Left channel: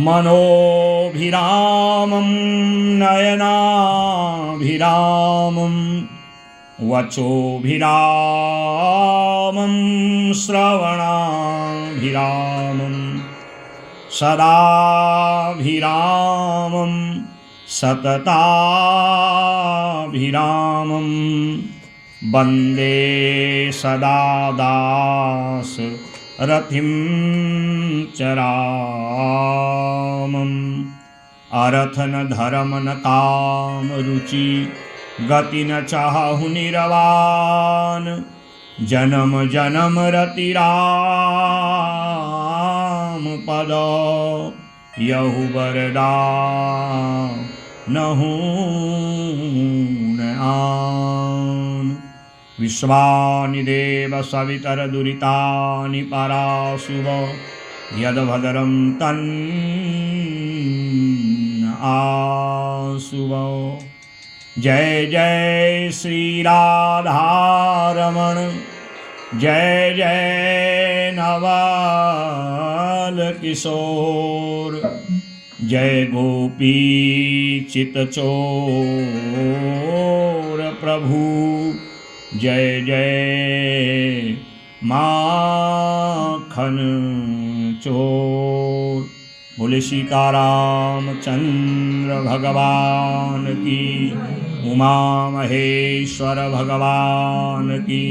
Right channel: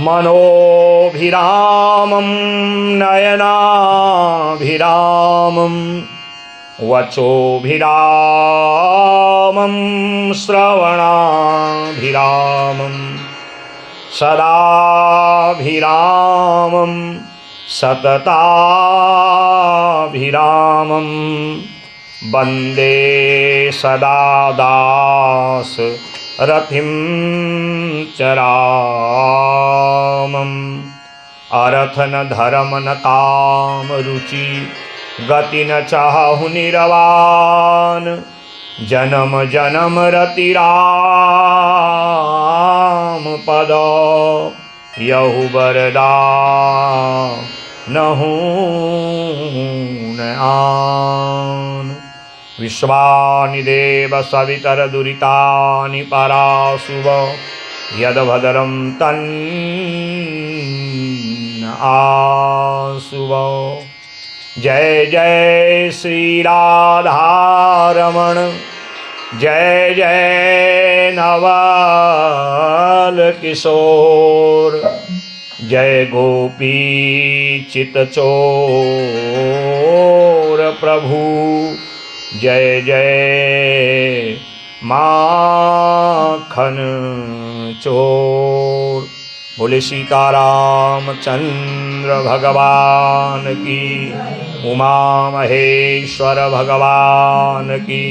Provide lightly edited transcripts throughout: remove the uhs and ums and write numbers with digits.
मनोभिरामं नयनाभिरामं वचोभिरामं श्रवणाभिरामं सदाभिरामं सतताभिरामं वन्दे सदा दास रथिं चरामम्। अर्थ न धर्म न काम रुचि गति न चाहु निरवान, जन्म जन्म रति राम पद यहु वरदान न आन। विश्वानि देव सवितर दुरितानि पराशुव, यद्भद्रं तन्न आशुव। जय जय श्री राधारमण, जय जय नवल किशोर, जय गोपी चितचोर प्रभु, जय जय माखन चोर। बोले सीताराम चंद्र भगवान की, उमा महेश्वर भगवान की,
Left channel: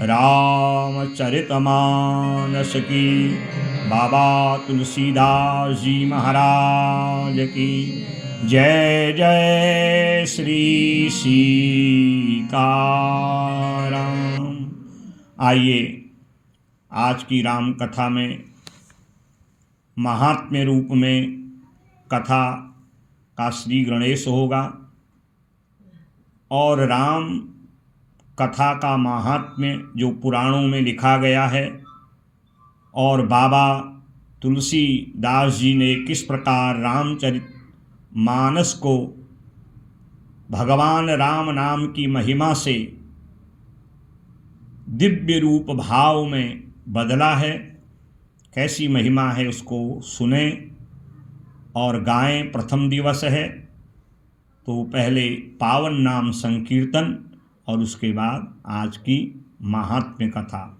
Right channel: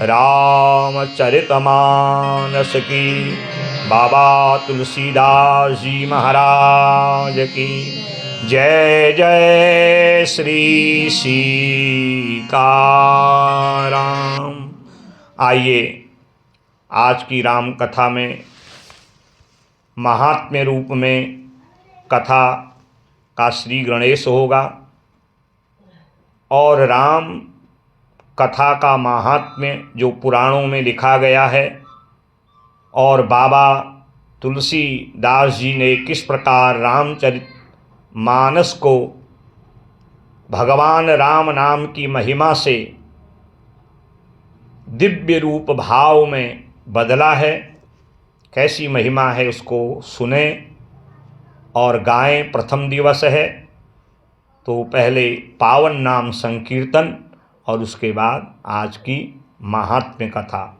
रामचरितमानस की, बाबा तुलसीदास जी महाराज की। जय जय श्री सीताराम। आइए आज की राम कथा में महात्म्य रूप में कथा का श्री गणेश होगा और राम कथा का महात्म्य जो पुराणों में लिखा गया है और बाबा तुलसीदास जी ने किस प्रकार रामचरित मानस को भगवान राम नाम की महिमा से दिव्य रूप भाव में बदला है, कैसी महिमा है उसको सुने और गाएं। प्रथम दिवस है तो पहले पावन नाम संकीर्तन और उसके बाद आज की महात्म्य कथा।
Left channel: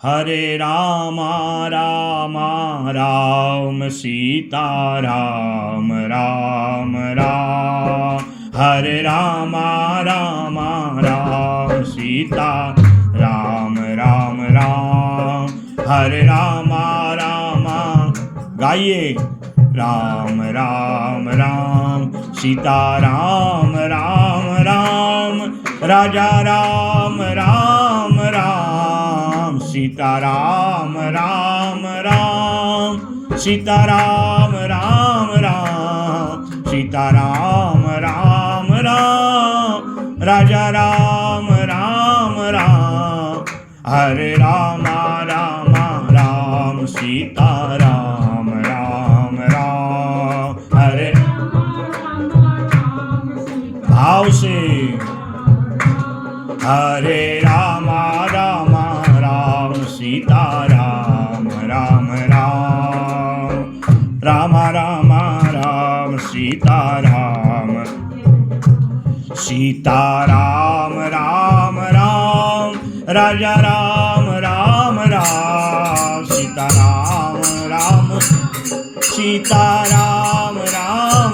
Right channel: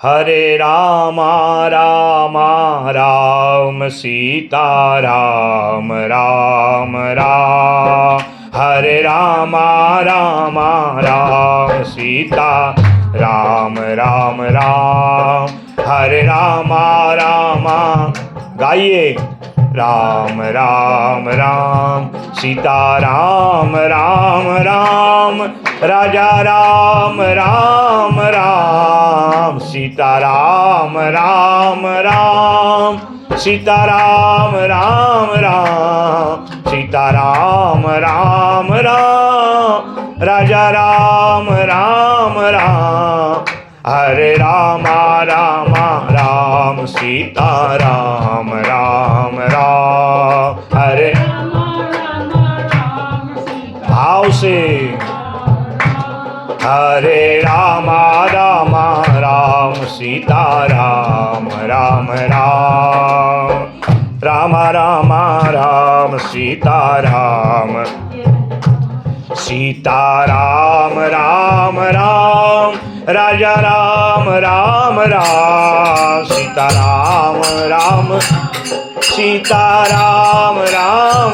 हरे रामा रामा राम सीता राम राम राम, हरे रामा रामा राम सीता राम राम राम, हरे रामा रामा गाइए राम राम राम, सीता राम राम राम, राजा राम राम राम, सीता राम राम राम, सीता राम राम राम, सीता राम राम राम, राजा राम राम राम, हरे रामा रामा राम सीता राम राम राम, हरे भाव से हरे रामा रामा राम सीता राम राम राम, राम राम राम सीता राम, सीता राम राम राम, राजा राम राम राम, सीता राम राम, सीता राम राम,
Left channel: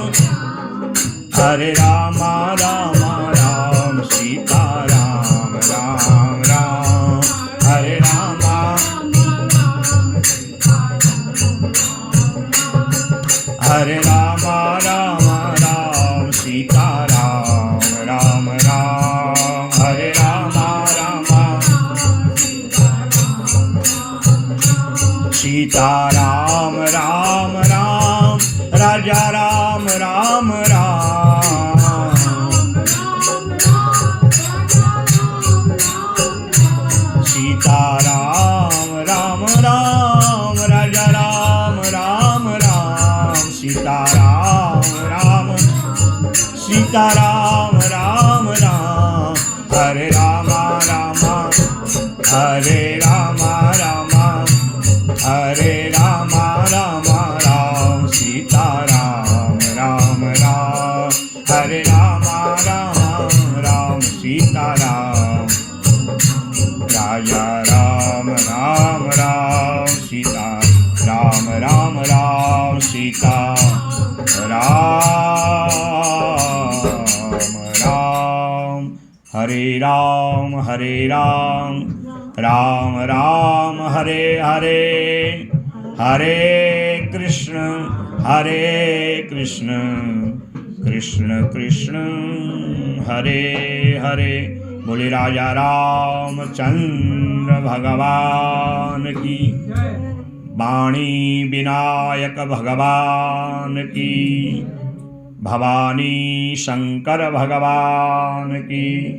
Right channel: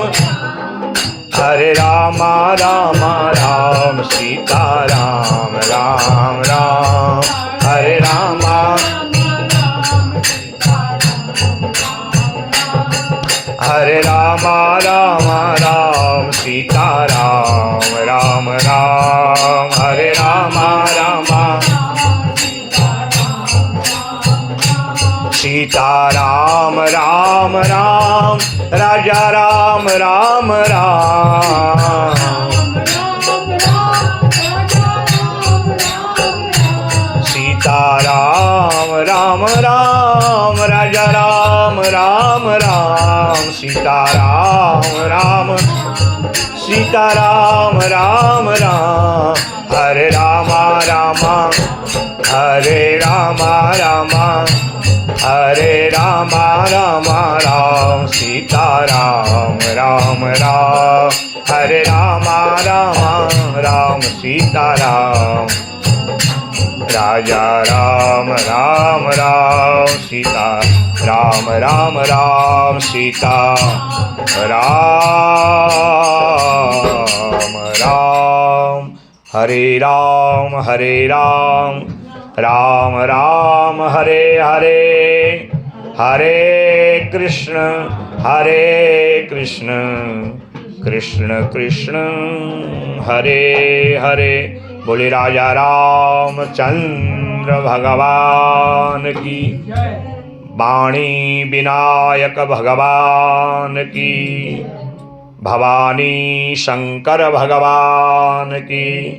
हरे रामा रामा राम सीता राम राम राम, हरे रामा हरे रामा रामा राम सीता राम राम राम, हरे रामा रामा सीता राम राम राम, राजा राम राम राम, सीता राम राम राम, राजा राम राम राम, सीता राम राम, सीता राम राम राम, हरे रामा रामा, हरे रामा रामा, हरे रामा रामा राम। सीताराम राजा राम राम राम सीता राम राम राम सीता राम राम हरे राम राम राम हरे हरे हरे कृष्ण कृष्ण कृष्ण हरे हरे। बोले राजा रामचंद्र भगवान की, वाणी विनायक भगवान की, भवानी शंकर भगवान की,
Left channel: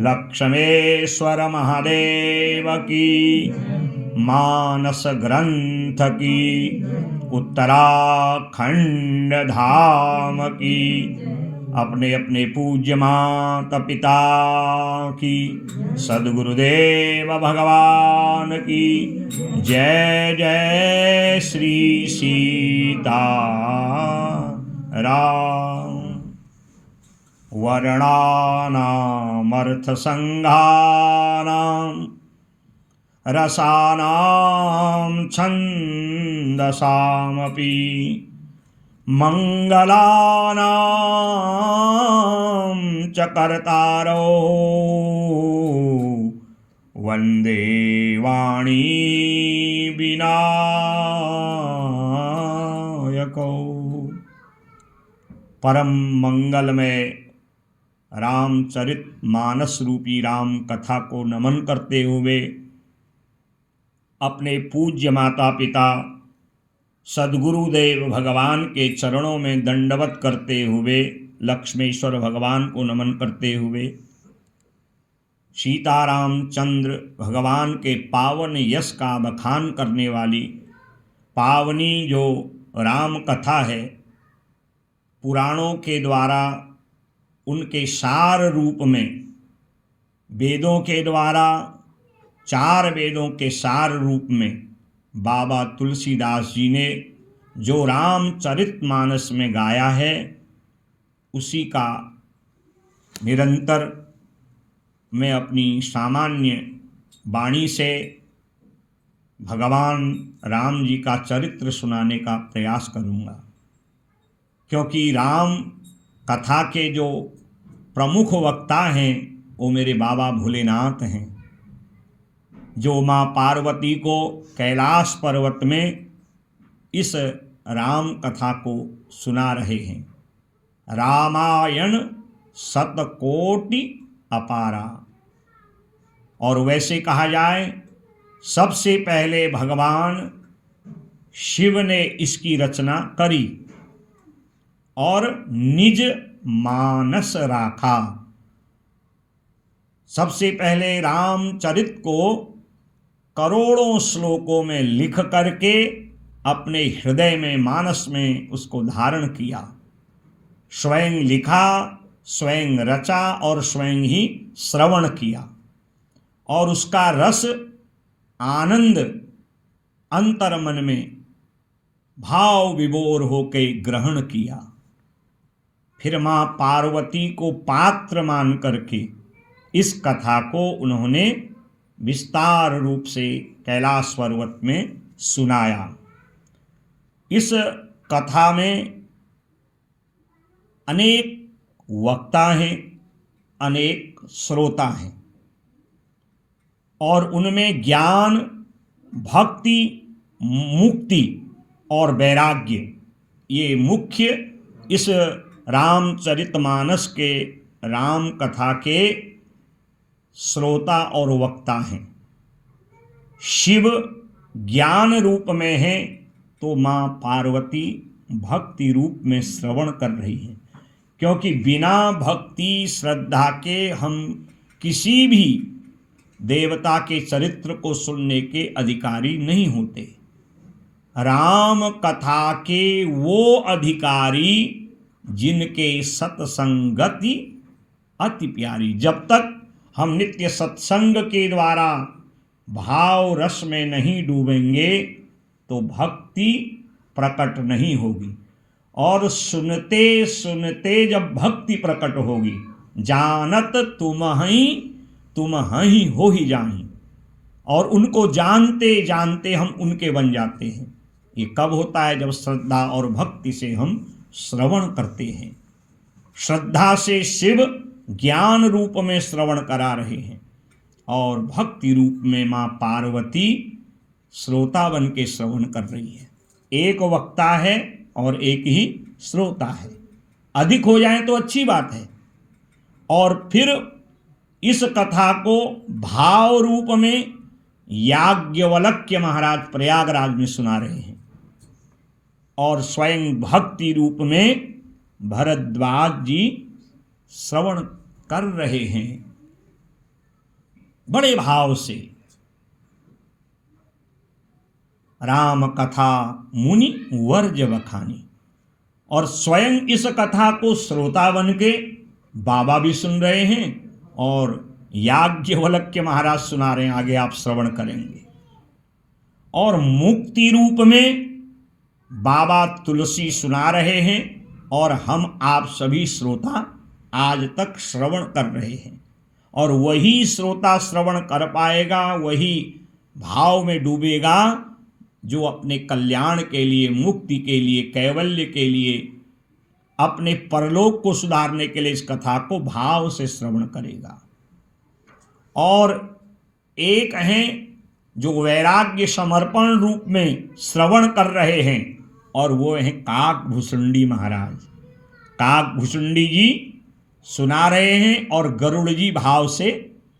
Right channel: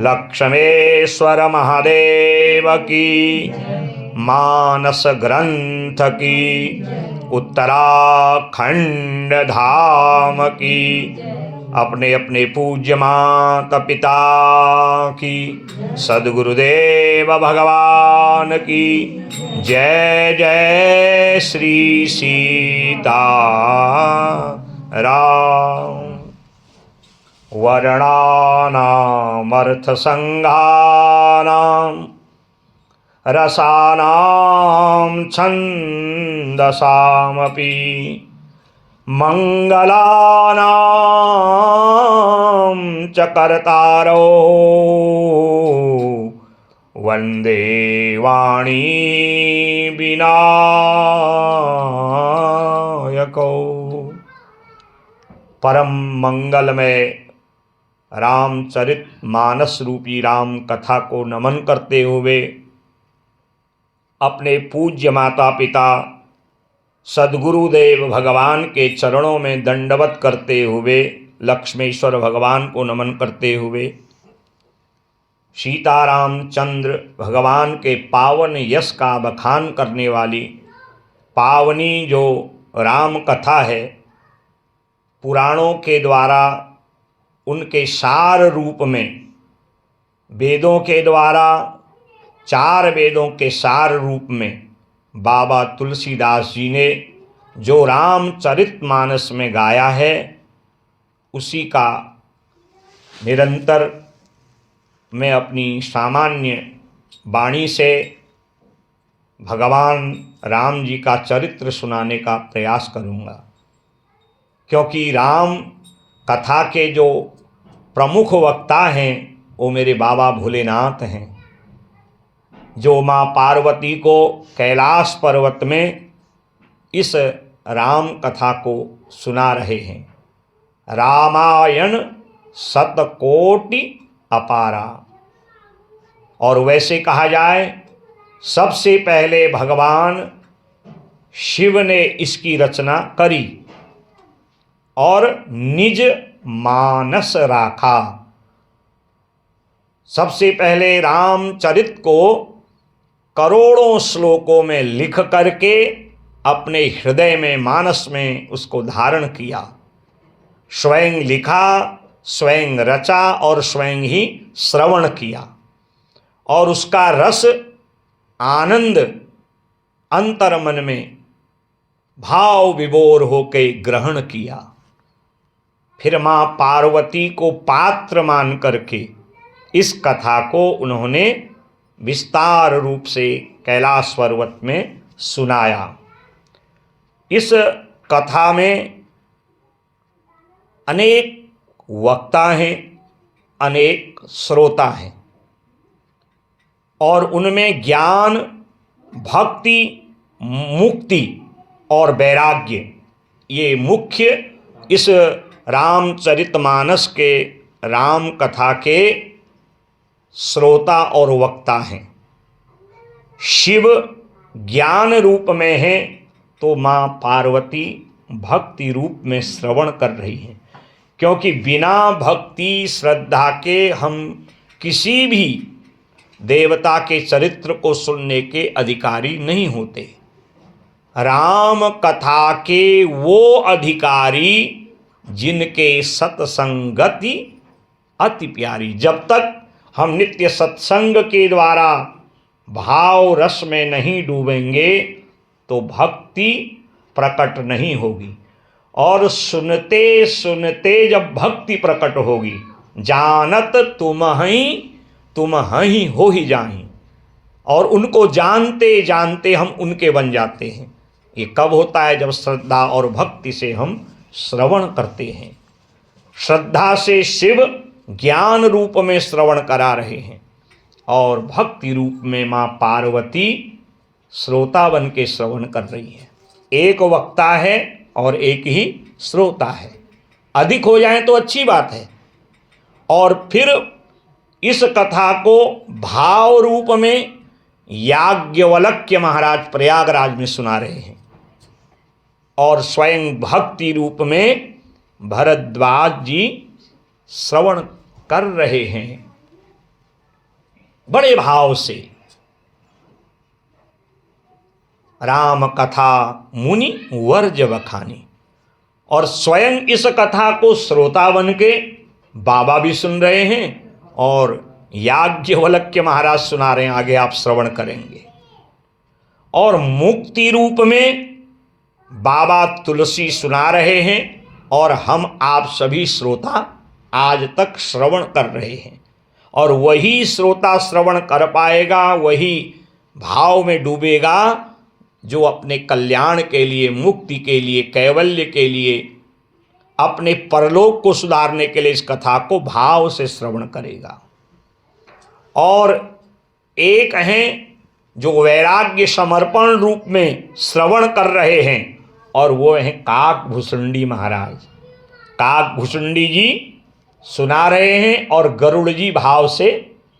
लक्ष्मेश्वर महादेव की, मानस ग्रंथ की, उत्तराखंड धाम की, अपने अपने पूज्य माता पिता की, सद्गुरुदेव भगवान की जय जय श्री सीता राम। वर्णानामर्थसंघानां रसानां छन्दसामपि मंगलानां च कर्तारो वंदे वाणी विनायको। परम मंगलमय रामचरित मानस रूपी राम कथा को नमन करते हुए अपने पूज्य माता पिता सद्गुरुदेव भगवान के चरणों में दंडवत करते हुए, लक्ष्मेश्वर भगवान को नमन करते हुए, सीतारामचंद्र भगवान के पावन यश का बखान करने वाली पावनी जो राम कथा है, पुराणों के द्वारा उनके सार रूप में, वेदों के द्वारा 4 वेदों के सार रूप में बाबा तुलसीदास जी ने जो रामचरितमानस में गाया है, उसी का निरंतर मैं अपनी सामान्य वाणी से भगवान राम जी का चरित्र सुनाने का प्रयास करूँगा। क्योंकि राम कथा के जो प्रमुख वक्ता हैं वो मेरे बाबा भोलेनाथ हैं, जो माँ पार्वती को कैलाश पर्वत में इस राम कथा को सुना रहे हैं। रामायण शतकोटि अपारा। और वैसे कहा जाए, सबसे पहले भगवान शिव ने इसकी रचना करी और निज मानस राखा। सबसे पहले रामचरित को करोड़ों श्लोकों में लिख करके अपने हृदय में, मानस में उसको धारण किया। स्वयं लिखा, स्वयं रचा और स्वयं ही श्रवण किया और उसका रस आनंद अंतर्मन में भाव विभोर होके ग्रहण किया। फिर माँ पार्वती को पात्र मान करके इस कथा को उन्होंने विस्तार रूप से कैलाश पर्वत में सुनाया। इस कथा में अनेक वक्ता हैं, अनेक श्रोता हैं और उनमें ज्ञान, भक्ति, मुक्ति और वैराग्य, ये मुख्य इस रामचरितमानस के राम कथा के श्रोता और वक्ता हैं। शिव ज्ञान रूप में है तो माँ पार्वती भक्ति रूप में श्रवण कर रही हैं, क्योंकि बिना भक्ति श्रद्धा के हम किसी भी देवता के चरित्र को सुनने के अधिकारी नहीं होते। राम कथा के वो अधिकारी जिनके सत्संगति अति प्यारी। जब तक हम नित्य सत्संग के द्वारा भाव रस में नहीं डूबेंगे तो भक्ति प्रकट नहीं होगी, और सुनते सुनते जब भक्ति प्रकट होगी जानत तुम हई हो ही जाही। और उनको जानते जानते हम उनके बन जाते हैं। ये कब होता है? जब श्रद्धा और भक्ति से हम श्रवण करते हैं। श्रद्धा से शिव ज्ञान रूप में श्रवण करा रहे हैं और भक्ति रूप में माँ पार्वती श्रोता बन के श्रवण कर रही है। एक वक्ता है और एक ही श्रोता है। अधिक हो जाए तो अच्छी बात है। और फिर इस कथा को भाव रूप में याज्ञवल्क्य महाराज प्रयागराज में सुना रहे हैं और स्वयं भक्ति रूप में भरद्वाज जी श्रवण कर रहे हैं बड़े भाव से। राम कथा मुनि वर्ज बखानी। और स्वयं इस कथा को श्रोता बन के बाबा भी सुन रहे हैं और याज्ञवल्क्य महाराज सुना रहे हैं। आगे आप श्रवण करेंगे। और मुक्ति रूप में बाबा तुलसी सुना रहे हैं और हम आप सभी श्रोता आज तक श्रवण कर रहे हैं। और वही श्रोता श्रवण कर पाएगा, वही भाव में डूबेगा जो अपने कल्याण के लिए, मुक्ति के लिए, कैवल्य के लिए, अपने परलोक को सुधारने के लिए इस कथा को भाव से श्रवण करेगा। और एक हैं जो वैराग्य समर्पण रूप में श्रवण कर रहे हैं और वो हैं काकभूषुंडी महाराज। काकभूषुंडी जी सुना रहे हैं और गरुड़ जी भाव से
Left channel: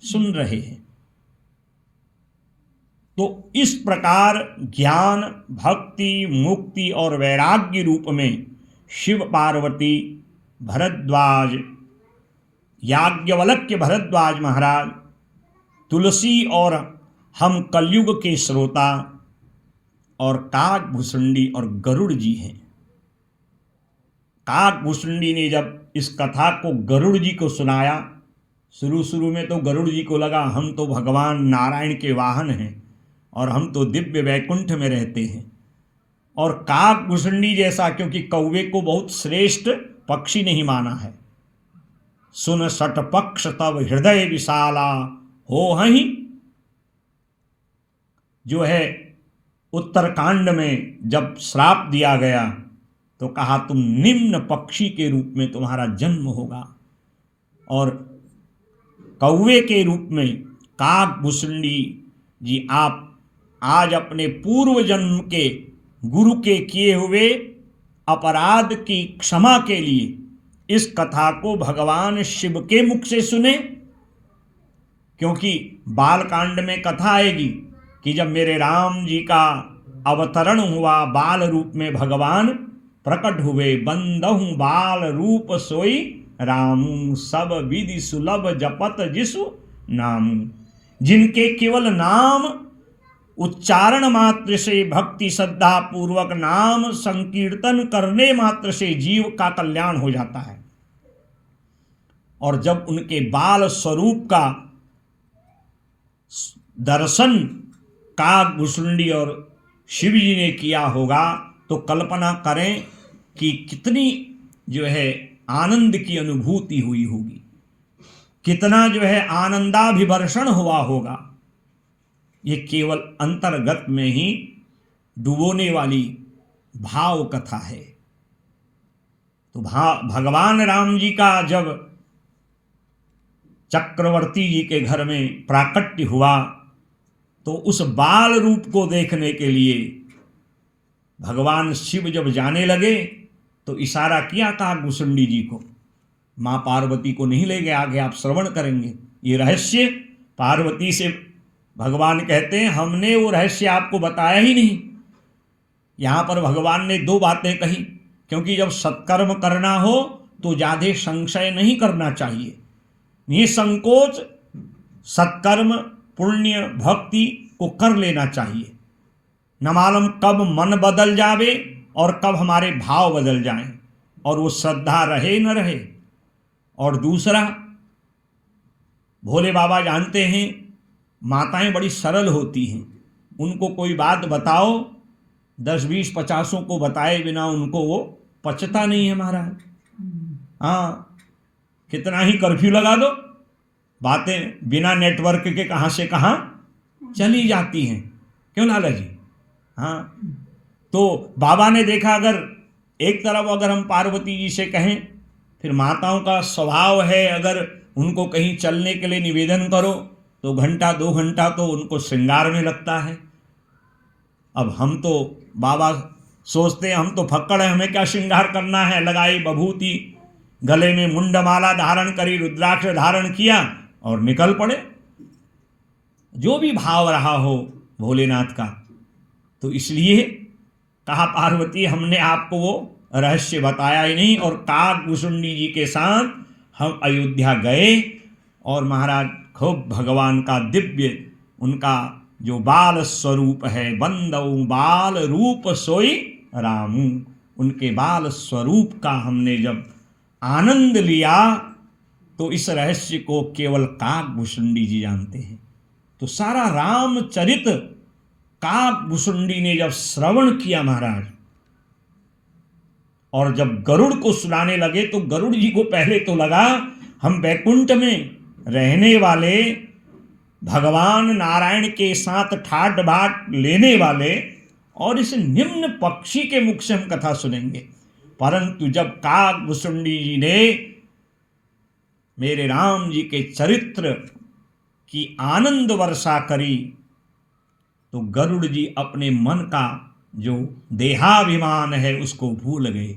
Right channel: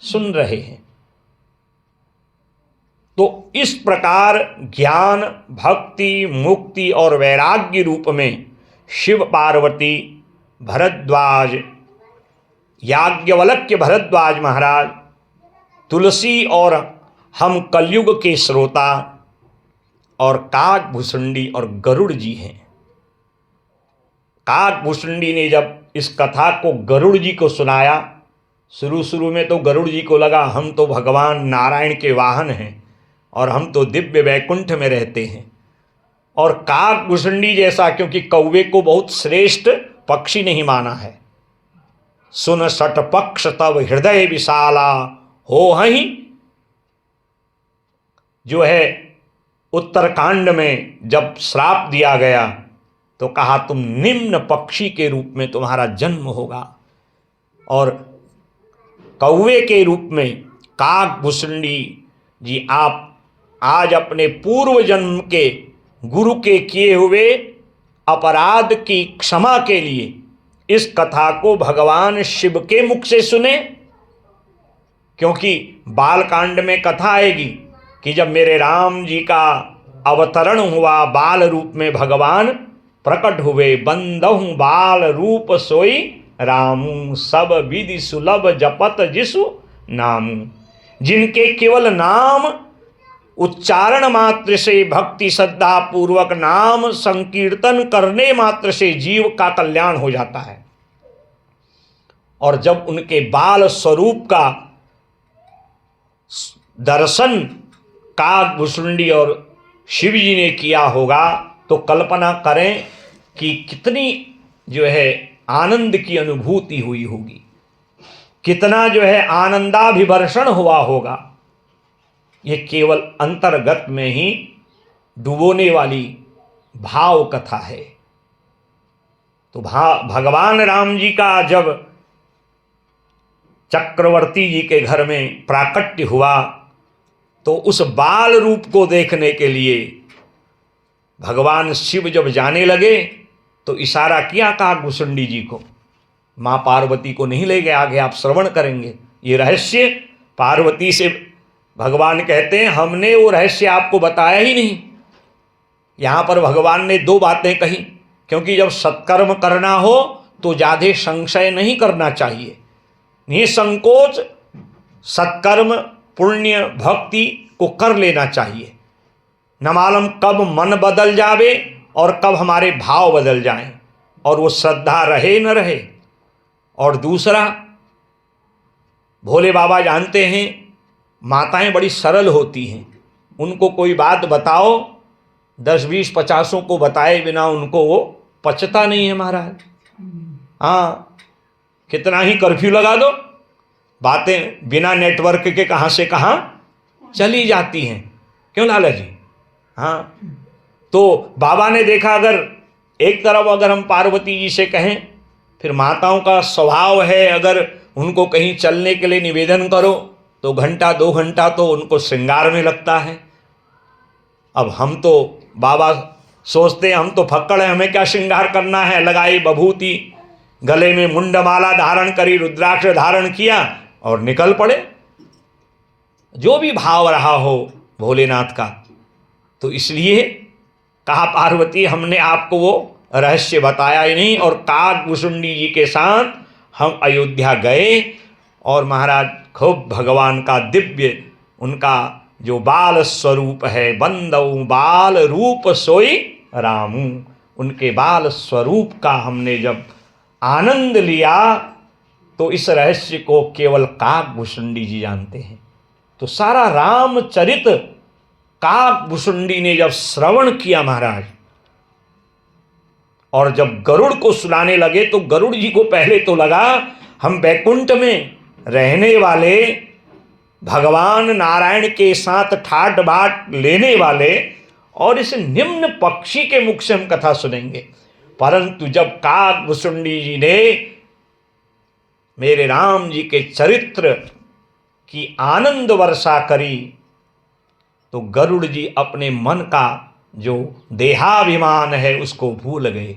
सुन रहे हैं। तो इस प्रकार ज्ञान, भक्ति, मुक्ति और वैराग्य रूप में शिव पार्वती, भरद्वाज, याज्ञवल्क्य भरद्वाज महाराज, तुलसी और हम कलयुग के श्रोता और काकभूषुंडी और गरुड़ जी हैं। काकभूषुंडी ने जब इस कथा को गरुड़ जी को सुनाया, शुरू में तो गरुड़ जी को लगा हम तो भगवान नारायण के वाहन हैं और हम तो दिव्य वैकुंठ में रहते हैं। और काकभूषुंडी जैसा, क्योंकि कौवे को बहुत श्रेष्ठ पक्षी नहीं माना है, सुन सट पक्ष तब हृदय विशाला हो हहीं, जो है उत्तरकांड में जब श्राप दिया गया तो कहा तुम निम्न पक्षी के रूप में तुम्हारा जन्म होगा। और कौवे के रूप में काकभूषुंडी जी आप आज अपने पूर्व जन्म के गुरु के किए हुए अपराध की क्षमा के लिए इस कथा को भगवान शिव के मुख से सुने। क्योंकि बालकांड में कथा आएगी कि जब मेरे राम जी का अवतरण हुआ, बाल रूप में भगवान प्रकट हुए, बंदहु बाल रूप सोई रामू, सब विधि सुलभ जपत जिसु नामू। जिनके केवल नाम उच्चारण मात्र से, भक्ति श्रद्धा पूर्वक नाम संकीर्तन करने मात्र से जीव का कल्याण हो जाता है। और जब उनके बाल स्वरूप का दर्शन काकभूषुंडी और शिव जी ने किया होगा तो कल्पना करें कि कितनी जो है आनंद की अनुभूति हुई होगी, कितना जो है आनंदाभिवर्षण हुआ होगा। ये केवल अंतर्गत में ही डुबोने वाली भाव कथा है। तो भगवान राम जी का जब चक्रवर्ती जी के घर में प्राकट्य हुआ तो उस बाल रूप को देखने के लिए भगवान शिव जब जाने लगे तो इशारा किया काकभूषुंडी जी को, माँ पार्वती को नहीं ले गए। आगे आप श्रवण करेंगे ये रहस्य। पार्वती से भगवान कहते हैं हमने वो रहस्य आपको बताया ही नहीं। यहाँ पर भगवान ने दो बातें कही, क्योंकि जब सत्कर्म करना हो तो ज़्यादा संशय नहीं करना चाहिए, निसंकोच सत्कर्म पुण्य भक्ति को कर लेना चाहिए। न मालूम कब मन बदल जावे और कब हमारे भाव बदल जाएं और वो श्रद्धा रहे न रहे। और दूसरा, भोले बाबा जानते हैं माताएं बड़ी सरल होती हैं, उनको कोई बात बताओ 10 20 50 को बताए बिना उनको वो पचता नहीं है महाराज। हाँ, कितना ही कर्फ्यू लगा दो, बातें बिना नेटवर्क के कहाँ से कहाँ चली जाती हैं। क्यों लाला जी? हाँ, तो बाबा ने देखा, अगर एक तरफ अगर हम पार्वती जी से कहें, फिर माताओं का स्वभाव है, अगर उनको कहीं चलने के लिए निवेदन करो तो घंटा 2 घंटा तो उनको श्रृंगार में लगता है। अब हम तो बाबा सोचते हैं हम तो फक्कड़ हैं, हमें क्या श्रृंगार करना है। लगाई बभूति, गले में मुंडमाला धारण करी, रुद्राक्ष धारण किया और निकल पड़े। जो भी भाव रहा हो भोलेनाथ का। तो इसलिए कहा पार्वती हमने आपको वो रहस्य बताया ही नहीं। और काकभुसुंडी जी के साथ हम अयोध्या गए और महाराज खूब भगवान का दिव्य, उनका जो बाल स्वरूप है, बंदऊ बाल रूप सोई रामू, उनके बाल स्वरूप का हमने जब आनंद लिया तो इस रहस्य को केवल काकभुसुंडी जी जानते हैं। तो सारा रामचरित काकभुसुंडी ने जब श्रवण किया महाराज, और जब गरुड़ को सुनाने लगे तो गरुड़ जी को पहले तो लगा हम वैकुंठ में रहने वाले भगवान नारायण के साथ ठाट बाट लेने वाले और इस निम्न पक्षी के मुख से हम कथा सुनेंगे। परंतु जब काकभुसुंडी जी ने मेरे राम जी के चरित्र की आनंद वर्षा करी तो गरुड़ जी अपने मन का जो देहाभिमान है उसको भूल गए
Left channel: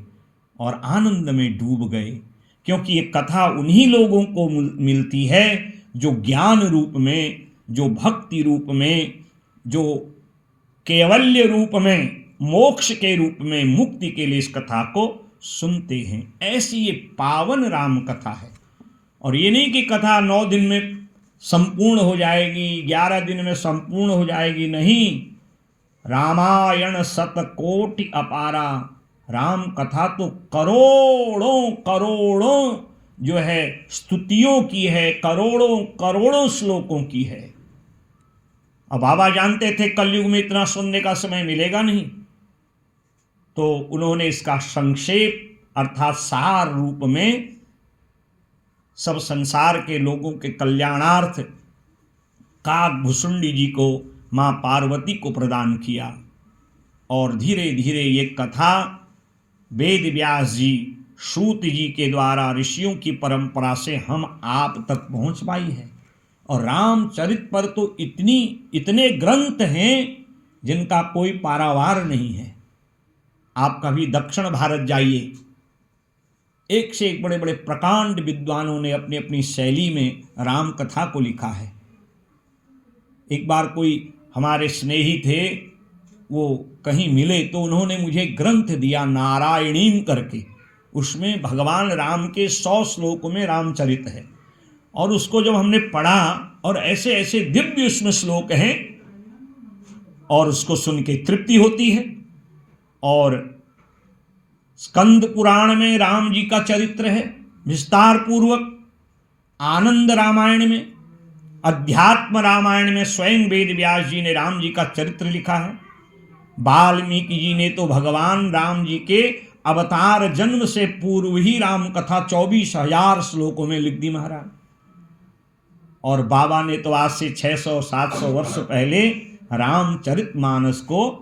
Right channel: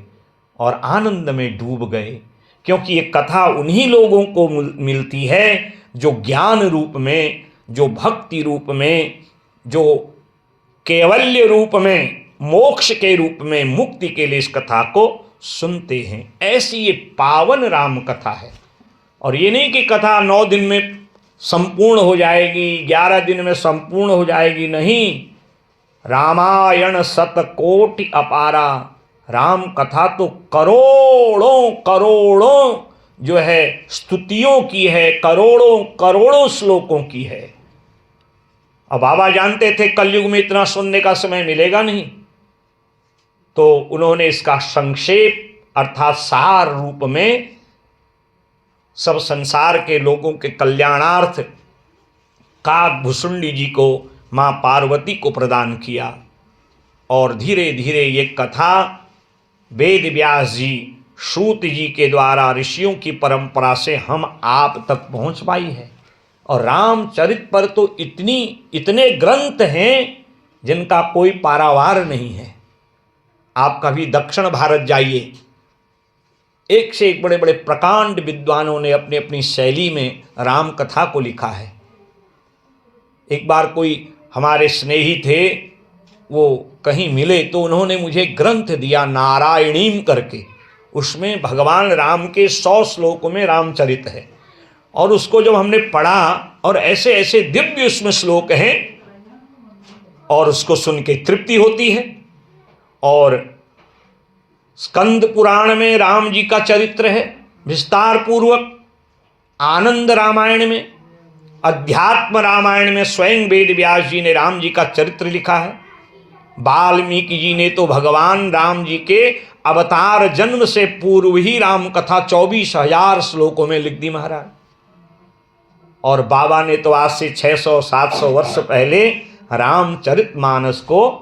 और आनंद में डूब गए। क्योंकि ये कथा उन्हीं लोगों को मिलती है जो ज्ञान रूप में, जो भक्ति रूप में, जो कैवल्य रूप में, मोक्ष के रूप में, मुक्ति के लिए इस कथा को सुनते हैं। ऐसी ये पावन राम कथा है। और ये नहीं कि कथा 9 दिन में संपूर्ण हो जाएगी, 11 दिन में संपूर्ण हो जाएगी, नहीं। रामायण शतकोटि अपारा, राम कथा तो करोड़ों करोड़ों जो है स्तुतियों की है, करोड़ों करोड़ों श्लोकों की है। अब बाबा जानते थे कलयुग में इतना सुनने का समय मिलेगा नहीं, तो उन्होंने इसका संक्षेप अर्थात सार रूप में सब संसार के लोगों के कल्याणार्थ काकभुसुंडी जी को, माँ पार्वती को प्रदान किया। और धीरे धीरे ये कथा वेद व्यास जी, सूत जी के द्वारा ऋषियों की परंपरा से हम आप तक पहुँच पाई है। और रामचरित पर तो इतने ग्रंथ हैं जिनका कोई पारावार नहीं है। आप कभी दक्षिण भारत जाइए, एक से एक बड़े बड़े प्रकांड विद्वानों ने अपनी अपनी शैली में राम कथा को लिखा है। एक बार कोई हमारे स्नेही थे, वो कहीं मिले तो उन्होंने मुझे ग्रंथ दिया नारायणीम करके। उसमें भगवान राम के 100 श्लोकों में रामचरित है। और उसको जब हमने पढ़ा और ऐसे ऐसे दिव्य उसमें श्लोक हैं और उसको सुन के तृप्ति होती है। और स्कंद पुराण में राम जी का चरित्र है विस्तार पूर्वक, आनंद रामायण में, अध्यात्म रामायण में स्वयं वेद व्यास जी ने राम जी का चरित्र लिखा है। वाल्मीकि जी ने तो भगवान राम जी के अवतार जन्म से पूर्व ही राम कथा 24,000 श्लोकों में लिख दी महाराज। और बाबा ने तो आज से 600-700 वर्ष पहले रामचरितमानस को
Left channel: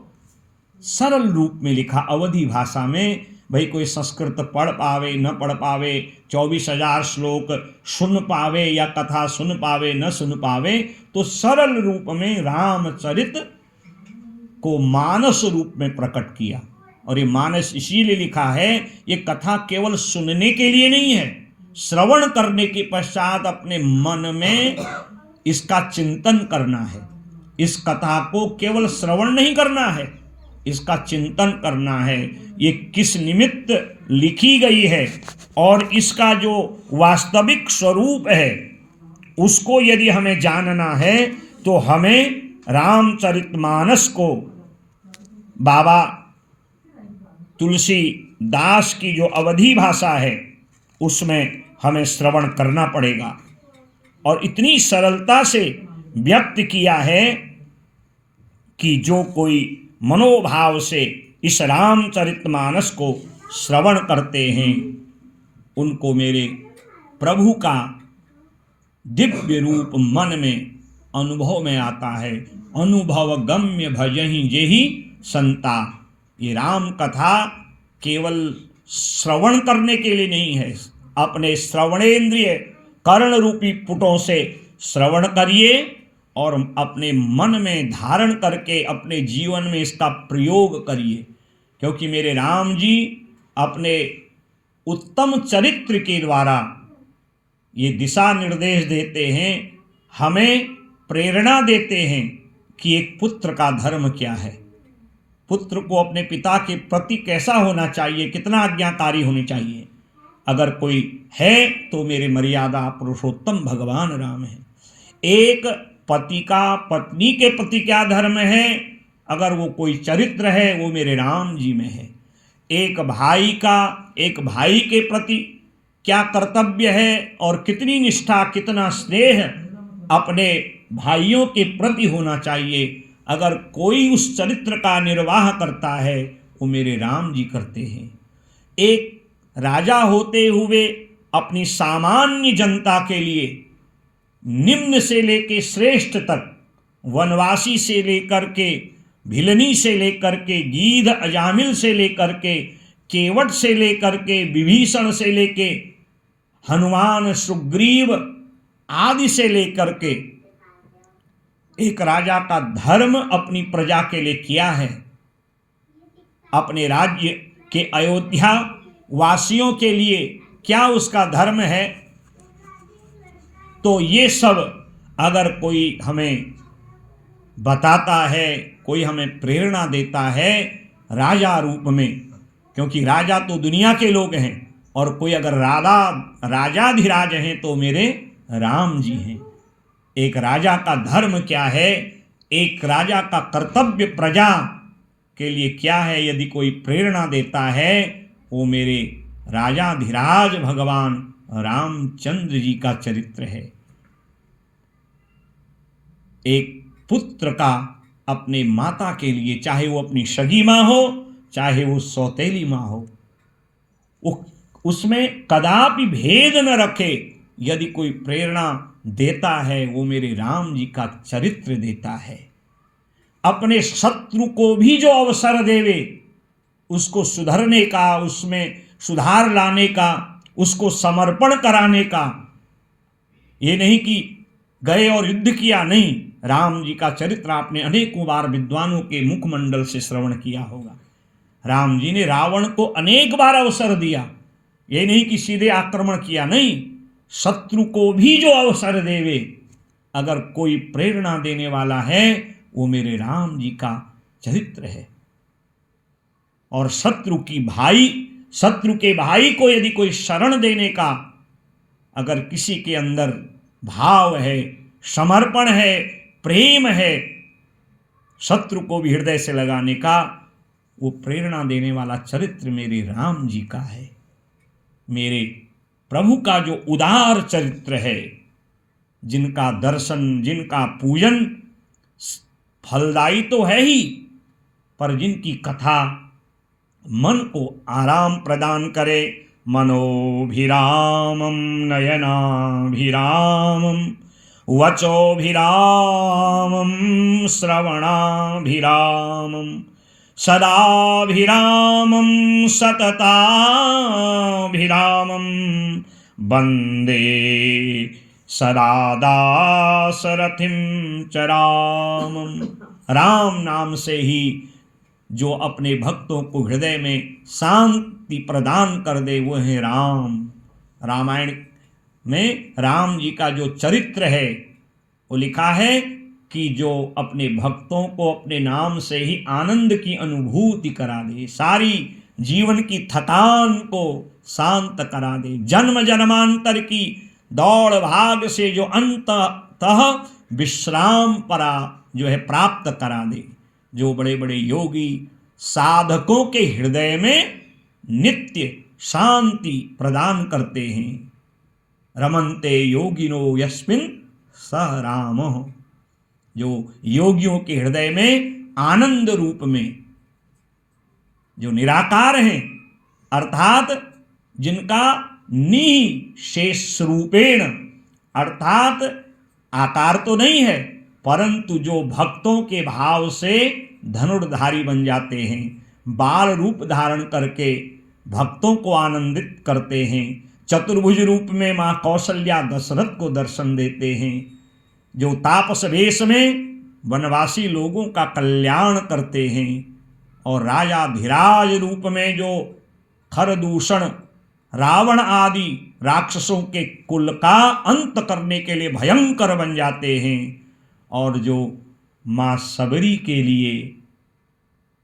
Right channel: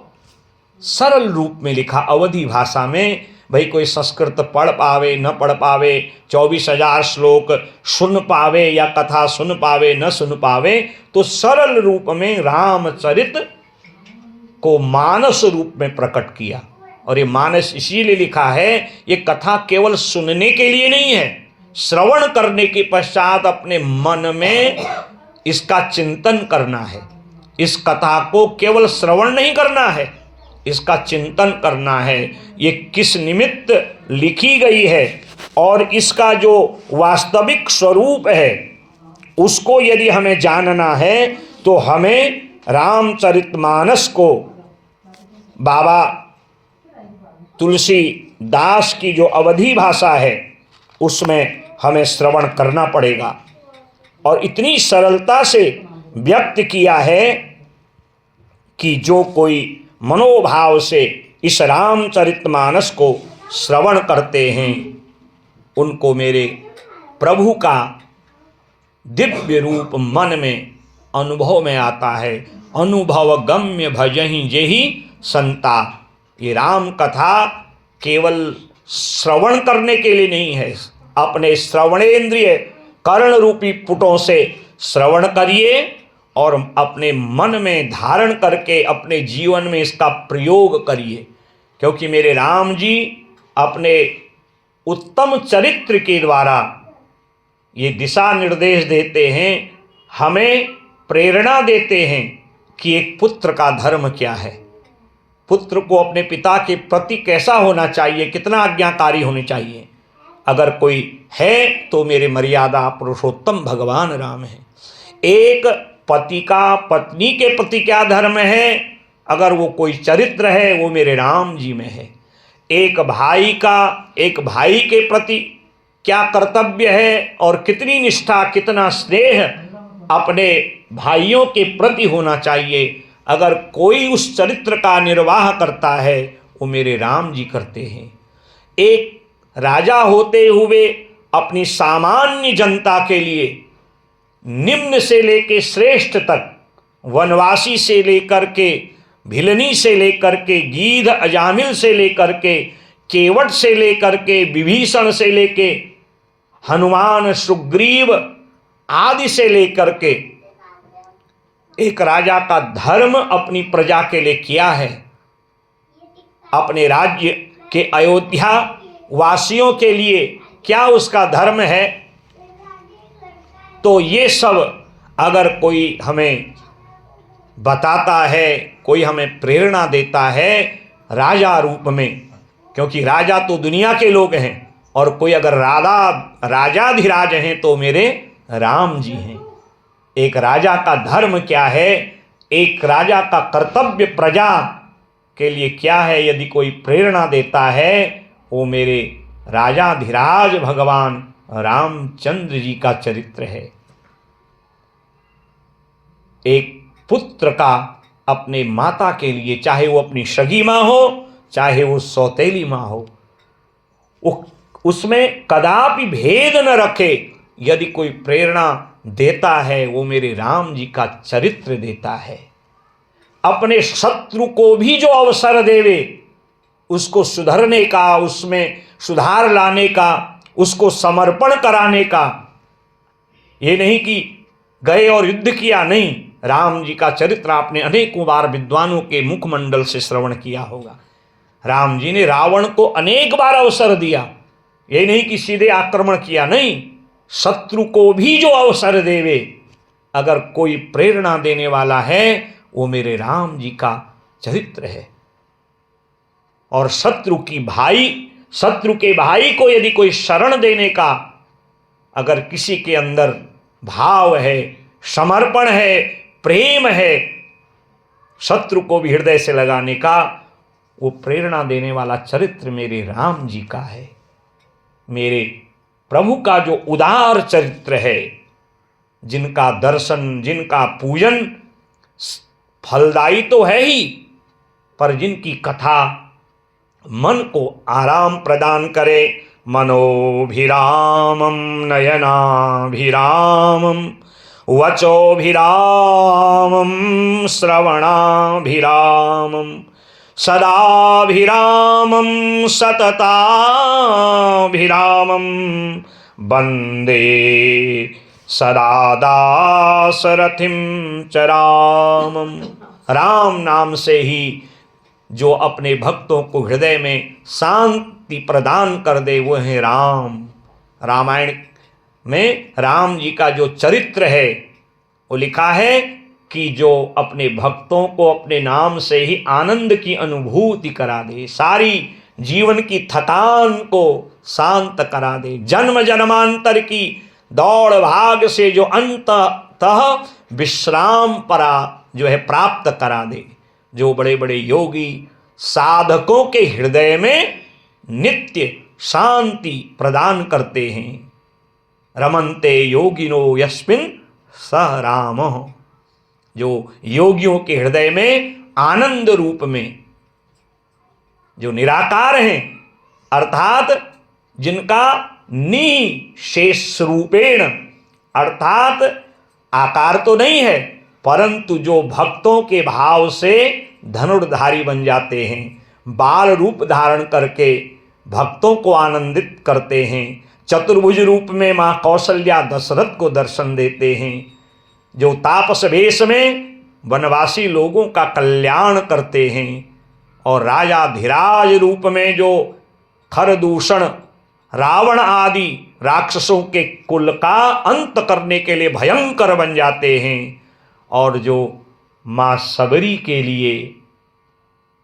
सरल रूप में लिखा, अवधी भाषा में। भाई कोई संस्कृत पढ़ पावे न पढ़ पावे, 24,000 श्लोक सुन पावे या कथा सुन पावे न सुन पावे, तो सरल रूप में रामचरित को मानस रूप में प्रकट किया। और ये मानस इसीलिए लिखा है, ये कथा केवल सुनने के लिए नहीं है, श्रवण करने के पश्चात अपने मन में इसका चिंतन करना है। इस कथा को केवल श्रवण नहीं करना है, इसका चिंतन करना है। ये किस निमित्त लिखी गई है और इसका जो वास्तविक स्वरूप है उसको यदि हमें जानना है तो हमें रामचरितमानस को बाबा तुलसीदास की जो अवधी भाषा है उसमें हमें श्रवण करना पड़ेगा। और इतनी सरलता से व्यक्त किया है कि जो कोई मनोभाव से इस रामचरितमानस को श्रवण करते हैं उनको मेरे प्रभु का दिव्य रूप मन में अनुभव में आता है। अनुभव गम्य भजहि जेहि संता। ये राम कथा केवल श्रवण करने के लिए नहीं है, अपने श्रवणेंद्रिय कर्ण रूपी पुटों से श्रवण करिए और अपने मन में धारण करके अपने जीवन में इसका प्रयोग करिए। क्योंकि मेरे राम जी अपने उत्तम चरित्र के द्वारा ये दिशा निर्देश देते हैं, हमें प्रेरणा देते हैं कि एक पुत्र का धर्म क्या है, पुत्र को अपने पिता के प्रति कैसा होना चाहिए, कितना आज्ञाकारी होनी चाहिए। अगर कोई है तो मेरे मर्यादा पुरुषोत्तम भगवान राम है। एक पति का पत्नी के प्रति क्या धर्म है, अगर वो कोई चरित्र है वो मेरे राम जी में है। एक भाई का एक भाई के प्रति क्या कर्तव्य है और कितनी निष्ठा कितना स्नेह अपने भाइयों के प्रति होना चाहिए, अगर कोई उस चरित्र का निर्वाह करता है वो मेरे राम जी करते हैं। एक राजा होते हुए अपनी सामान्य जनता के लिए निम्न से लेकर श्रेष्ठ तक, वनवासी से लेकर के भिलनी से लेकर के गीध अजामिल से लेकर के केवट से लेकर के विभीषण से लेके हनुमान सुग्रीव आदि से लेकर के एक राजा का धर्म अपनी प्रजा के लिए किया है। अपने राज्य के अयोध्या वासियों के लिए क्या उसका धर्म है। तो ये सब अगर कोई हमें बताता है, कोई हमें प्रेरणा देता है राजा रूप में, क्योंकि राजा तो दुनिया के लोग हैं और कोई अगर राजाधिराज हैं तो मेरे राम जी हैं। एक राजा का धर्म क्या है, एक राजा का कर्तव्य प्रजा के लिए क्या है, यदि कोई प्रेरणा देता है वो मेरे राजाधिराज भगवान रामचंद्र जी का चरित्र है। एक पुत्र का अपने माता के लिए, चाहे वो अपनी सगी माँ हो चाहे वो सौतेली माँ हो, वो उसमें कदापि भेद न रखे। यदि कोई प्रेरणा देता है वो मेरे राम जी का चरित्र देता है। अपने शत्रु को भी जो अवसर देवे, उसको सुधरने का, उसमें सुधार लाने का, उसको समर्पण कराने का, ये नहीं कि गए और युद्ध किया, नहीं। राम जी का चरित्र आपने अनेकों बार विद्वानों के मुखमंडल से श्रवण किया होगा। राम जी ने रावण को अनेक बार अवसर दिया, ये नहीं कि सीधे आक्रमण किया, नहीं। शत्रु को भी जो अवसर देवे, अगर कोई प्रेरणा देने वाला है वो मेरे राम जी का चरित्र है। और शत्रु के भाई को यदि कोई शरण देने का अगर किसी के अंदर भाव है, समर्पण है, प्रेम है, शत्रु को भी हृदय से लगाने का, वो प्रेरणा देने वाला चरित्र मेरे राम जी का है। मेरे प्रभु का जो उदार चरित्र है, जिनका दर्शन, जिनका पूजन फलदायी तो है ही, पर जिनकी कथा मन को आराम प्रदान करे। मनोभिरामम नयनाभिरामम वचोभिरामम श्रवणाभिरामम सदाभिरामम सतताभिरामम वंदे सदा दासरथिम च रामम। राम नाम से ही जो अपने भक्तों को हृदय में शांति प्रदान कर दे वो है राम। रामायण में राम जी का जो चरित्र है वो लिखा है कि जो अपने भक्तों को अपने नाम से ही आनंद की अनुभूति करा दे, सारी जीवन की थकान को शांत करा दे, जन्म जन्मांतर की दौड़ भाग से जो अंततः विश्राम परा जो है प्राप्त करा दे। जो बड़े बड़े योगी साधकों के हृदय में नित्य शांति प्रदान करते हैं। रमन्ते योगिनो यस्मिन् सह रामः। जो योगियों के हृदय में आनंद रूप में जो निराकार हैं, अर्थात जिनका निशेष रूपेण, अर्थात आकार तो नहीं है, परंतु जो भक्तों के भाव से धनुर्धारी बन जाते हैं, बाल रूप धारण करके भक्तों को आनंदित करते हैं। चतुर्भुज रूप में माँ कौशल्या दशरथ को दर्शन देते हैं, जो तापस वेश में वनवासी लोगों का कल्याण करते हैं, और राजा धीराज रूप में जो खरदूषण रावण आदि राक्षसों के कुल का अंत करने के लिए भयंकर बन जाते हैं, और जो माँ सबरी के लिए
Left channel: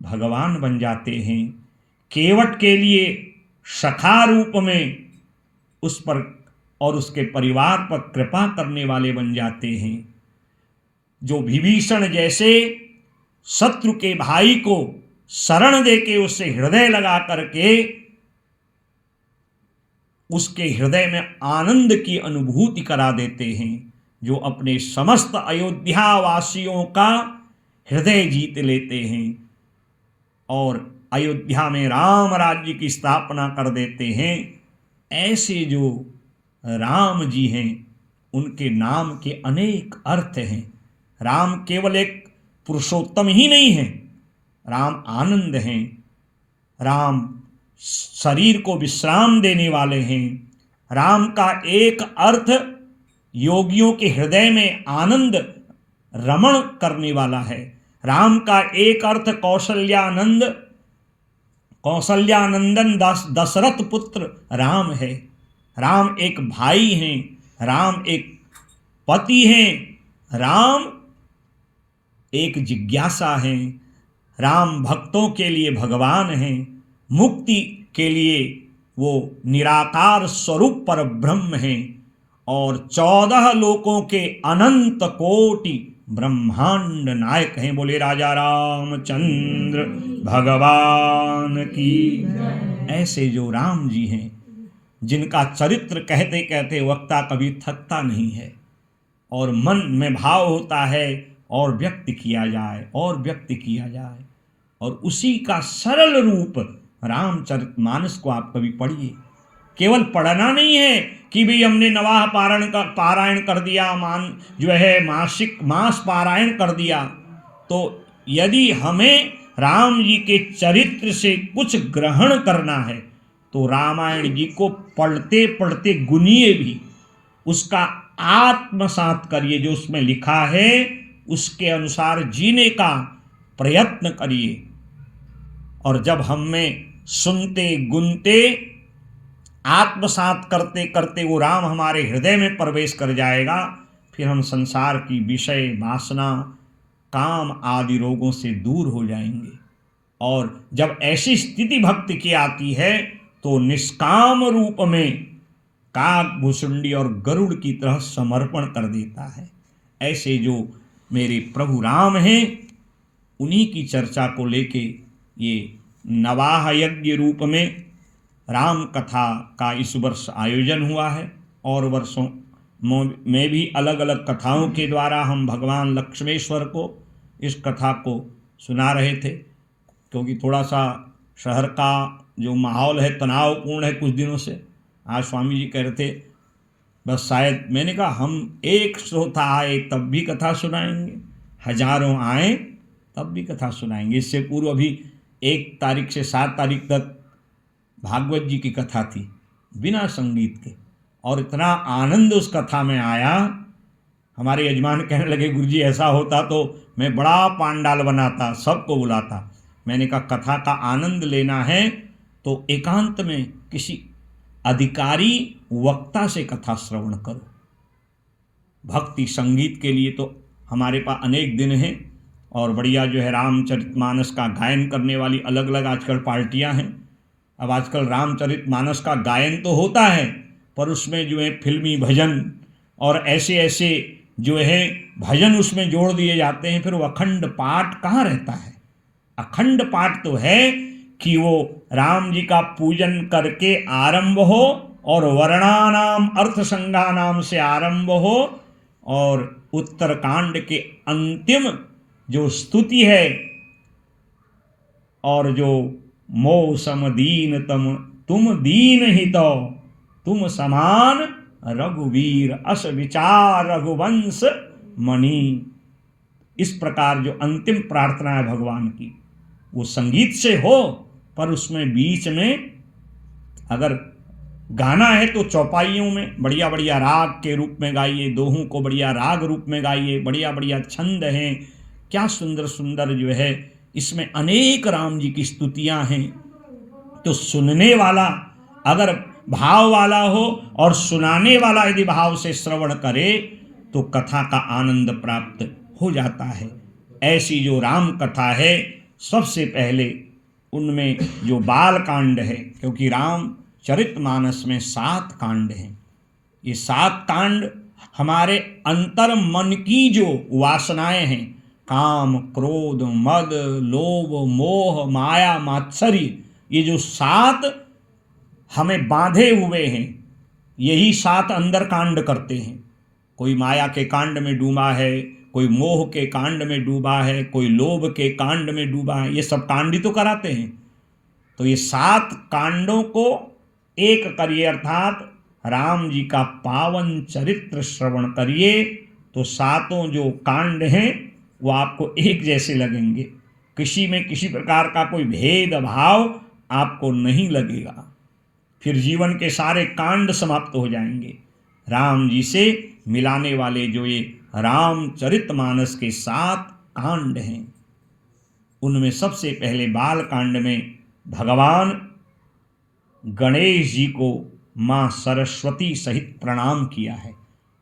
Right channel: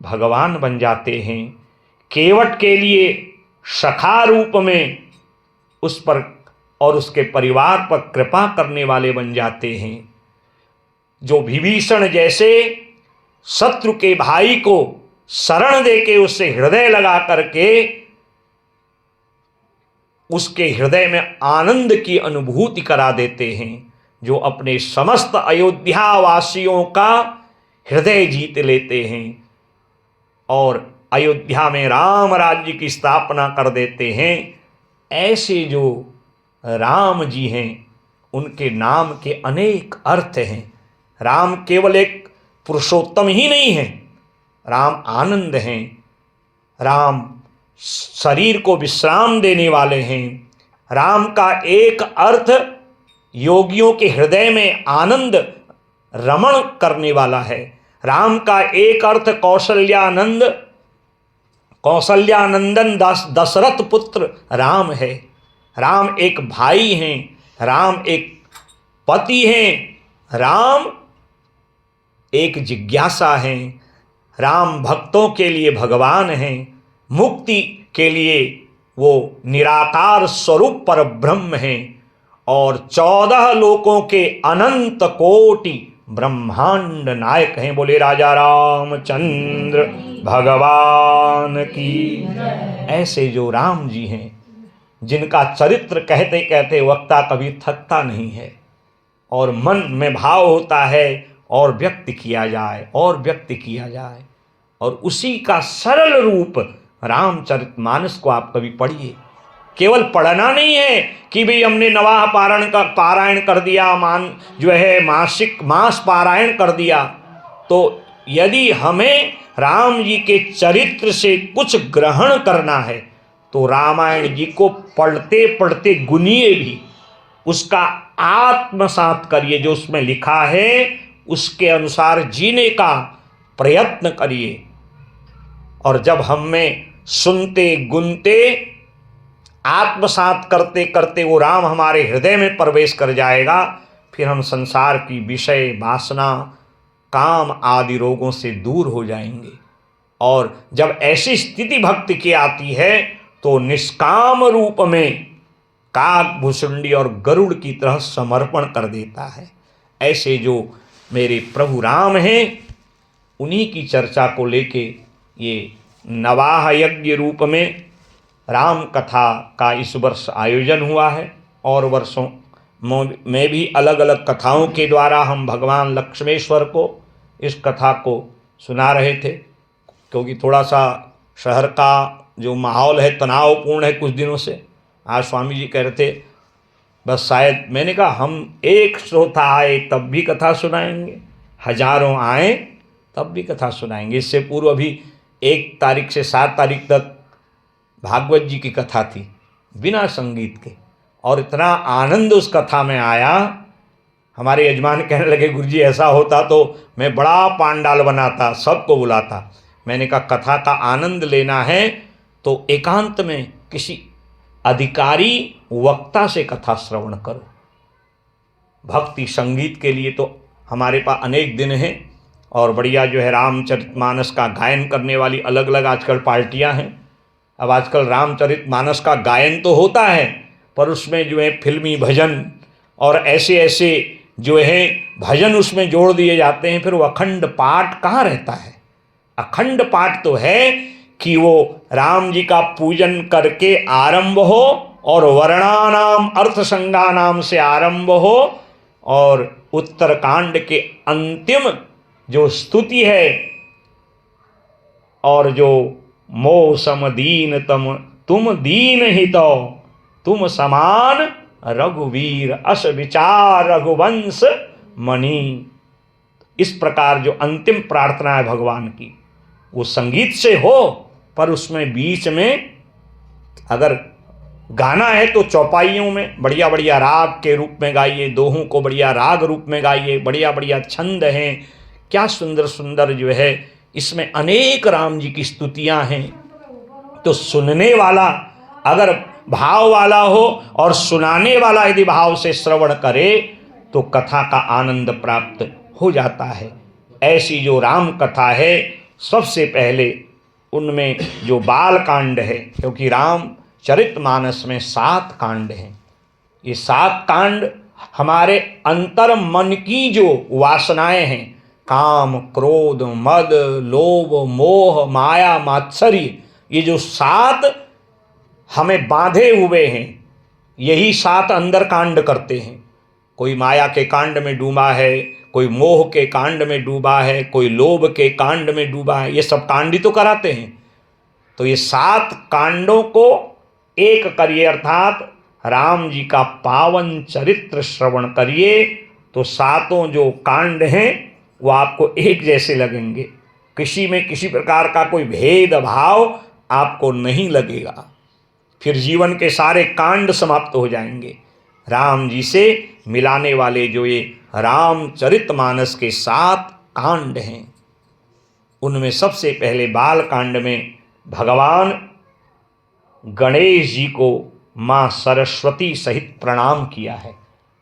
भगवान बन जाते हैं, केवट के लिए सखा रूप में उस पर और उसके परिवार पर कृपा करने वाले बन जाते हैं, जो विभीषण जैसे शत्रु के भाई को शरण देके उससे हृदय लगा करके उसके हृदय में आनंद की अनुभूति करा देते हैं, जो अपने समस्त अयोध्या वासियों का हृदय जीत लेते हैं और अयोध्या में राम राज्य की स्थापना कर देते हैं। ऐसे जो राम जी हैं, उनके नाम के अनेक अर्थ हैं। राम केवल एक पुरुषोत्तम ही नहीं है, राम आनंद हैं, राम शरीर को विश्राम देने वाले हैं। राम का एक अर्थ योगियों के हृदय में आनंद रमण करने वाला है। राम का एक अर्थ कौशल्यानंदन दशरथ पुत्र राम है। राम एक भाई हैं, राम एक पति हैं, राम एक जिज्ञासा हैं, राम भक्तों के लिए भगवान हैं, मुक्ति के लिए वो निराकार स्वरूप पर ब्रह्म हैं, और 14 लोकों के अनंत कोटि ब्रह्मांड नायक हैं। बोले राजा रामचंद्र भगवान की। ऐसे जो राम जी हैं, जिनका चरित्र कहते कहते वक्ता कभी थकता नहीं है, और मन में भाव होता है और व्यक्त किया जाए और व्यक्त किया जाए, और उसी का सरल रूप रामचरितमानस को आप कभी पढ़िए। केवल पढ़ना नहीं है कि भाई हमने नवाह पारायण कर दिया, मास पारायण कर दिया। तो यदि हमें राम जी के चरित्र से कुछ ग्रहण करना है तो रामायण जी को पढ़ते पढ़ते गुनिए भी, उसका आत्मसात करिए, जो उसमें लिखा है उसके अनुसार जीने का प्रयत्न करिए। और जब हम में सुनते गुनते आत्मसात करते करते वो राम हमारे हृदय में प्रवेश कर जाएगा, फिर हम संसार की विषय वासना काम आदि रोगों से दूर हो जाएंगे। और जब ऐसी स्थिति भक्ति की आती है तो निष्काम रूप में काक भुसुंडी और गरुड़ की तरह समर्पण कर देता है। ऐसे जो मेरे प्रभु राम हैं, उन्हीं की चर्चा को लेके ये नवाह यज्ञ रूप में राम कथा का इस वर्ष आयोजन हुआ है। और वर्षों में भी अलग अलग कथाओं के द्वारा हम भगवान लक्ष्मेश्वर को इस कथा को सुना रहे थे, क्योंकि थोड़ा सा शहर का जो माहौल है तनावपूर्ण है कुछ दिनों से। आज स्वामी जी कह रहे थे बस शायद, मैंने कहा हम एक श्रोता आए तब भी कथा सुनाएंगे, हजारों आए तब भी कथा सुनाएंगे। इससे पूर्व अभी 1 तारीख से 7 तारीख तक भागवत जी की कथा थी बिना संगीत के, और इतना आनंद उस कथा में आया। हमारे यजमान कहने लगे गुरुजी ऐसा होता तो मैं बड़ा पांडाल बनाता, सबको बुलाता। मैंने कहा कथा का आनंद लेना है तो एकांत में किसी अधिकारी वक्ता से कथा श्रवण करो। भक्ति संगीत के लिए तो हमारे पास अनेक दिन हैं, और बढ़िया जो है रामचरितमानस का गायन करने वाली अलग अलग आजकल पार्टियां हैं। अब आजकल रामचरितमानस का गायन तो होता है, पर उसमें जो है फिल्मी भजन और ऐसे ऐसे जो है भजन उसमें जोड़ दिए जाते हैं। फिर वो अखंड पाठ कहाँ रहता है? अखंड पाठ तो है कि वो राम जी का पूजन करके आरंभ हो, और वर्णानाम अर्थ संज्ञानाम से आरंभ हो, और उत्तरकांड के अंतिम जो स्तुति है, और जो मो सम दीन तुम दीन हितो तुम समान रघुवीर अस विचार रघुवंश मणि। इस प्रकार जो अंतिम प्रार्थना है भगवान की, वो संगीत से हो, पर उसमें बीच में अगर गाना है तो चौपाइयों में बढ़िया बढ़िया राग के रूप में गाइए, दोहों को बढ़िया राग रूप में गाइए, बढ़िया बढ़िया छंद हैं, क्या सुंदर सुंदर जो है इसमें अनेक राम जी की स्तुतियां हैं। तो सुनने वाला अगर भाव वाला हो और सुनाने वाला यदि भाव से श्रवण करे तो कथा का आनंद प्राप्त हो जाता है। ऐसी जो राम कथा है, सबसे पहले उनमें जो बाल कांड है, क्योंकि राम चरितमानस में 7 कांड हैं, ये 7 कांड हमारे अंतर मन की जो वासनाएं हैं, काम क्रोध मद लोभ मोह माया मात्सर्य, ये जो 7 हमें बांधे हुए हैं, यही 7 अंदर कांड करते हैं। कोई माया के कांड में डूबा है, कोई मोह के कांड में डूबा है, कोई लोभ के कांड में डूबा है, ये सब कांड ही तो कराते हैं। तो ये 7 कांडों को एक करिए, अर्थात राम जी का पावन चरित्र श्रवण करिए, तो 7 जो कांड हैं वो आपको एक जैसे लगेंगे, किसी में किसी प्रकार का कोई भेदभाव आपको नहीं लगेगा। फिर जीवन के सारे कांड समाप्त हो जाएंगे। राम जी से मिलाने वाले जो ये रामचरितमानस के 7 कांड हैं, उनमें सबसे पहले बाल कांड में भगवान गणेश जी को माँ सरस्वती सहित प्रणाम किया है।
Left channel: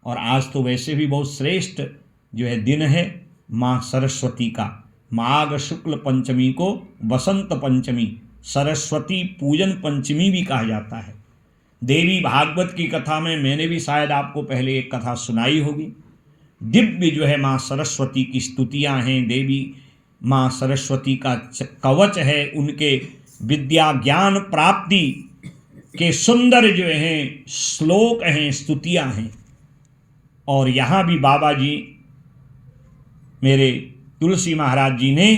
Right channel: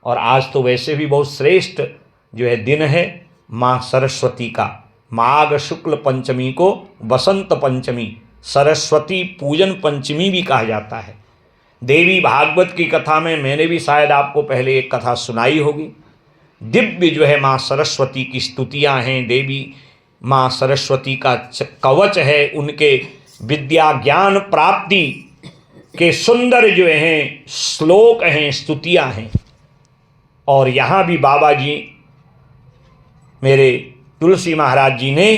और आज तो वैसे भी बहुत श्रेष्ठ जो है दिन है माँ सरस्वती का। माघ शुक्ल पंचमी को बसंत पंचमी, सरस्वती पूजन पंचमी भी कहा जाता है। देवी भागवत की कथा में मैंने भी शायद आपको पहले एक कथा सुनाई होगी। दिव्य जो है माँ सरस्वती की स्तुतियाँ हैं, देवी माँ सरस्वती का कवच है, उनके विद्या ज्ञान प्राप्ति के सुंदर जो हैं श्लोक हैं, स्तुतियाँ हैं। और यहाँ भी बाबा जी मेरे तुलसी महाराज जी ने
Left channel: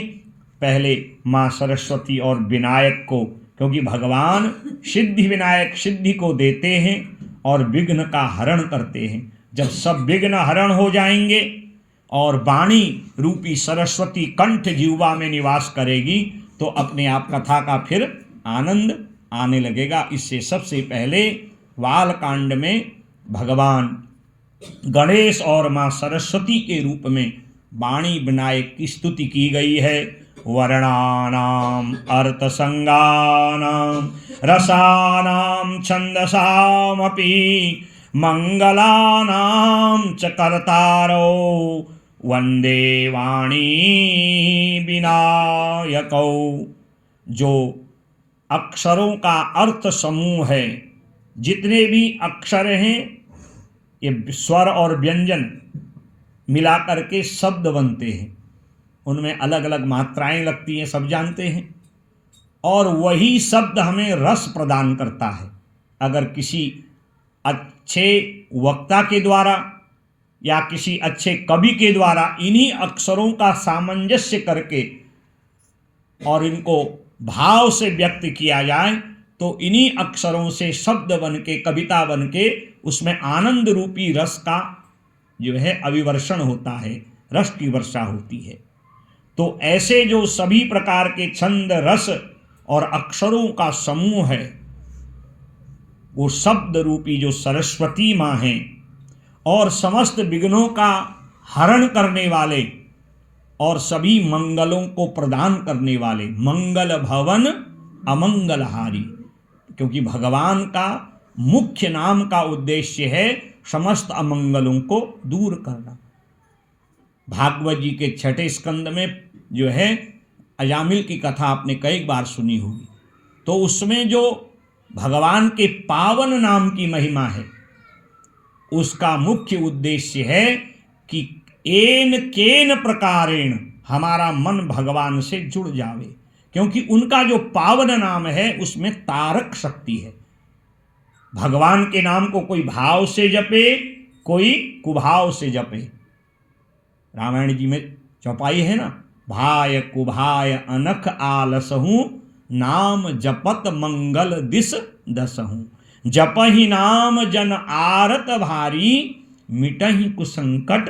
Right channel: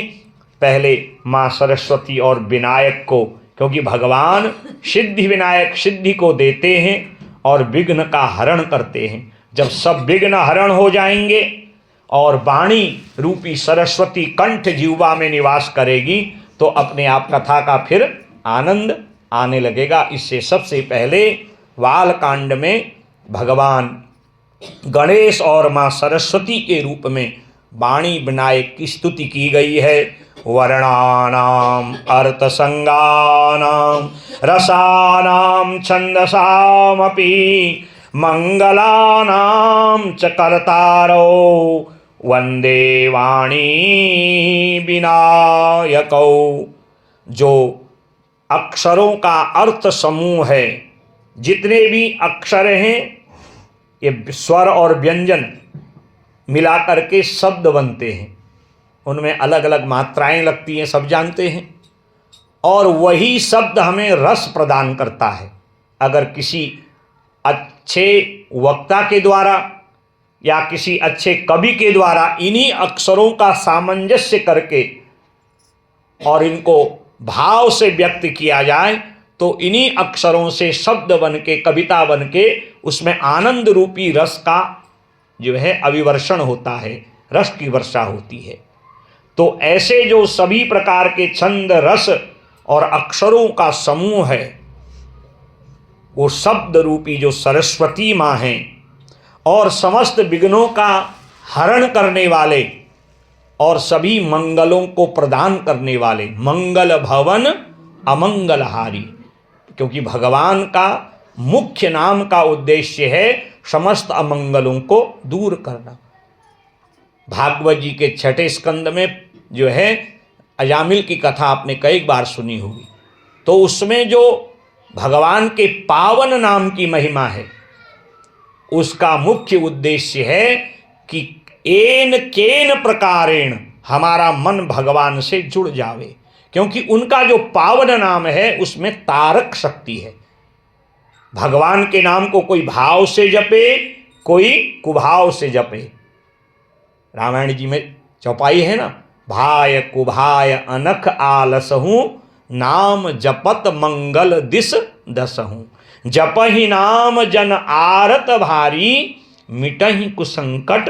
पहले माँ सरस्वती और विनायक को, क्योंकि भगवान सिद्धि विनायक सिद्धि को देते हैं और विघ्न का हरण करते हैं। जब सब विघ्न हरण हो जाएंगे और वाणी रूपी सरस्वती कंठ जीवा में निवास करेगी, तो अपने आप कथा का फिर आनंद आने लगेगा। इससे सबसे पहले बाल कांड में भगवान गणेश और माँ सरस्वती के रूप में वाणी विनायक की स्तुति की गई है। वर्णानाम अर्थसंगानाम रसानाम छंदसामपि मंगलानाम च कर्तारो वंदे वाणी विनायकौ। जो अक्षरों का अर्थ समूह है, जितने भी अक्षर हैं, ये स्वर और व्यंजन मिलाकर के शब्द बनते हैं। उनमें अलग अलग मात्राएं लगती हैं, सब जानते हैं। और वही शब्द हमें रस प्रदान करता है। अगर किसी अच्छे वक्ता के द्वारा या किसी अच्छे कवि के द्वारा इन्हीं अक्षरों का सामंजस्य करके और इनको भाव से व्यक्त किया जाए, तो इन्हीं अक्षरों से शब्द बन के, कविता बन के, उसमें आनंद रूपी रस का जो है अभिवर्षण होता है, रस की वर्षा होती है। तो ऐसे जो सभी प्रकार के छंद रस और अक्षरों का समूह है, वो शब्द रूपी जो सरस्वती माँ हैं और समस्त विघ्नों का हरण करने वाले और सभी मंगलों को प्रदान करने वाले, मंगल भवन अमंगलहारी। क्योंकि भगवान का मुख्य नाम का उद्देश्य है समस्त अमंगलों को दूर करना। भागवत जी के 6ठे स्कंद में जो है अजामिल की कथा आपने कई बार सुनी होगी। तो उसमें जो भगवान के पावन नाम की महिमा है, उसका मुख्य उद्देश्य है कि एन केन प्रकारेण हमारा मन भगवान से जुड़ जावे। क्योंकि उनका जो पावन नाम है उसमें तारक शक्ति है। भगवान के नाम को कोई भाव से जपे, कोई कुभाव से जपे। रामायण जी में चौपाई है ना, भाय कुभाय अनख आलसहूँ नाम जपत मंगल दिस दसहूँ। जपहि नाम जन आरत भारी, मिटहि कुसंकट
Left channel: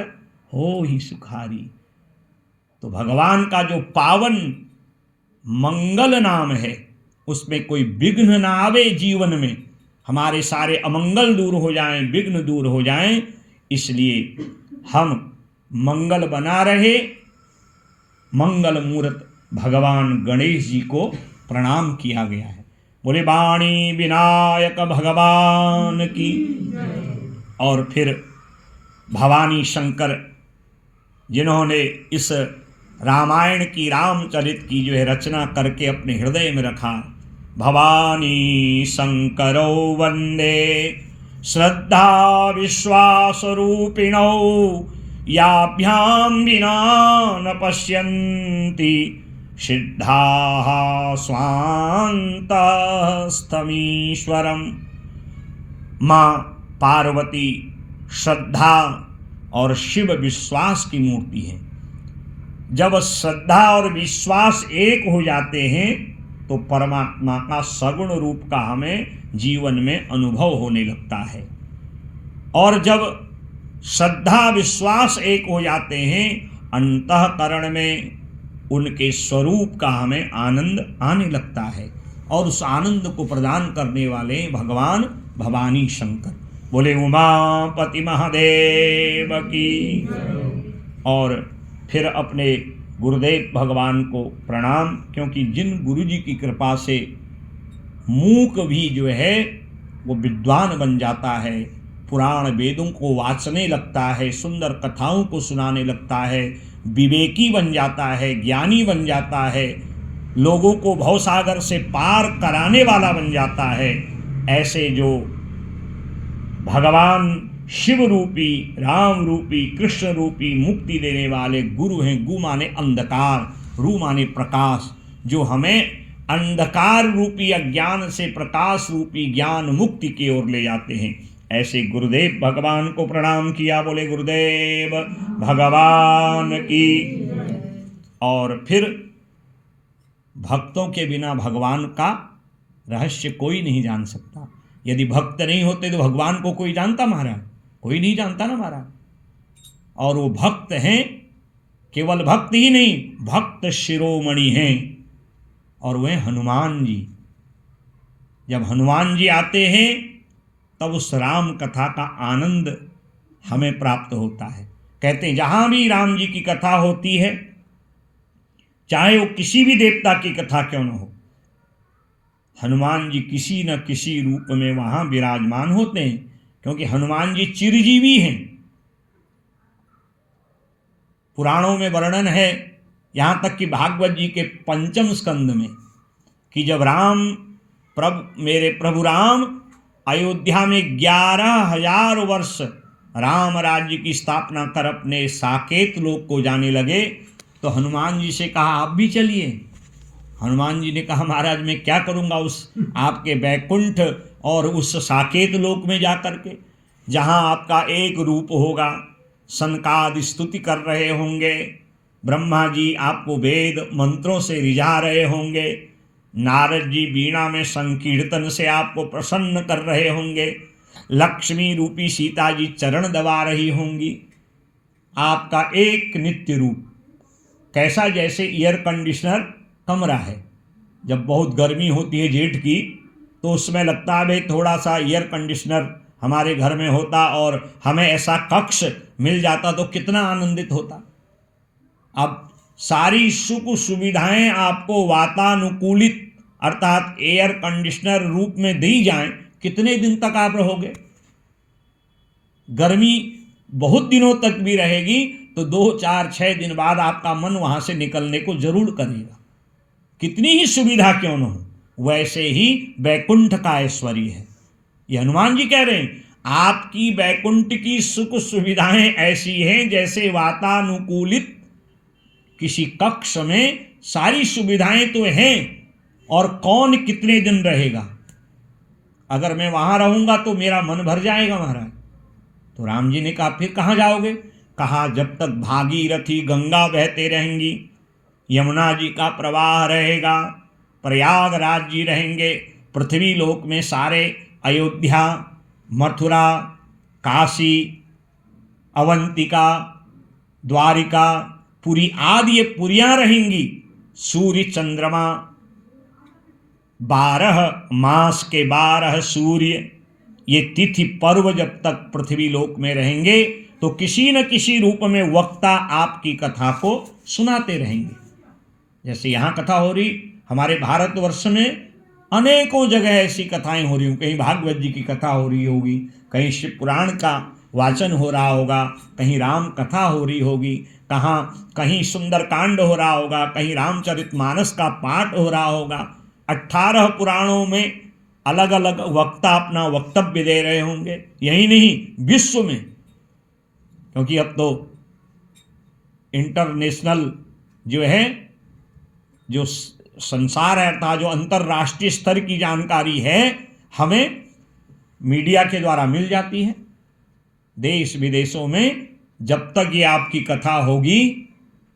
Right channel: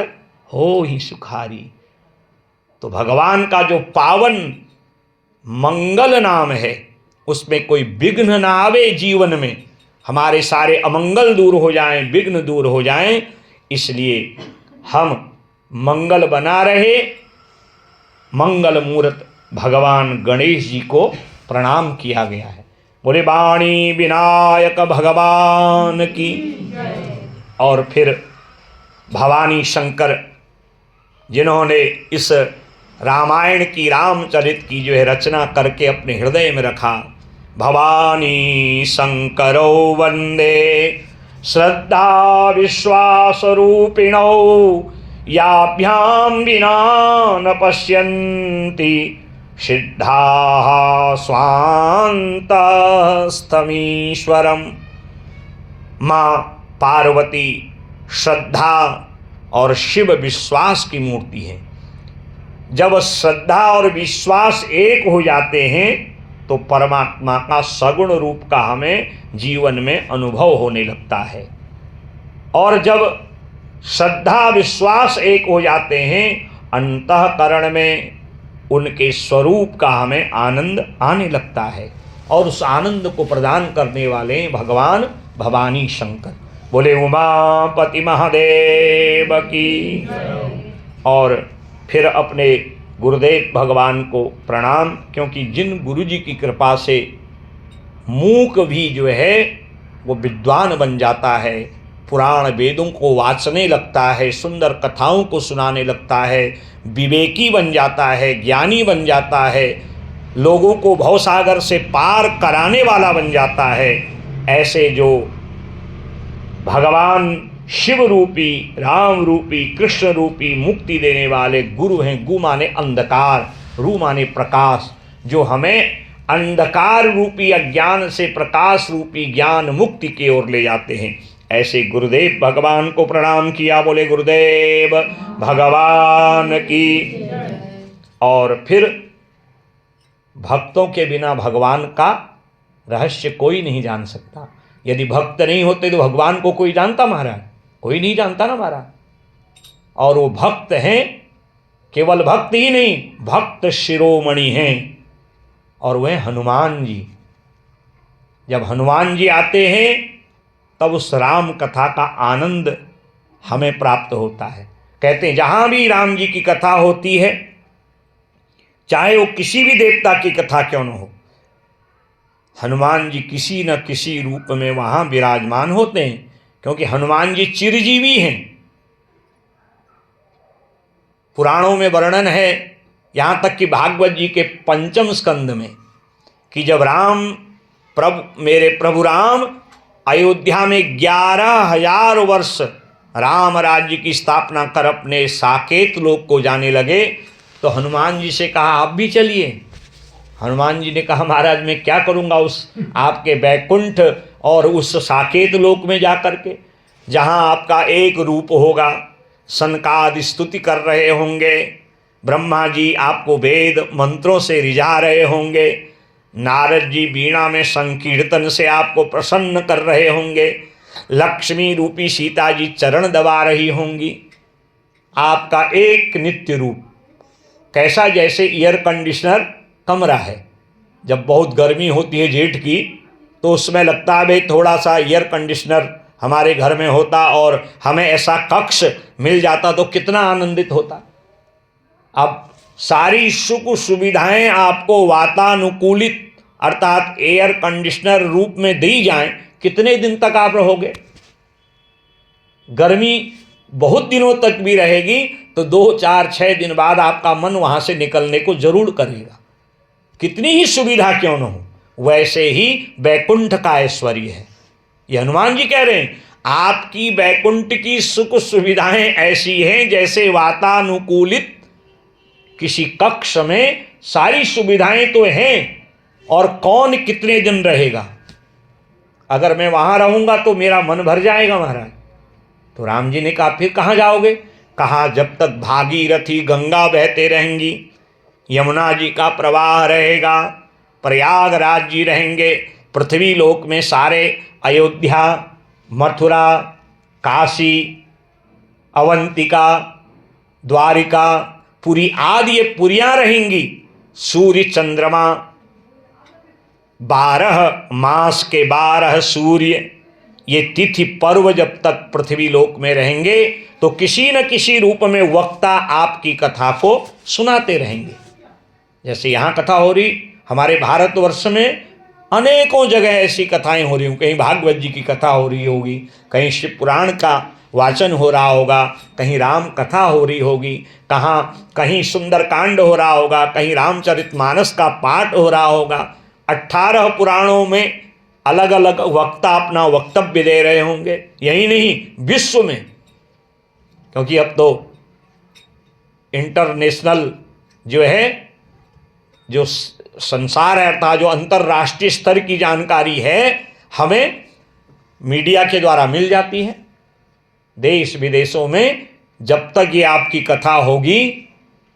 हो ही सुखारी। तो भगवान का जो पावन मंगल नाम है उसमें कोई विघ्न ना आवे, जीवन में हमारे सारे अमंगल दूर हो जाएं, विघ्न दूर हो जाएं, इसलिए हम मंगल बना रहे। मंगल मूर्त भगवान गणेश जी को प्रणाम किया गया है। बोले वाणी विनायक भगवान की। और फिर भवानी शंकर जिन्होंने इस रामायण की, रामचरित की जो है रचना करके अपने हृदय में रखा, भवानी शंकरो वंदे श्रद्धा विश्वास रूपिणो, याभ्याम विना न पश्यन्ति सिद्धाः स्वान्तस्थमीश्वरम। माँ पार्वती श्रद्धा और शिव विश्वास की मूर्ति है। जब श्रद्धा और विश्वास एक हो जाते हैं तो परमात्मा का सगुण रूप का हमें जीवन में अनुभव होने लगता है। और जब श्रद्धा विश्वास एक हो जाते हैं, अंतःकरण में उनके स्वरूप का हमें आनंद आने लगता है। और उस आनंद को प्रदान करने वाले भगवान भवानी शंकर। बोले उमापति महादेव की। और फिर अपने गुरुदेव भगवान को प्रणाम, क्योंकि जिन गुरु जी की कृपा से मूक भी जो है वो विद्वान बन जाता है, पुराण वेदों को वाचने लगता है, सुंदर कथाओं को सुनाने लगता है, विवेकी बन जाता है, ज्ञानी बन जाता है, लोगों को भवसागर से पार कराने वाला बन जाता है, ऐसे जो भगवान शिव रूपी, राम रूपी, कृष्ण रूपी मुक्ति देने वाले गुरु हैं। गु माने अंधकार, रू माने प्रकाश, जो हमें अंधकार रूपी अज्ञान से प्रकाश रूपी ज्ञान मुक्ति की ओर ले जाते हैं। ऐसे गुरुदेव भगवान को प्रणाम किया। बोले गुरुदेव भगवान की। और फिर भक्तों के बिना भगवान का रहस्य कोई नहीं जान सकता। यदि भक्त नहीं होते तो भगवान को कोई जानता महाराज? कोई नहीं जानता ना महाराज। और वो भक्त हैं, केवल भक्त ही नहीं, भक्त शिरोमणि हैं, और वह हनुमान जी। जब हनुमान जी आते हैं तब उस राम कथा का आनंद हमें प्राप्त होता है। कहते हैं जहाँ भी राम जी की कथा होती है, चाहे वो किसी भी देवता की कथा क्यों न हो, हनुमान जी किसी न किसी रूप में वहाँ विराजमान होते हैं, क्योंकि हनुमान जी चिरजीवी हैं। पुराणों में वर्णन है, यहाँ तक कि भागवत जी के 5वें स्कंद में, कि जब मेरे प्रभु राम अयोध्या में 11,000 वर्ष राम राज्य की स्थापना कर अपने साकेत लोक को जाने लगे, तो हनुमान जी से कहा आप भी चलिए। हनुमान जी ने कहा महाराज मैं क्या करूँगा उस आपके बैकुंठ और उस साकेत लोक में जा कर के, जहाँ आपका एक रूप होगा, सनकादि स्तुति कर रहे होंगे, ब्रह्मा जी आपको वेद मंत्रों से रिझा रहे होंगे, नारद जी बीणा में संकीर्तन से आपको प्रसन्न कर रहे होंगे, लक्ष्मी रूपी सीता जी चरण दबा रही होंगी। आपका एक नित्य रूप कैसा, जैसे एयर कंडीशनर कमरा है, जब बहुत गर्मी होती है जेठ की, तो उसमें लगता है भाई थोड़ा सा एयर कंडीशनर हमारे घर में होता और हमें ऐसा कक्ष मिल जाता तो कितना आनंदित होता। अब सारी सुख सुविधाएं आपको वातानुकूलित अर्थात एयर कंडीशनर रूप में दी जाएं, कितने दिन तक आप रहोगे? गर्मी बहुत दिनों तक भी रहेगी तो 2, 4, 6 दिन बाद आपका मन वहां से निकलने को जरूर करेगा, कितनी ही सुविधा क्यों न हो। वैसे ही बैकुंठ का ऐश्वर्य है। ये हनुमान जी कह रहे हैं आपकी बैकुंठ की सुख सुविधाएं ऐसी हैं जैसे वातानुकूलित किसी कक्ष में सारी सुविधाएं तो हैं, और कौन कितने दिन रहेगा? अगर मैं वहां रहूंगा तो मेरा मन भर जाएगा महाराज। तो राम जी ने कहा फिर कहाँ जाओगे? कहा जब तक भागीरथी गंगा बहते रहेंगी, यमुना जी का प्रवाह रहेगा, प्रयागराज जी रहेंगे, पृथ्वी लोक में सारे अयोध्या, मथुरा, काशी, अवंतिका, द्वारिका, पुरी आदि ये पुरियां रहेंगी। सूर्य चंद्रमा, 12 मास के 12 सूर्य, ये तिथि पर्व जब तक पृथ्वी लोक में रहेंगे तो किसी न किसी रूप में वक्ता आपकी कथा को सुनाते रहेंगे। जैसे यहाँ कथा हो रही, हमारे भारतवर्ष में अनेकों जगह ऐसी कथाएं हो रही हों। कहीं भागवत जी की कथा हो रही होगी, कहीं शिव पुराण का वाचन हो रहा होगा, कहीं राम कथा हो रही होगी, कहीं सुंदरकांड हो रहा होगा, कहीं रामचरितमानस का पाठ हो रहा होगा। 18 पुराणों में अलग अलग वक्ता अपना वक्तव्य दे रहे होंगे। यही नहीं, विश्व में, क्योंकि अब तो इंटरनेशनल जो है, जो संसार है, अर्थात जो अंतर्राष्ट्रीय स्तर की जानकारी है, हमें मीडिया के द्वारा मिल जाती है। देश विदेशों में जब तक ये आपकी कथा होगी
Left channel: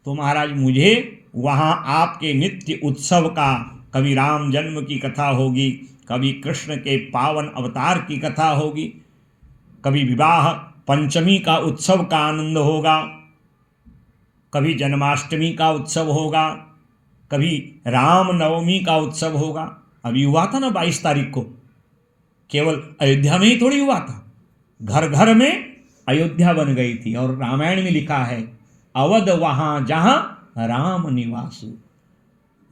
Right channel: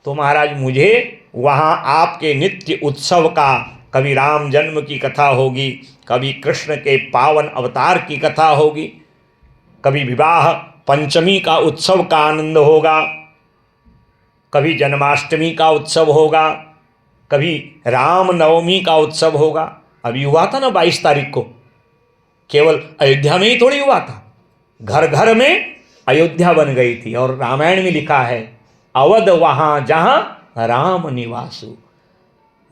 तो महाराज मुझे वहाँ आपके नित्य उत्सव का, कभी राम जन्म की कथा होगी, कभी कृष्ण के पावन अवतार की कथा होगी, कभी विवाह पंचमी का उत्सव का आनंद होगा, कभी जन्माष्टमी का उत्सव होगा, कभी राम नवमी का उत्सव होगा। अभी हुआ था ना 22 तारीख को, केवल अयोध्या में ही थोड़ी हुआ था, घर घर में अयोध्या बन गई थी। और रामायण में लिखा है, अवध वहाँ जहाँ राम निवासु,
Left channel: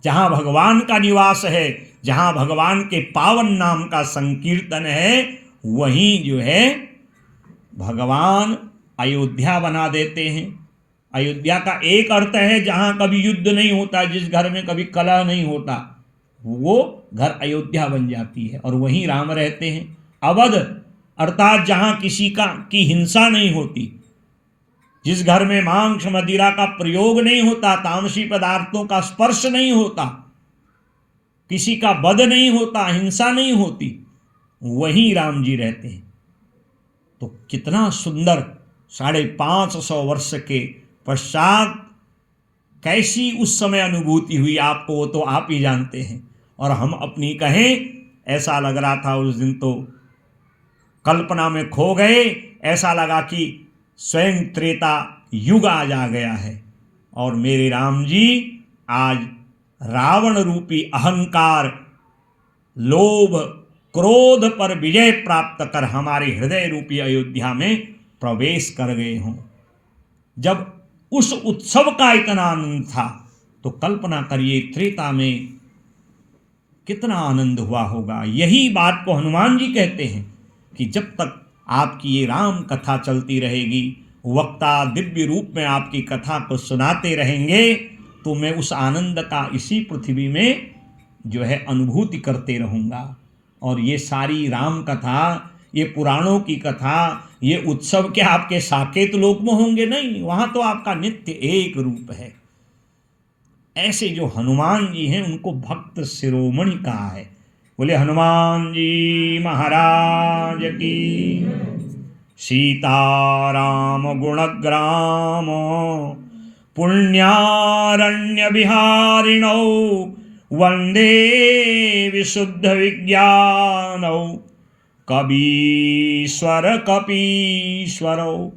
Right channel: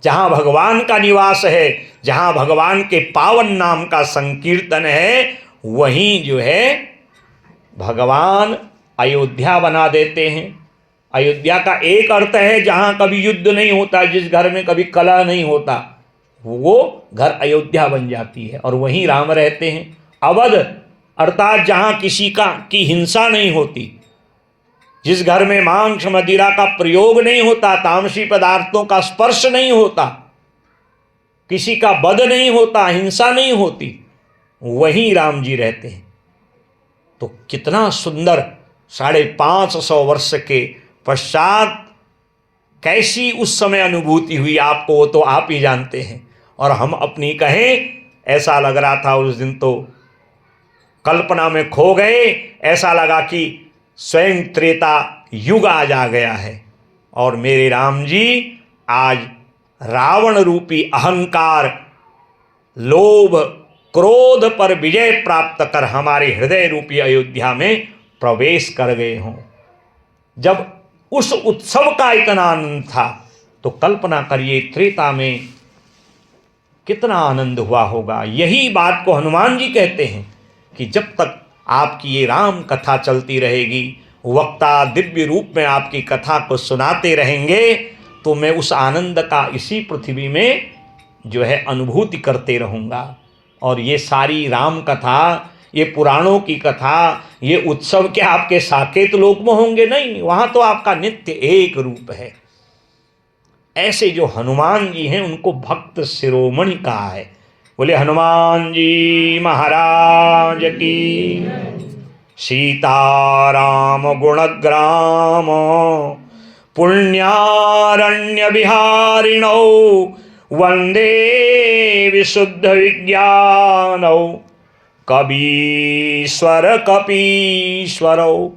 जहाँ भगवान का निवास है, जहाँ भगवान के पावन नाम का संकीर्तन है, वहीं जो है भगवान अयोध्या बना देते हैं। अयोध्या का एक अर्थ है जहाँ कभी युद्ध नहीं होता, जिस घर में कभी कलह नहीं होता, वो घर अयोध्या बन जाती है और वहीं राम रहते हैं। अवध अर्थात जहाँ किसी की हिंसा नहीं होती, जिस घर में मांस मदिरा का प्रयोग नहीं होता, तामसी पदार्थों का स्पर्श नहीं होता, किसी का वध नहीं होता, हिंसा नहीं होती, वहीं राम जी रहते हैं। तो कितना सुंदर 550 वर्ष के पश्चात कैसी उस समय अनुभूति हुई आपको, वो तो आप ही जानते हैं। और हम अपनी कहें, ऐसा लग रहा था उस दिन तो कल्पना में खो गए, ऐसा लगा कि स्वयं त्रेता युग आज आ गया है और मेरे राम जी आज रावण रूपी अहंकार, लोभ, क्रोध पर विजय प्राप्त कर हमारे हृदय रूपी अयोध्या में प्रवेश कर गए हों। जब उस उत्सव का इतना आनंद था तो कल्पना करिए त्रेता में कितना आनंद हुआ होगा। यही बात को हनुमान जी कहते हैं कि जब तक आपकी ये राम कथा चलती रहेगी, वक्ता दिव्य रूप में आपकी कथा को सुनाते रहेंगे, तो मैं उस आनंद का इसी पृथ्वी में जो है अनुभूति करते रहूँगा। और ये सारी राम कथा, ये पुराणों की कथा, ये उत्सव क्या आपके साकेत लोक में होंगे? नहीं, वहाँ तो आपका नित्य एक रूप है। ऐसे जो हनुमान जी हैं उनको भक्त शिरोमणि कहा है। बोले हनुमान जी महाराज की। सीताराम गुणग्राम पुण्यारण्य विहारिणौ वंदे विशुद्ध विज्ञानौ कबीश्वर कपीश्वरौ।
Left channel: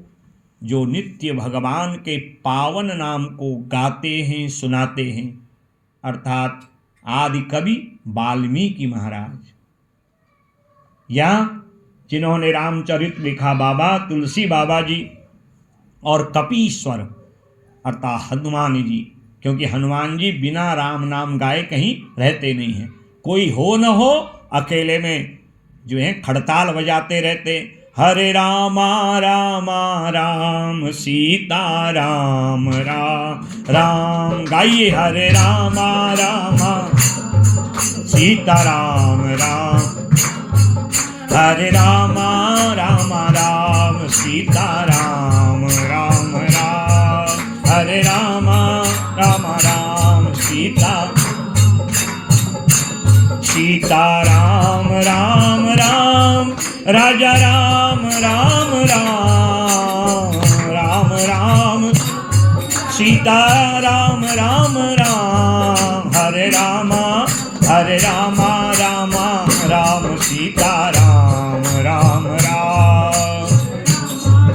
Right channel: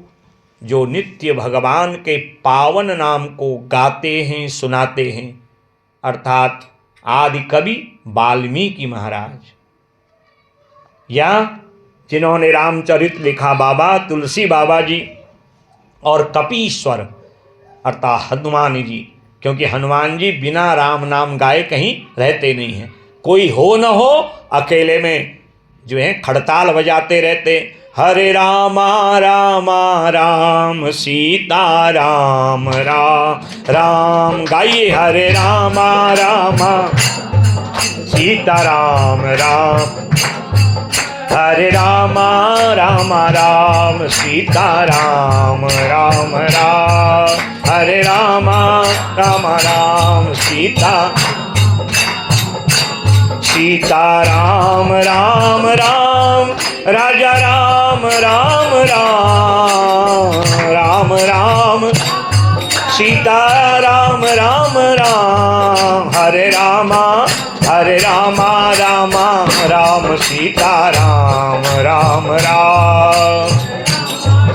जो नित्य भगवान के पावन नाम को गाते हैं, सुनाते हैं, अर्थात आदि कवि वाल्मीकि महाराज, या जिन्होंने रामचरित लिखा बाबा तुलसी बाबा जी, और कपीश्वर अर्थात हनुमान जी, क्योंकि हनुमान जी बिना राम नाम गाए कहीं रहते नहीं हैं। कोई हो न हो, अकेले में जो है खड़ताल बजाते रहते, हरे रामा रामा राम सीता राम राम राम। गाइए हरे रामा रामा सीता राम राम, हरे रामा रामा राम सीता राम राम राम, हरे रामा रामा राम सीता सीता राम राम राम, राजा राम राम राम राम राम, सीता राम राम राम, हरे रामा रामा राम सीताराम राम राम।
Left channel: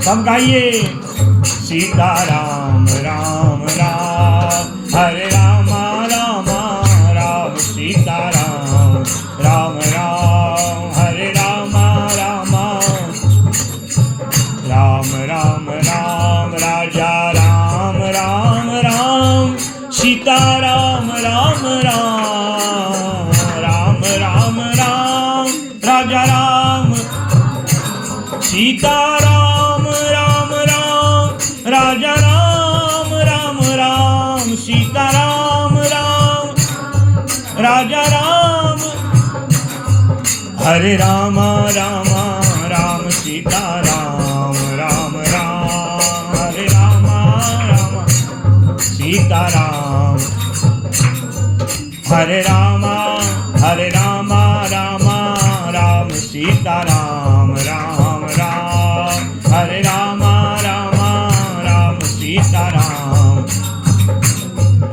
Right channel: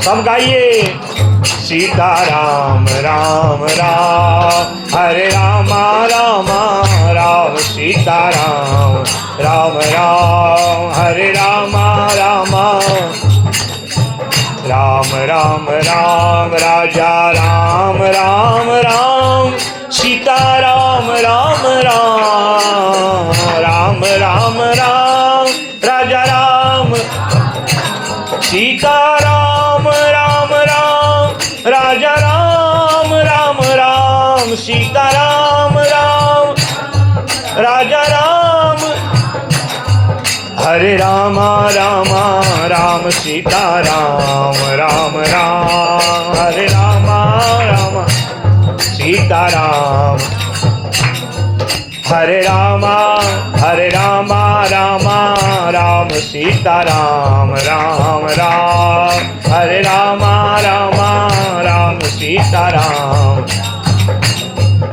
सब गाइए सीताराम राम राम, हरे रामा रामा राम सीताराम राम राम, हरे रामा रामा राम राम राम, राजा राम राम राम सीताराम राम राम, राम राम राम राजा राम सीताराम राम राम, राजा राम राम राम सीताराम राम, राजा राम, हरे रामा रामा राम सीताराम राम राम, हरे रामा रामा सीताराम, हरे रामा रामा राम सीताराम राम राम, हरे रामा राम सीताराम,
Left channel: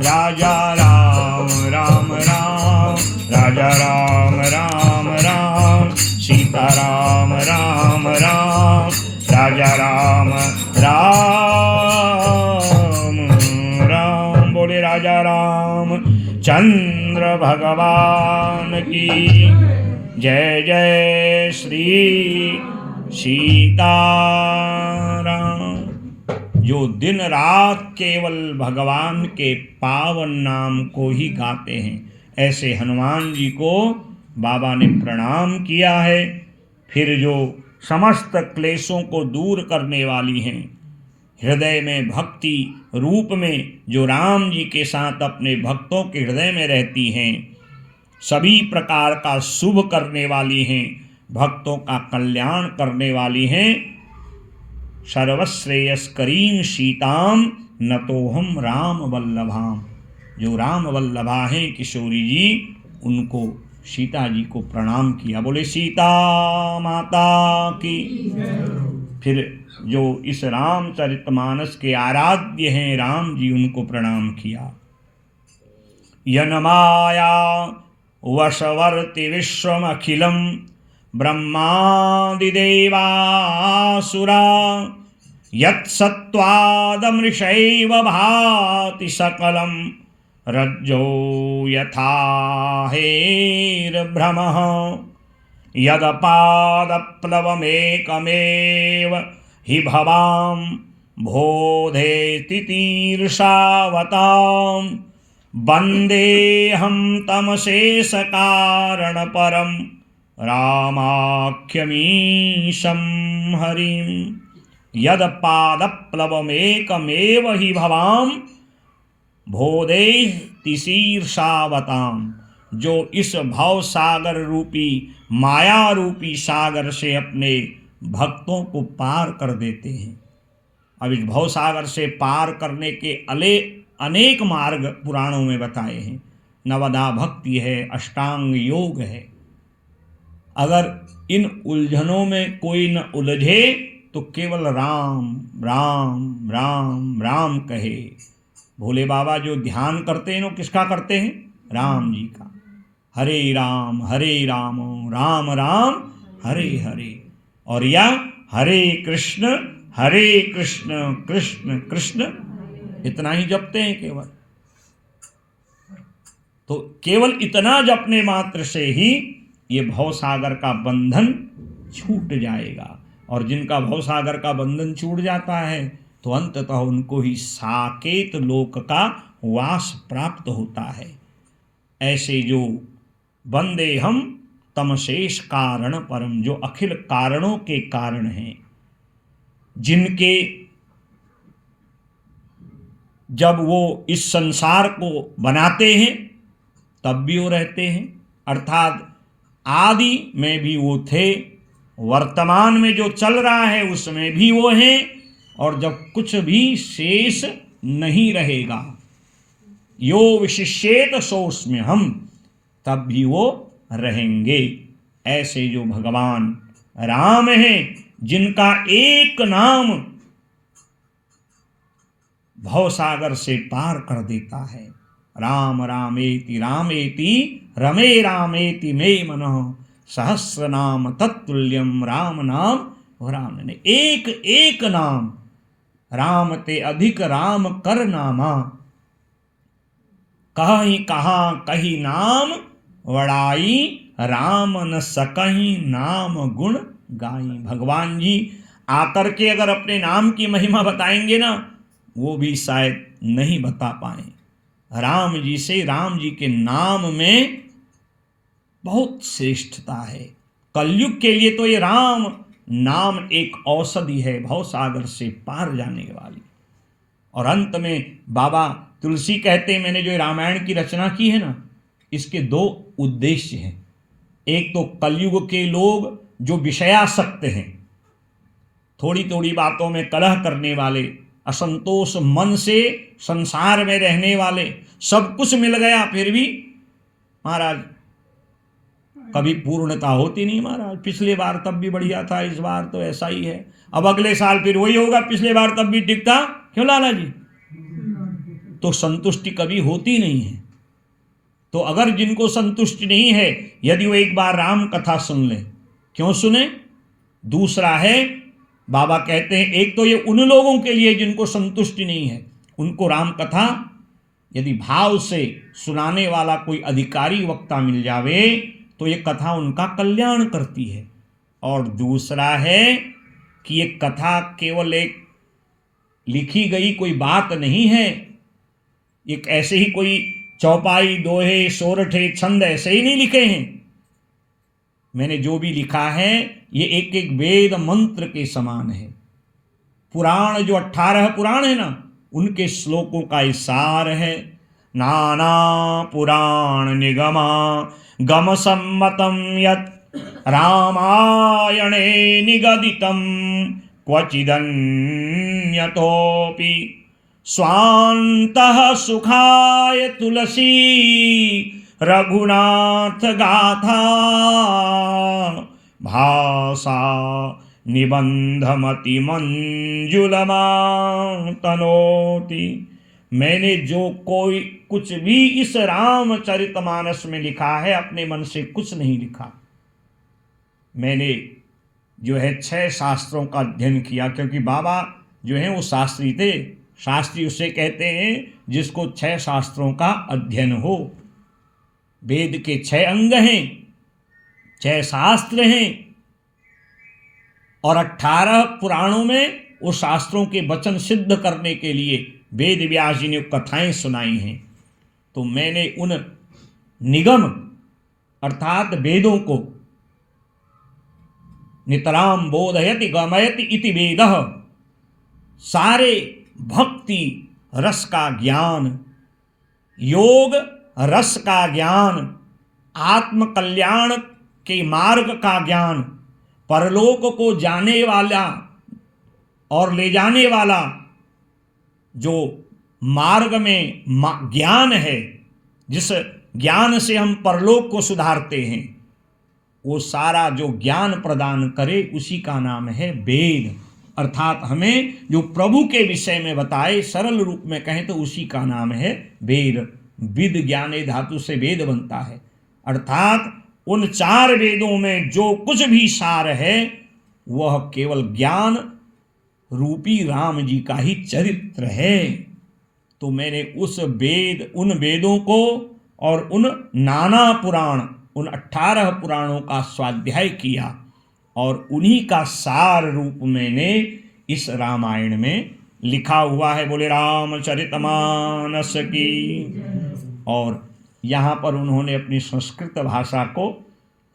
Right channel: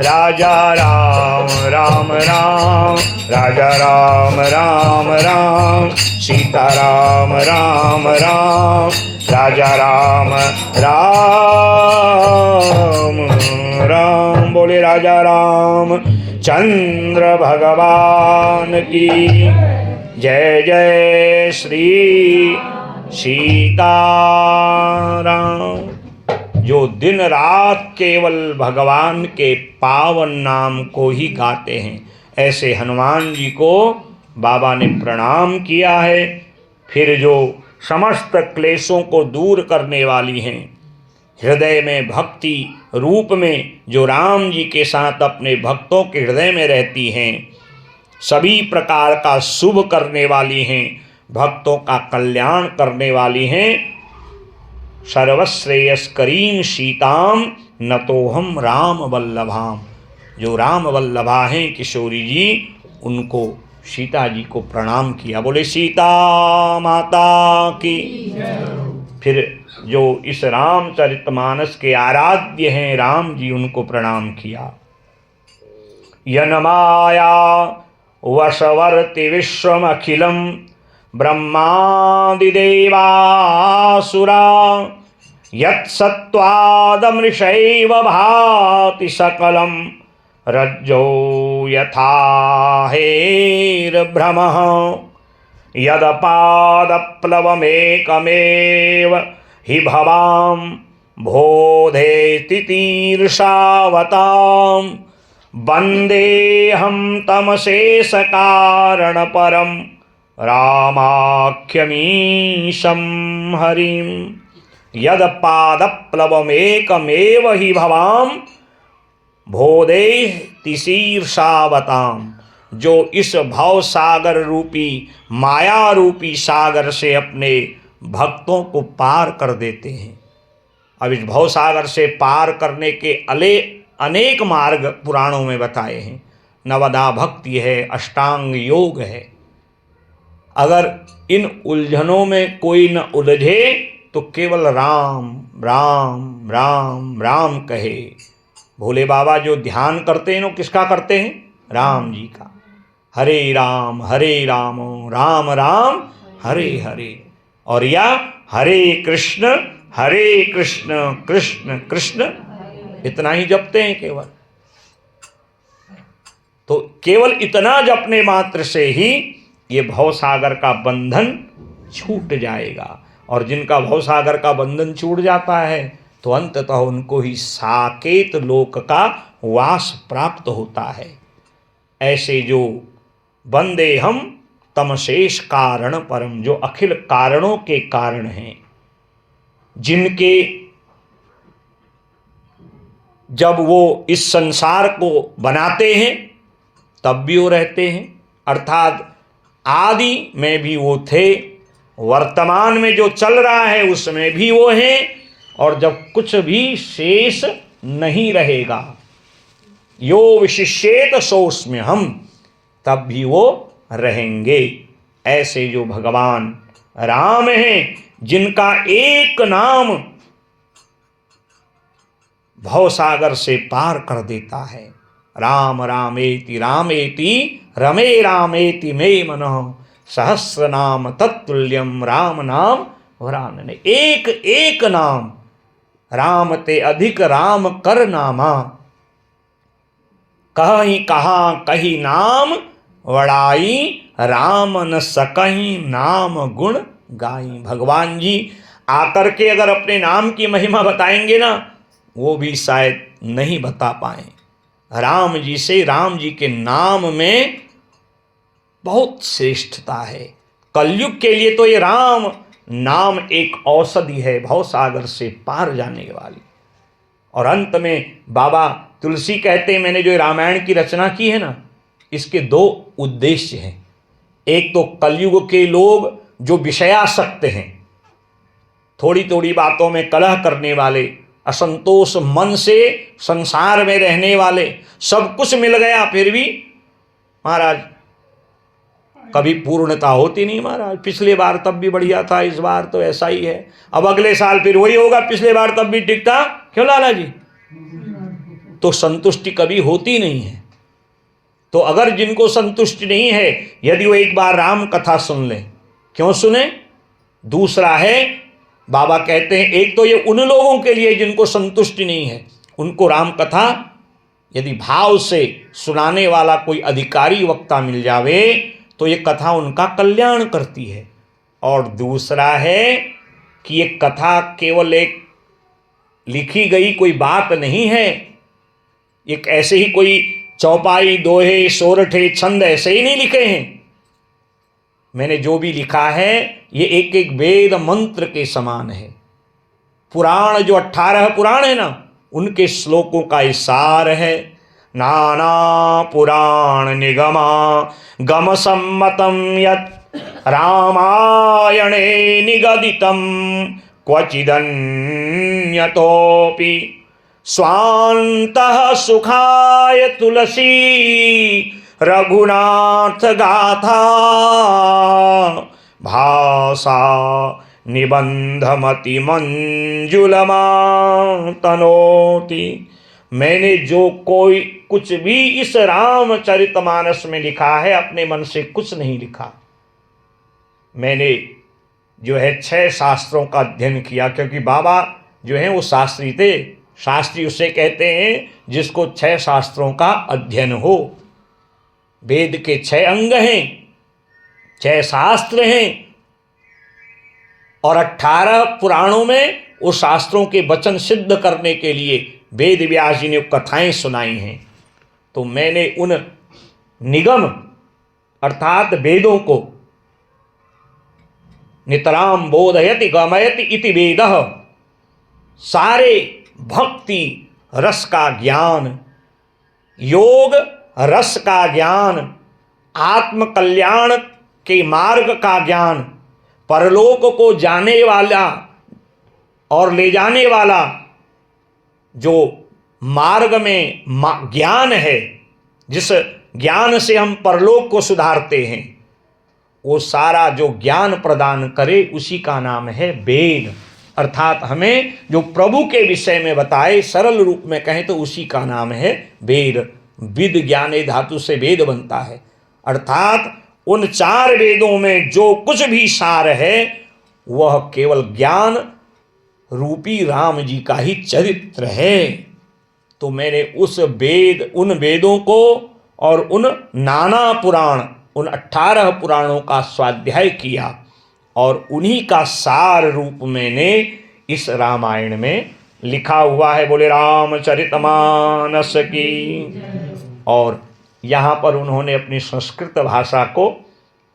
राजा राम राम राम, राजा राम राम राम सीताराम राम राम, राजा राम राम राम। बोले राजा राम चंद्र भगवान की जय। जय श्री सीताराम। जो दिन रात केवल भगवान के पावन नाम को ही गाते हैं, ऐसे हनुमान जी को बाबा ने प्रणाम किया है। फिर जो समस्त क्लेशों को दूर करने वाली हैं, हृदय में भक्ति रूप में जो राम जी के साथ अपने भक्तों के हृदय में रहती हैं, सभी प्रकार का शुभ करने वाली हैं, भक्तों का कल्याण करने वाली हैं, सर्वश्रेयस्करीं सीताम नतोहम राम वल्लभाम। जो राम वल्लभा हैं किशोरी जी, उनको सीता जी को प्रणाम किया। बोले सीता माता की। फिर जो इस रामचरितमानस के आराध्य हैं राम जी, उनको प्रणाम किया। यनमाया वशवर्ति विश्वमखिलं ब्रह्मादिदेवासुरा, यत्सत्त्वादमृषैव भाति सकलं, रज्जो यथा हेर्भ्रमः, यदपादप्लवमेकमेव हि भवां बोधेति तीर्षावतां, वन्देऽहं तमशेषकारणपरं रामाख्यमीशं हरिं। यदपादप्लवमेकमेव हि भवां बोधेति शीर्षावतां। जो इस भव सागर रूपी माया रूपी सागर से अपने भक्तों को पार कर देते हैं। अब इस भव सागर से पार करने के अनेक मार्ग पुराणों में बताए हैं। नवदा भक्ति है, अष्टांग योग है। अगर इन उलझनों में कोई न उलझे तो केवल राम राम राम राम कहे। भोले बाबा जो ध्यान करते हैं, वो किसका करते हैं? राम जी का। हरे राम राम राम हरे हरे, और या हरे कृष्ण कृष्ण कृष्ण, इतना ही जपते हैं केवल। तो केवल इतना जपने मात्र से ही ये भवसागर का बंधन छूट जाएगा। और जिनका भवसागर का बंधन छूट जाता है तो अंततः उनको ही साकेत लोक का वास प्राप्त होता है। ऐसे जो वंदे हम तमशेष कारण परम, जो अखिल कारणों के कारण हैं, जिनके जब वो इस संसार को बनाते हैं तब भी वो रहते हैं, अर्थात आदि में भी वो थे, वर्तमान में जो चल रहा है उसमें भी वो हैं, और जब कुछ भी शेष नहीं रहेगा, यो विशिष्येत सोऽस्म्य हम, तब भी वो रहेंगे। ऐसे जो भगवान राम हैं, जिनका एक नाम भवसागर से पार कर देता है। राम रामेति रामेति रमे रामेति मे मनः, सहस्र नाम तत्तुल्यम राम नाम वरानने। एक एक नाम राम ते अधिक राम कर नामा, कहीं कहाँ कही नाम वड़ाई, राम न सकहीं नाम गुण गाई। भगवान जी आकर के अगर अपने नाम की महिमा बताएंगे ना, वो भी शायद नहीं बता पाए। राम जी से, राम जी के नाम में बहुत श्रेष्ठता है। कलयुग के लिए तो ये राम नाम एक औषधि है, भवसागर से पार जाने वाली। और अंत में बाबा तुलसी कहते हैं, मैंने जो रामायण की रचना की है ना, इसके दो उद्देश्य हैं। एक तो कलयुग के लोग जो विषयासक्त हैं, थोड़ी थोड़ी बातों में कलह करने वाले, असंतोष मन से संसार में रहने वाले, सब कुछ मिल गया फिर भी महाराज कभी पूर्णता होती नहीं महाराज। पिछले बार तब भी बढ़िया था, इस बार तो ऐसा ही है, अब अगले साल फिर वही होगा, पिछले बार तब भी ठीक था, क्यों लाला जी? तो संतुष्टि कभी होती नहीं है। तो अगर जिनको संतुष्टि नहीं है, यदि वो एक बार राम कथा सुन ले, क्यों सुने? दूसरा है, बाबा कहते हैं, एक तो ये उन लोगों के लिए जिनको संतुष्टि नहीं है, उनको राम कथा यदि भाव से सुनाने वाला कोई अधिकारी वक्ता मिल जावे तो ये कथा उनका कल्याण करती है। और दूसरा है कि ये कथा केवल एक लिखी गई कोई बात नहीं है, एक ऐसे ही कोई चौपाई, दोहे, सोरठे, छंद ऐसे ही नहीं लिखे हैं। मैंने जो भी लिखा है ये एक एक वेद मंत्र के समान है। पुराण जो 18 पुराण है ना, उनके श्लोकों का सार है। नाना पुराण निगमा गम सम्मतम यत् रामायणे निगदितम क्वचिदन्यतोपि स्वान्तः सुखाय तुलसी रघुनाथ गाथा भाषा निबंधमति मंजुलमा तनोति। मैंने जो कोई कुछ भी इस रामचरितमानस में लिखा है, अपने मन से कुछ नहीं लिखा। मैंने जो है 6 शास्त्रों का अध्ययन किया, क्योंकि बाबा जो है वो शास्त्री थे। शास्त्री उसे कहते हैं जिसको 6 शास्त्रों का अध्ययन हो। वेद के 6 अंग हैं, 6 शास्त्र हैं, और 18 पुराणों में उस शास्त्रों के वचन सिद्ध करने के लिए वेद व्यास जी ने कथाएं सुनाई हैं। तो मैंने उन निगम अर्थात वेदों को, नितराम बोधयति गमयति इति वेदः, सारे भक्ति रस का ज्ञान, योग रस का ज्ञान, आत्म कल्याण के मार्ग का ज्ञान, परलोक को जाने वाला और ले जाने वाला जो मार्ग में ज्ञान है, जिस ज्ञान से हम परलोक को सुधारते हैं, वो सारा जो ज्ञान प्रदान करे उसी का नाम है वेद। अर्थात हमें जो प्रभु के विषय में बताए, सरल रूप में कहें तो उसी का नाम है वेद। विद ज्ञाने धातु से वेद बनता है। अर्थात उन 4 वेदों में जो कुछ भी सार है वह केवल ज्ञान रूपी राम जी का ही चरित्र है। तो मैंने उन वेदों को और उन नाना पुराण, उन 18 पुराणों का स्वाध्याय किया और उन्हीं का सार रूप मैंने इस रामायण में लिखा हुआ है। बोले रामचरितमानस की। और यहाँ पर उन्होंने अपनी संस्कृत भाषा को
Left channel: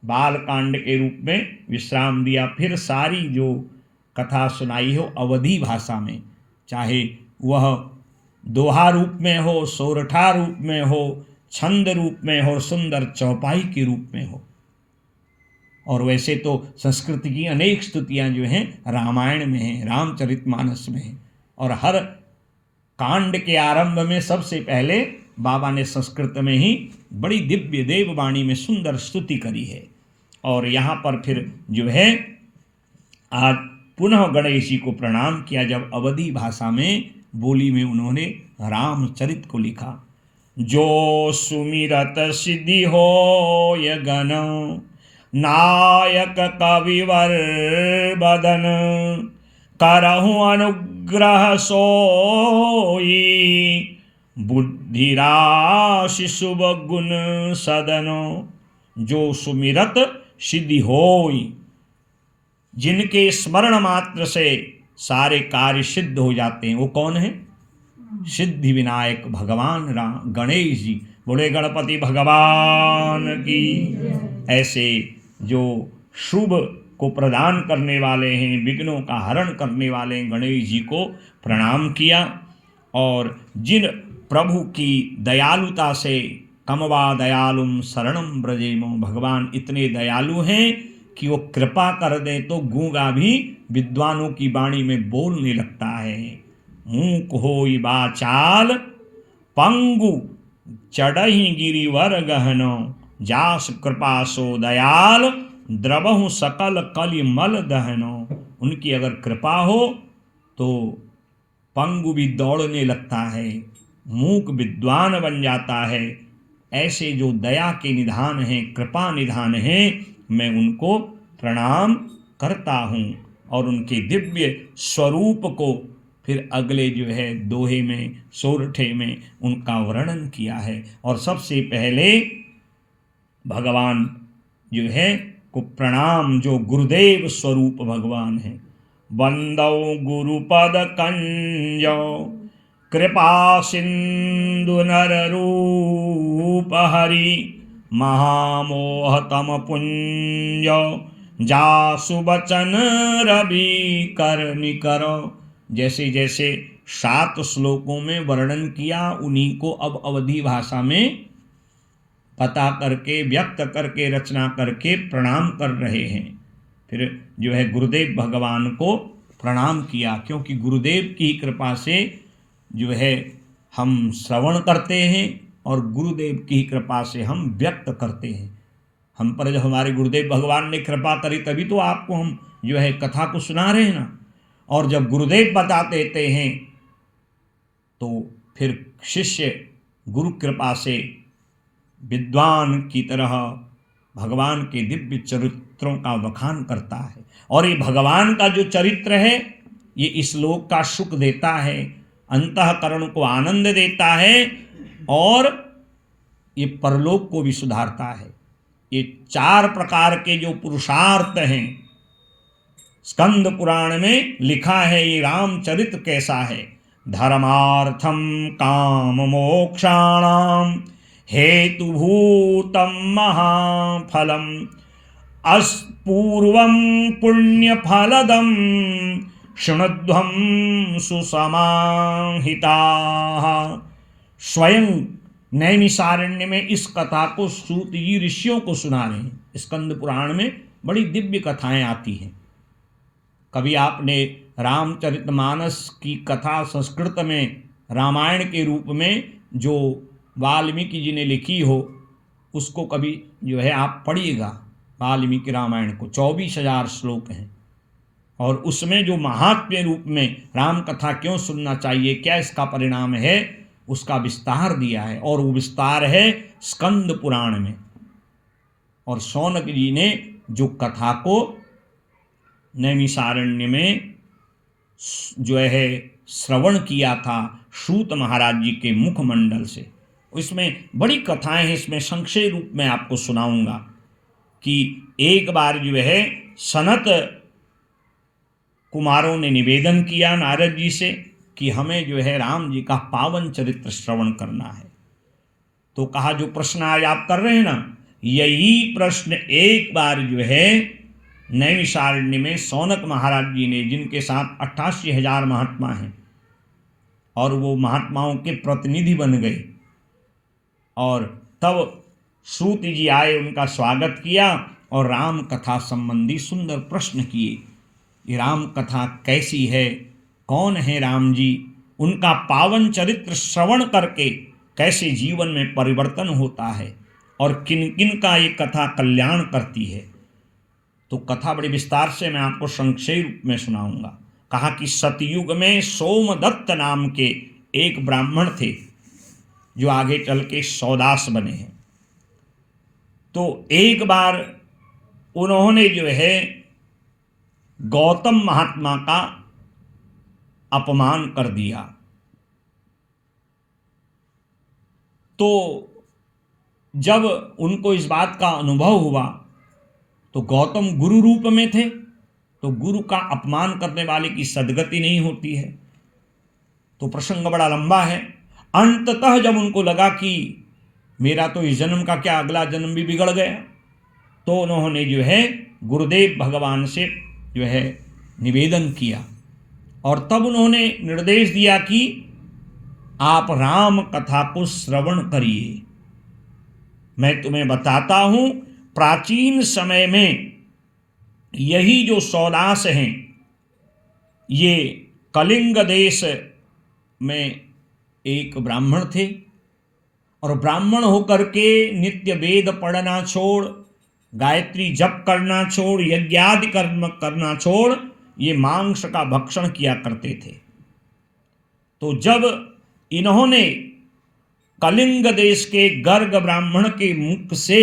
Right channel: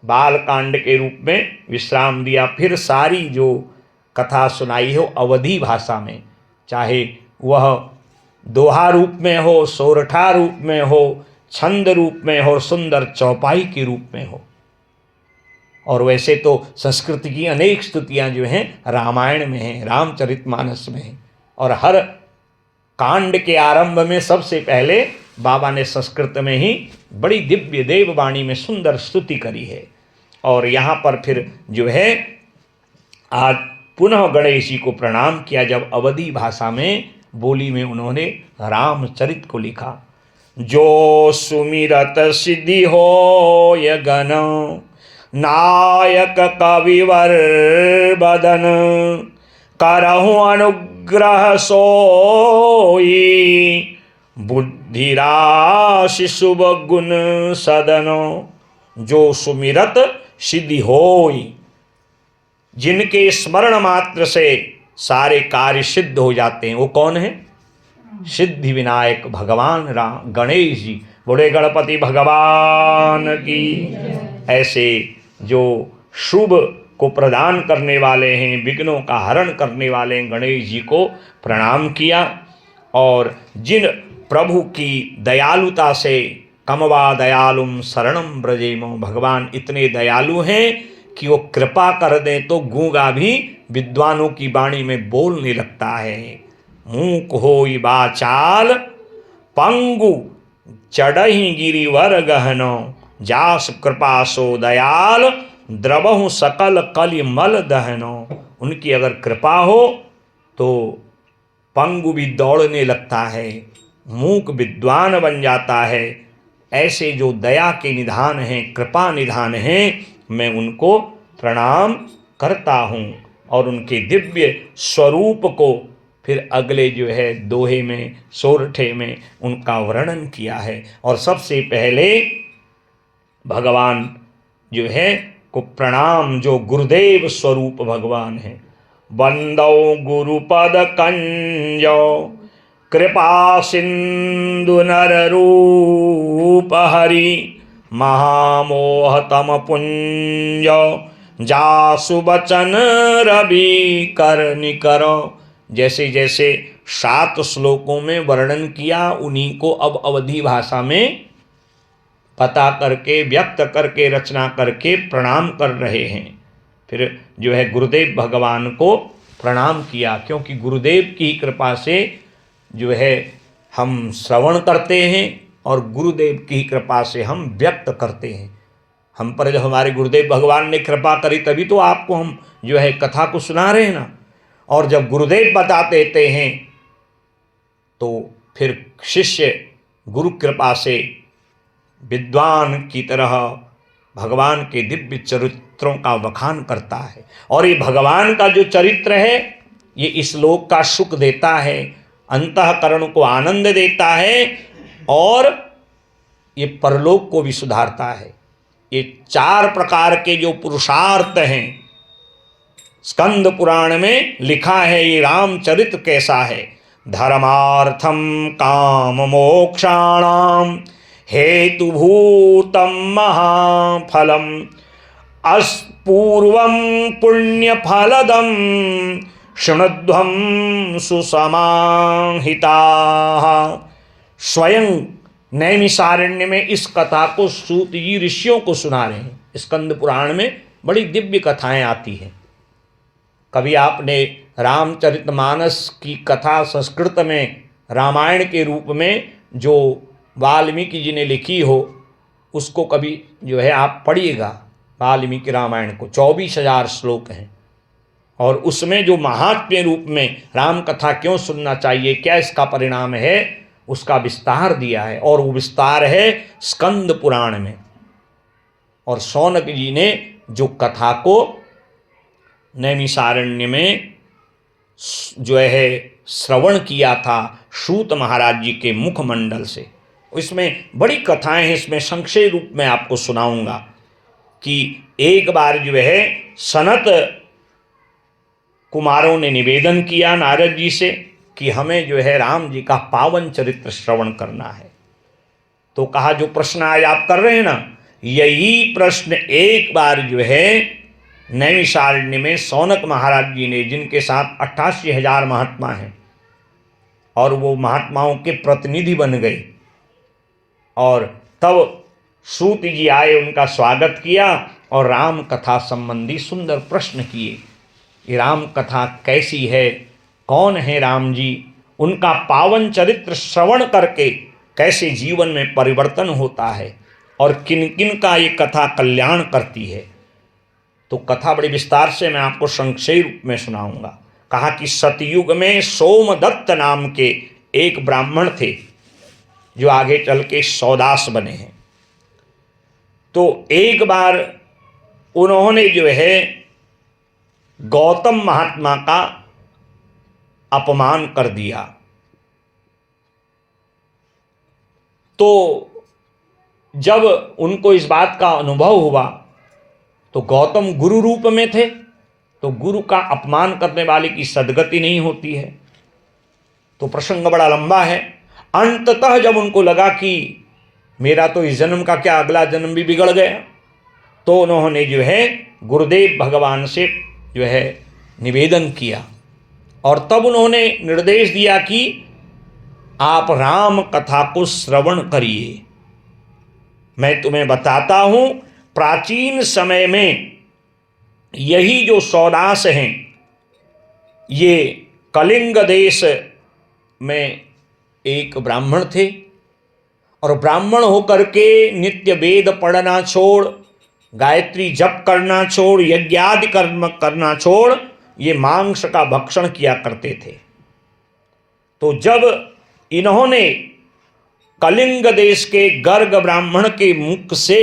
बालकांड के रूप में विश्राम दिया। फिर सारी जो कथा सुनाई हो अवधी भाषा में, चाहे वह दोहा रूप में हो, सोरठा रूप में हो, छंद रूप में हो, सुंदर चौपाई के रूप में हो। और वैसे तो संस्कृत की अनेक स्तुतियाँ जो हैं रामायण में हैं, रामचरितमानस में हैं। और हर कांड के आरंभ में सबसे पहले बाबा ने संस्कृत में ही बड़ी दिव्य देववाणी में सुंदर स्तुति करी है। और यहाँ पर फिर जो है आज पुनः गणेश जी को प्रणाम किया, जब अवधी भाषा में बोली में उन्होंने रामचरित को लिखा। जो सुमिरत सिद्धि हो य गण नायक कविवर बदन, करहु अनुग्रह सोई, बुद्धि राशि शुभ गुण सदनो, जो सुमिरत सिद्धि होई। जिनके स्मरण मात्र से सारे कार्य सिद्ध हो जाते हैं, वो कौन है? सिद्धि विनायक भगवान राम गणेश जी। बड़े गणपति भगवान की। ऐसे जो शुभ को प्रदान करने वाले हैं, विघ्नों का हरण करने वाले हैं, गणेश जी को प्रणाम किया। और जिन प्रभु की दयालुता से, कमवा दयालुम शरणम ब्रजेमो, भगवान इतने दयालु हैं कि वो कृपा कर दे तो गूंगा भी विद्वानों की वाणी में बोलने लगता है। मूक होई बाचाल, पंगु चढ़ही गिरिवर गहनो, जास कृपा सो दयाल, द्रवहु सकल कलि मल दहनो। उनकी अगर कृपा हो तो पंगु भी दौड़ने लगता है, मूक विद्वान बन जाता है। ऐसे जो दया के निधान हैं, कृपा निधान हैं, मैं उनको प्रणाम करता हूँ। और उनके दिव्य स्वरूप को फिर अगले जो है दोहे में, सोरठे में उनका वर्णन किया है। और सबसे पहले भगवान जो है को प्रणाम, जो गुरुदेव स्वरूप भगवान है। वंदौ गुरुपद कंजो, कृपा सिंधु नर रूप हरि, महामोह तम पुंज, जासु बचन रवि कर निकरो। जैसे जैसे 7 श्लोकों में वर्णन किया, उन्हीं को अब अवधी भाषा में पता करके, व्यक्त करके, रचना करके प्रणाम कर रहे हैं। फिर जो है गुरुदेव भगवान को प्रणाम किया, क्योंकि गुरुदेव की कृपा से जो है हम श्रवण करते हैं और गुरुदेव की कृपा से हम व्यक्त करते हैं। हम पर जब हमारे गुरुदेव भगवान ने कृपा करी तभी तो आपको हम जो है कथा को सुना रहे हैं ना। और जब गुरुदेव बता देते हैं तो फिर शिष्य गुरु कृपा से विद्वान की तरह भगवान के दिव्य चरित्रों का बखान करता है। और ये भगवान का जो चरित्र है, ये इस लोक का सुख देता है, अंतःकरण को आनंद देता है, और ये परलोक को भी सुधारता है। ये 4 प्रकार के जो पुरुषार्थ हैं, स्कंद पुराण में लिखा है ये रामचरित्र कैसा है। धर्मार्थम काम मोक्षाणाम हेतुभूतम महाफलम, अस्पूर्वम पुण्य फलदम, शृणुध्वम सुसमाहिता। स्वयं नैमिषारण्य में इस कथा को सूत जी ऋषियों को सुना रहे हैं। स्कंद पुराण में बड़ी दिव्य कथाएं आती हैं। कभी आपने रामचरितमानस की कथा संस्कृत में रामायण के रूप में जो वाल्मीकि जी ने लिखी हो, उसको कभी जो है आप पढ़िएगा। वाल्मीकि रामायण को 24,000 श्लोक हैं, और उसमें जो महात्म्य रूप में राम कथा क्यों सुनना चाहिए, क्या इसका परिणाम है, उसका विस्तार दिया है। और वो विस्तार है स्कंद पुराण में। और शौनक जी ने जो कथा को नैमिषारण्य में जो है श्रवण किया था सूत महाराज जी के मुखमंडल से, इसमें बड़ी कथाएं हैं। इसमें संक्षेप रूप में आपको सुनाऊंगा कि एक बार जो है सनत कुमारों ने निवेदन किया नारद जी से कि हमें जो है राम जी का पावन चरित्र श्रवण करना है। तो कहा जो प्रश्न आज आप कर रहे हैं ना, यही प्रश्न एक बार जो है नैमिषारण्य में सौनक महाराज जी ने, जिनके साथ 88,000 महात्मा हैं, और वो महात्माओं के प्रतिनिधि बन गए, और तब सूत जी आए, उनका स्वागत किया और राम कथा संबंधी सुंदर प्रश्न किए। ये राम कथा कैसी है, कौन है राम जी, उनका पावन चरित्र श्रवण करके कैसे जीवन में परिवर्तन होता है, और किन किन का ये कथा कल्याण करती है। तो कथा बड़ी विस्तार से मैं आपको संक्षेप रूप में सुनाऊंगा। कहा कि सतयुग में सोमदत्त नाम के एक ब्राह्मण थे, जो आगे चल के सौदास बने हैं। तो एक बार उन्होंने जो है गौतम महात्मा का अपमान कर दिया। तो जब उनको इस बात का अनुभव हुआ तो गौतम गुरु रूप में थे, तो गुरु का अपमान करने वाले की सद्गति नहीं होती है। तो प्रसंग बड़ा लंबा है। अंततः जब उनको लगा कि मेरा तो इस जन्म का क्या, अगला जन्म भी बिगड़ गया, तो उन्होंने जो है गुरुदेव भगवान से जो है निवेदन किया और तब उन्होंने निर्देश दिया कि आप राम कथा को श्रवण करिए। मैं तुम्हें बताता हूं, प्राचीन समय में यही जो सौदास हैं, ये कलिंग देश में एक ब्राह्मण थे और ब्राह्मण होकर के नित्य वेद पढ़ना छोड़, गायत्री जप करना छोड़, यज्ञादि कर्म करना छोड़, ये मांस का भक्षण किया करते थे। तो जब इन्होंने कलिंग देश के गर्ग ब्राह्मण के मुख से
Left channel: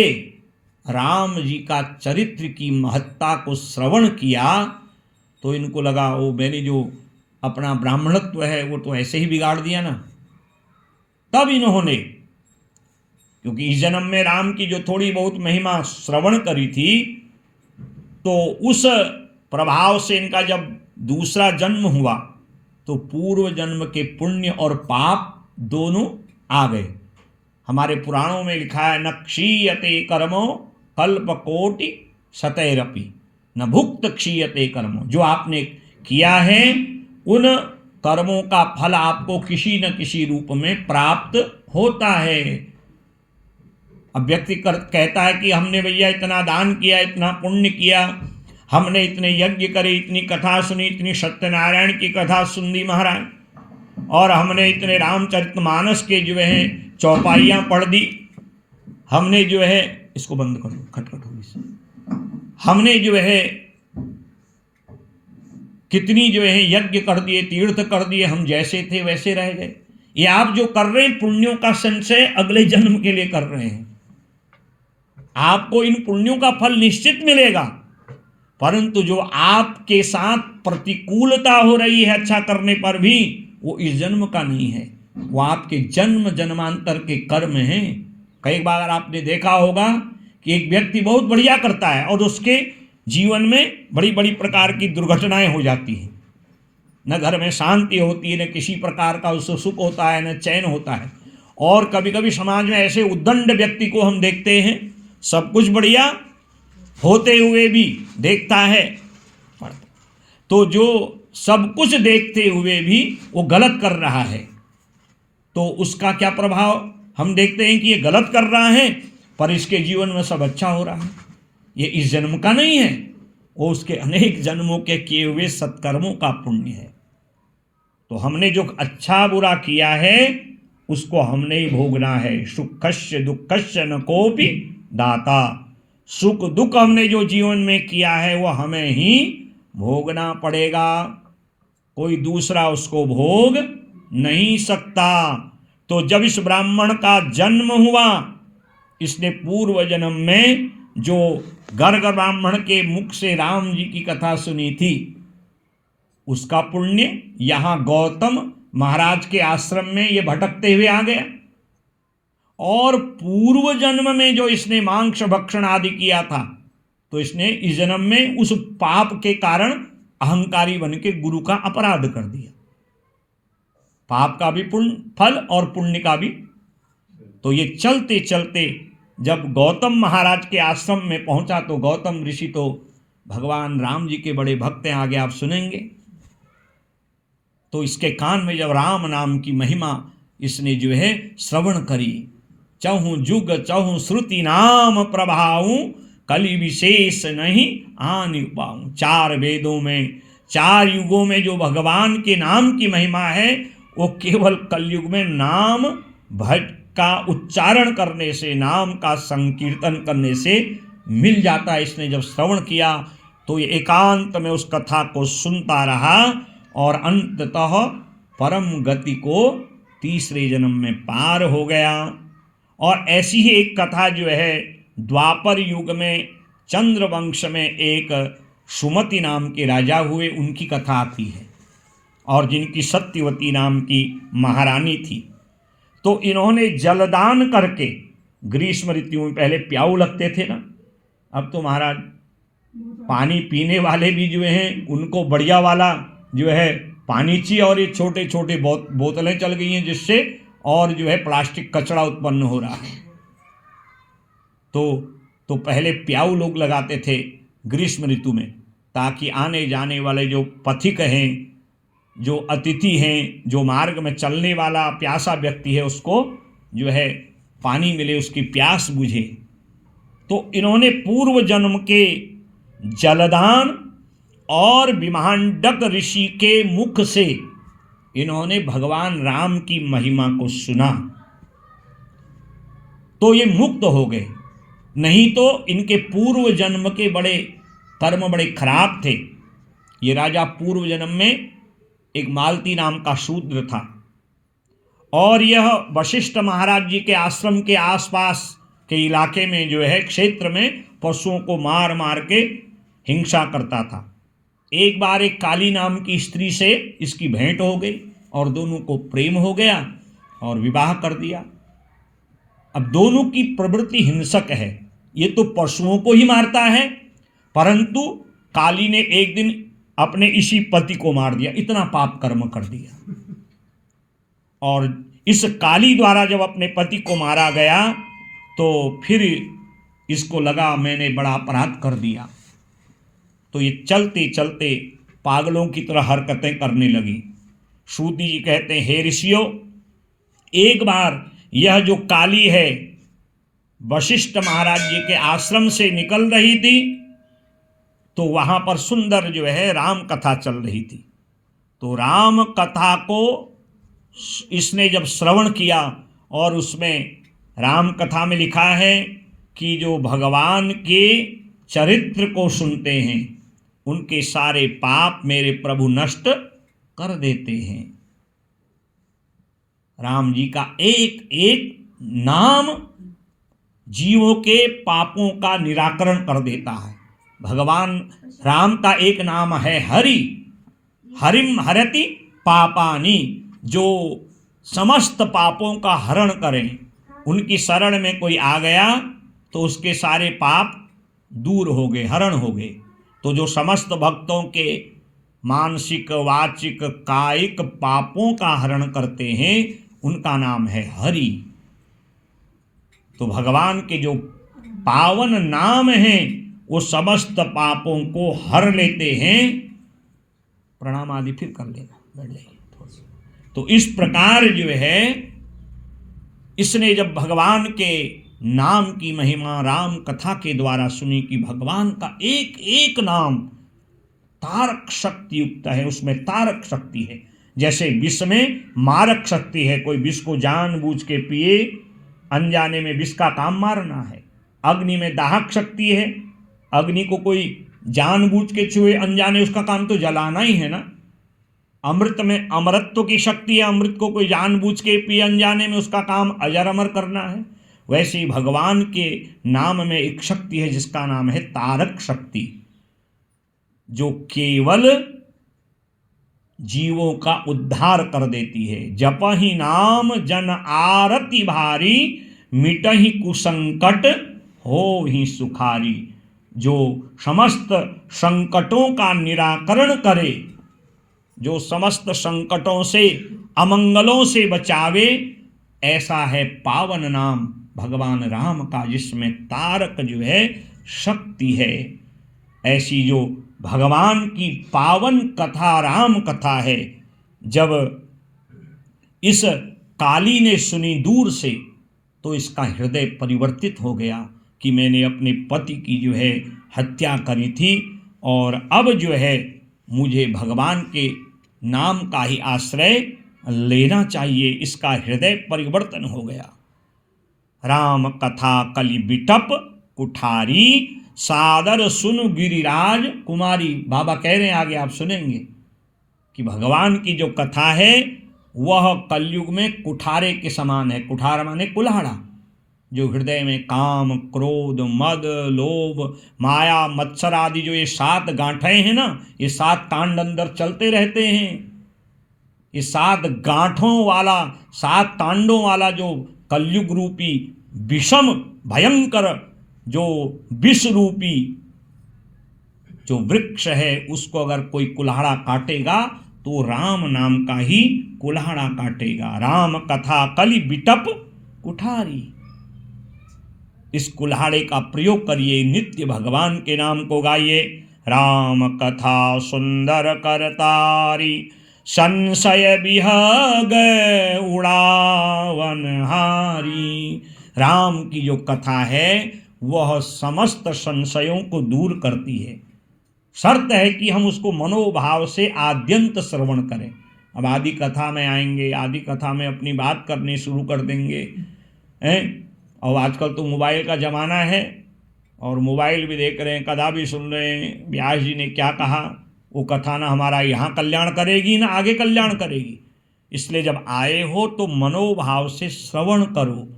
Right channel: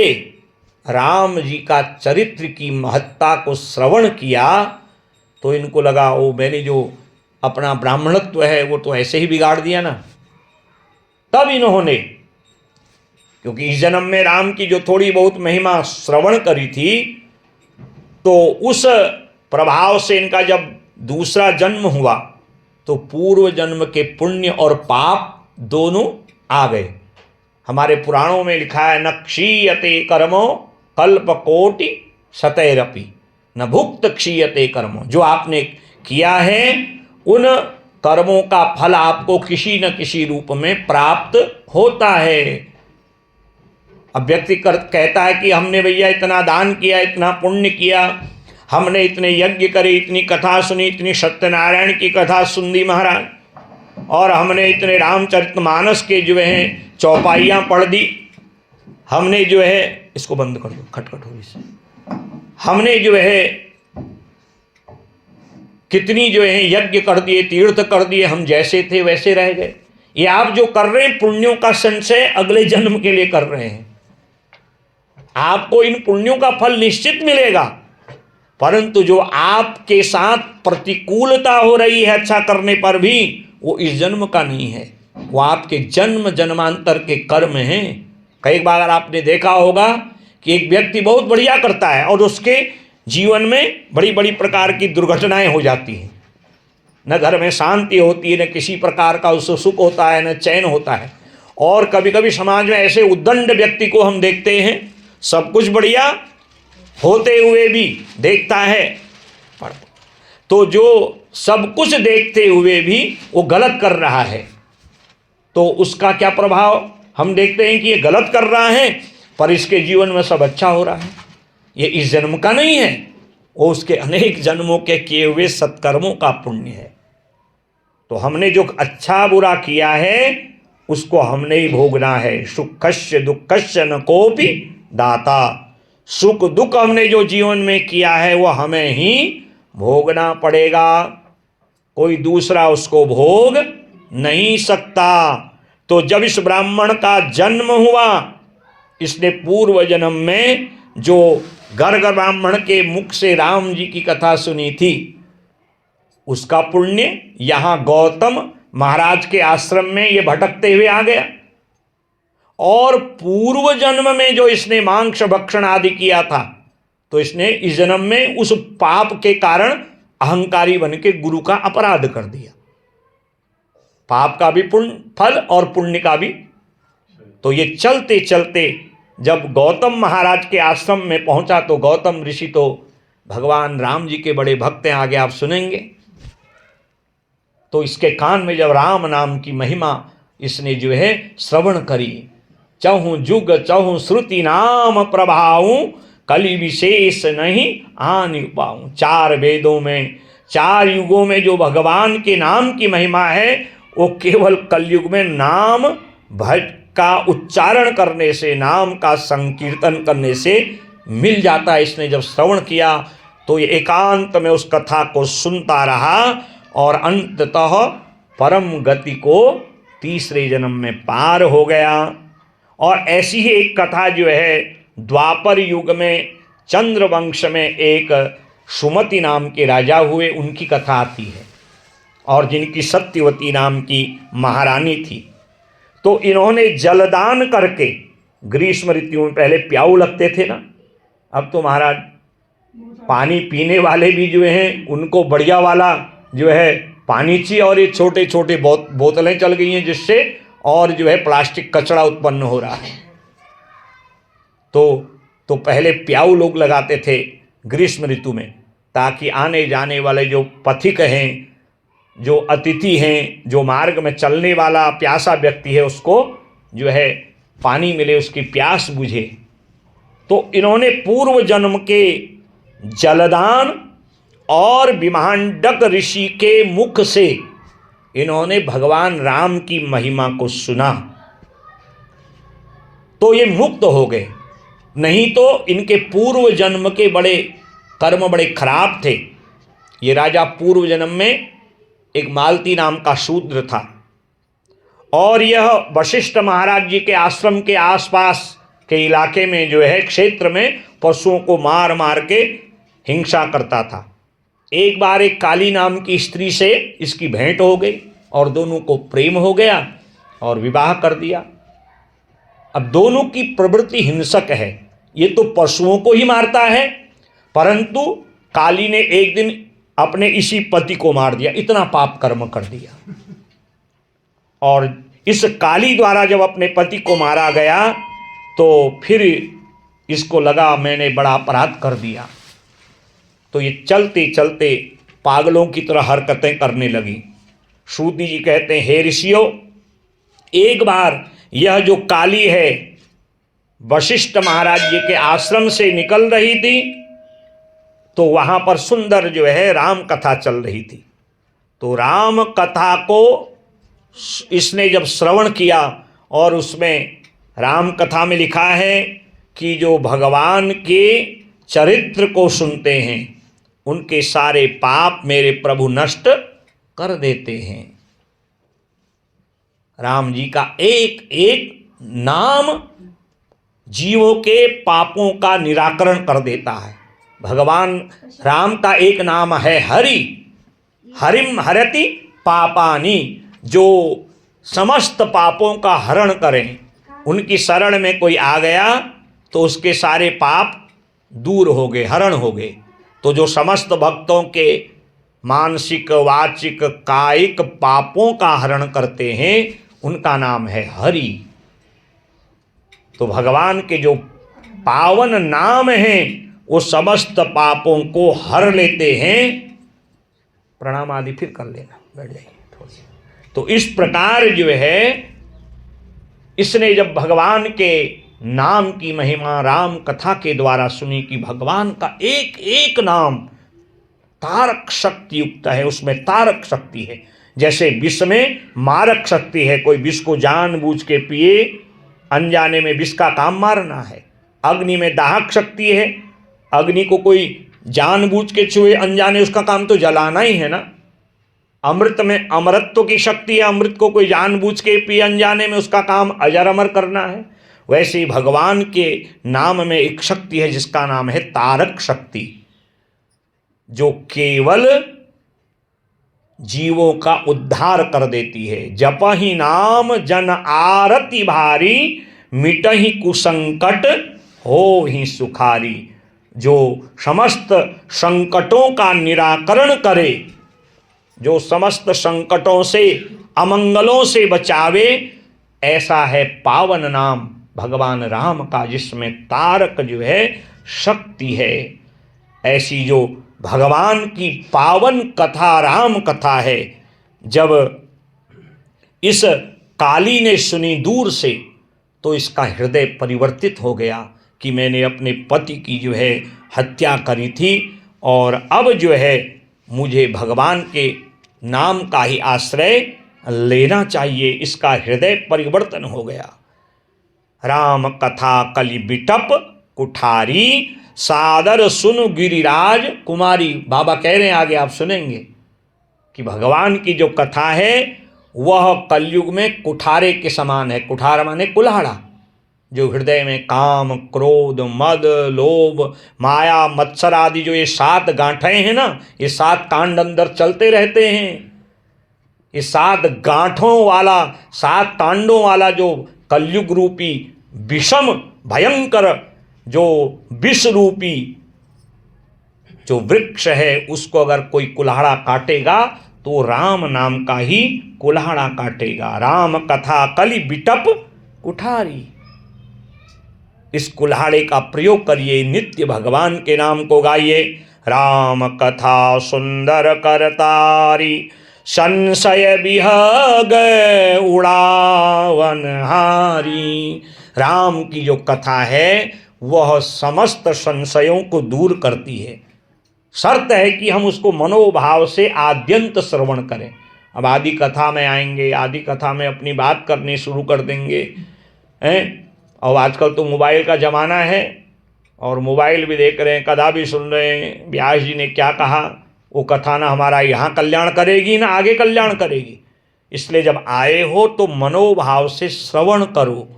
राम जी का चरित्र की महत्ता को श्रवण किया तो इनको लगा, ओ मैंने जो अपना ब्राह्मणत्व है वो तो ऐसे ही बिगाड़ दिया ना। तब इन्होंने, क्योंकि इस जन्म में राम की जो थोड़ी बहुत महिमा श्रवण करी थी, तो उस प्रभाव से इनका जब दूसरा जन्म हुआ तो पूर्व जन्म के पुण्य और पाप दोनों आ गए। हमारे पुराणों में लिखा है, न क्षीयते कर्मो कल्पकोटि शतैरपि न भुक्त क्षीयते कर्मो। जो आपने किया है उन कर्मों का फल आपको किसी न किसी रूप में प्राप्त होता है। अब व्यक्ति कहता है कि हमने भैया इतना दान किया, इतना पुण्य किया, हमने इतने यज्ञ करे, इतनी कथा सुनी, इतनी सत्यनारायण की कथा सुन दी महाराज, और हमने इतने रामचरितमानस के जो है चौपाइयाँ पढ़ दी, हमने जो है, इसको बंद कर दो, खटखट हो इससे, हमने जो है कितनी जो है यज्ञ कर दिए, तीर्थ कर दिए, हम जैसे थे वैसे रह गए। ये आप जो कर रहे हैं पुण्यों का संचय अगले जन्म के लिए कर रहे हैं। आपको इन पुण्यों का फल निश्चित मिलेगा, परंतु जो आपके साथ प्रतिकूलता हो रही है अच्छा करने पर भी, वो इस जन्म का नहीं है, वो आपके जन्म जन्मांतर के कर्म हैं। कई बार आपने देखा होगा कि एक व्यक्ति बहुत बढ़िया करता है और उसके जीवन में बड़ी बड़ी प्रकार की दुर्घटनाएं हो जाती हैं। न घर में शांति होती है, न किसी प्रकार का उसको सुख होता है, न चैन होता है। और कभी कभी समाज में ऐसे उद्दंड व्यक्ति को हम देखते हैं, सब कुछ बढ़िया होते हुए भी देखता है, तो जो सब कुछ देखते हुए भी वो गलत कर रहा है, तो उसका क्या प्रभाव हम देखते हैं कि ये गलत कर रहा है पर इसके जीवन में सब अच्छा हो रहा है। ये इस जन्म का नहीं है, वो उसके अनेक जन्मों के किए हुए सत्कर्मों का पुण्य है। तो हमने जो अच्छा बुरा किया है उसको हमने ही भोगना है। सुखस्य दुःखस्य न कोपि दाता। सुख दुख हमने जो जीवन में किया है वो हमें ही भोगना पड़ेगा, कोई दूसरा उसको भोग नहीं सकता। तो जब इस ब्राह्मण का जन्म हुआ, इसने पूर्व जन्म में जो गर्ग ब्राह्मण के मुख से राम जी की कथा सुनी थी, उसका पुण्य यहाँ गौतम महाराज के आश्रम में ये भटकते हुए आ गया। और पूर्व जन्म में जो इसने मांस भक्षण आदि किया था, तो इसने इस जन्म में उस पाप के कारण अहंकारी बन के गुरु का अपराध कर दिया। पाप का भी पुण्य फल और पुण्य का भी। तो ये चलते चलते जब गौतम महाराज के आश्रम में पहुंचा, तो गौतम ऋषि तो भगवान राम जी के बड़े भक्त हैं, आगे आप सुनेंगे। तो इसके कान में जब राम नाम की महिमा इसने जो है श्रवण करी, चहु जुग चहु श्रुति नाम प्रभाऊं, कलि विशेष नहीं आनि पाऊं। 4 वेदों में 4 युगों में जो भगवान के नाम की महिमा है, वो केवल कलयुग में नाम भज का उच्चारण करने से, नाम का संकीर्तन करने से मिल जाता है। इसने जब श्रवण किया तो ये एकांत में उस कथा को सुनता रहा और अंततः परम गति को तीसरे जन्म में पार हो गया। और ऐसी ही एक कथा जो है द्वापर युग में चंद्रवंश में एक सुमति नाम के राजा हुए, उनकी कथा आती है, और जिनकी सत्यवती नाम की महारानी थी। तो इन्होंने जलदान करके, ग्रीष्म ऋतु में पहले प्याऊ लगते थे ना, अब तो महाराज पानी पीने वाले भी जो हैं उनको बढ़िया वाला जो है पानी चाहिए, और ये छोटे छोटे बोतलें चल गई हैं जिससे और जो है प्लास्टिक कचरा उत्पन्न हो रहा है। तो पहले प्याऊ लोग लगाते थे ग्रीष्म ऋतु में, ताकि आने जाने वाले जो पथिक हैं, जो अतिथि हैं, जो मार्ग में चलने वाला प्यासा व्यक्ति है, उसको जो है पानी मिले, उसकी प्यास बुझे। तो इन्होंने पूर्व जन्म के जलदान और विमांडक ऋषि के मुख से इन्होंने भगवान राम की महिमा को सुना, तो ये मुक्त हो गए। नहीं तो इनके पूर्व जन्म के बड़े कर्म बड़े खराब थे। ये राजा पूर्व जन्म में एक मालती नाम का शूद्र था, और यह वशिष्ठ महाराज जी के आश्रम के आसपास के इलाके में जो है क्षेत्र में पशुओं को मार मार के हिंसा करता था। एक बार एक काली नाम की स्त्री से इसकी भेंट हो गई और दोनों को प्रेम हो गया और विवाह कर दिया। अब दोनों की प्रवृत्ति हिंसक है, ये तो पशुओं को ही मारता है, परंतु काली ने एक दिन अपने इसी पति को मार दिया, इतना पाप कर्म कर दिया। और इस काली द्वारा जब अपने पति को मारा गया तो फिर इसको लगा मैंने बड़ा अपराध कर दिया, तो ये चलते चलते पागलों की तरह हरकतें करने लगी। सूत जी कहते हैं, हे ऋषियों, एक बार यह जो काली है वशिष्ठ महाराज जी के आश्रम से निकल रही थी, तो वहां पर सुंदर जो है राम कथा चल रही थी। तो राम कथा को इसने जब श्रवण किया, और उसमें राम कथा में लिखा है कि जो भगवान के चरित्र को सुनते हैं उनके सारे पाप मेरे प्रभु नष्ट कर देते हैं। राम जी का एक एक नाम जीवों के पापों का निराकरण कर देता है। भगवान राम का एक नाम है हरि, हरिम हरति पापानि, जो समस्त पापों का हरण करें। उनकी शरण में कोई आ गया तो उसके सारे पाप दूर हो गए, हरण हो गए। तो जो समस्त भक्तों के मानसिक वाचिक कायिक पापों का हरण करते हैं उनका नाम है हरि। तो भगवान के जो पावन नाम हैं वो समस्त पापों को हर लेते हैं। प्रणाम आदि फिर कर लेना, बैठ जाइए थोड़ी। तो इस प्रकार जो है इसने जब भगवान के नाम की महिमा राम कथा के द्वारा सुनी कि भगवान का एक एक नाम तारक शक्ति युक्त है, उसमें तारक शक्ति है। जैसे विष में मारक शक्ति है, कोई विष को जानबूझ के पिए, अनजाने में विष का काम मारना है। अग्नि में दाहक शक्ति है, अग्नि को कोई जानबूझ के छुए अनजाने, उसका काम तो जलाना ही है ना। अमृत में अमरत्व की शक्ति है, अमृत को कोई जानबूझ के पिए अनजाने में, उसका काम अजर अमर करना है। वैसे ही भगवान के नाम में एक शक्ति है जिसका नाम है तारक शक्ति, जो केवल जीवों का उद्धार कर देती है। जपहि नाम जन आरती भारी, मिटहि कुसंकट होहि सुखारी। जो समस्त संकटों का निराकरण करे, जो समस्त संकटों से अमंगलों से बचावे, ऐसा है पावन नाम भगवान राम का, जिसमें तारक जो है शक्ति है। ऐसी जो भगवान की पावन कथा राम कथा है, जब इस काली ने सुनी दूर से तो इसका हृदय परिवर्तित हो गया कि मैंने अपने पति की जो है हत्या करी थी और अब जो है मुझे भगवान के नाम का ही आश्रय लेना चाहिए। इसका हृदय परिवर्तन हो गया। राम कथा कलि बिटप कुठारी, सादर सुन गिरिराज कुमारी। बाबा कह रहे हैं, आगे आप सुनेंगे कि भगवान की जो कथा है वह कलयुग में कुठारे के समान है। कुठार माने कुल्हाड़ा, जो हृदय में काम, क्रोध, मद, लोभ, माया, मत्सर आदि जो ये 7 गांठें हैं ना, ये 7 कांड अंदर चलते रहते हैं। ये 7 गांठों वाला, 7 कांडों वाला जो कलयुग रूपी विषम भयंकर जो विष रूपी जो वृक्ष है, उसको अगर कोई कुल्हाड़ा काटेगा तो राम नाम का ही कुल्हाड़ा काटेगा। राम कथा कलि बिटप कुठारी। इस कुल्हाड़े का प्रयोग करिए, नित्य भगवान के नाम को गाइए। राम कथा सुंदर करतारी, संशय बिहग उड़ावन हारी। राम की जो कथा है वह समस्त संशयों को दूर करती है। शर्त है कि हम उसको मनोभाव से आद्यंत श्रवण करें। अब आदि कथा में आएंगे, आदि कथा में अपनी बात करनी शुरू कर देंगे हैं। और आजकल तो मोबाइल का ज़माना है और मोबाइल भी देख रहे हैं, कथा भी सुन रहे हैं। व्यास जी ने क्या कहा, वो कथा ना हमारा यहाँ कल्याण करेगी ना आगे कल्याण करेगी। इसलिए जब आए हो तो मनोभाव से श्रवण करो,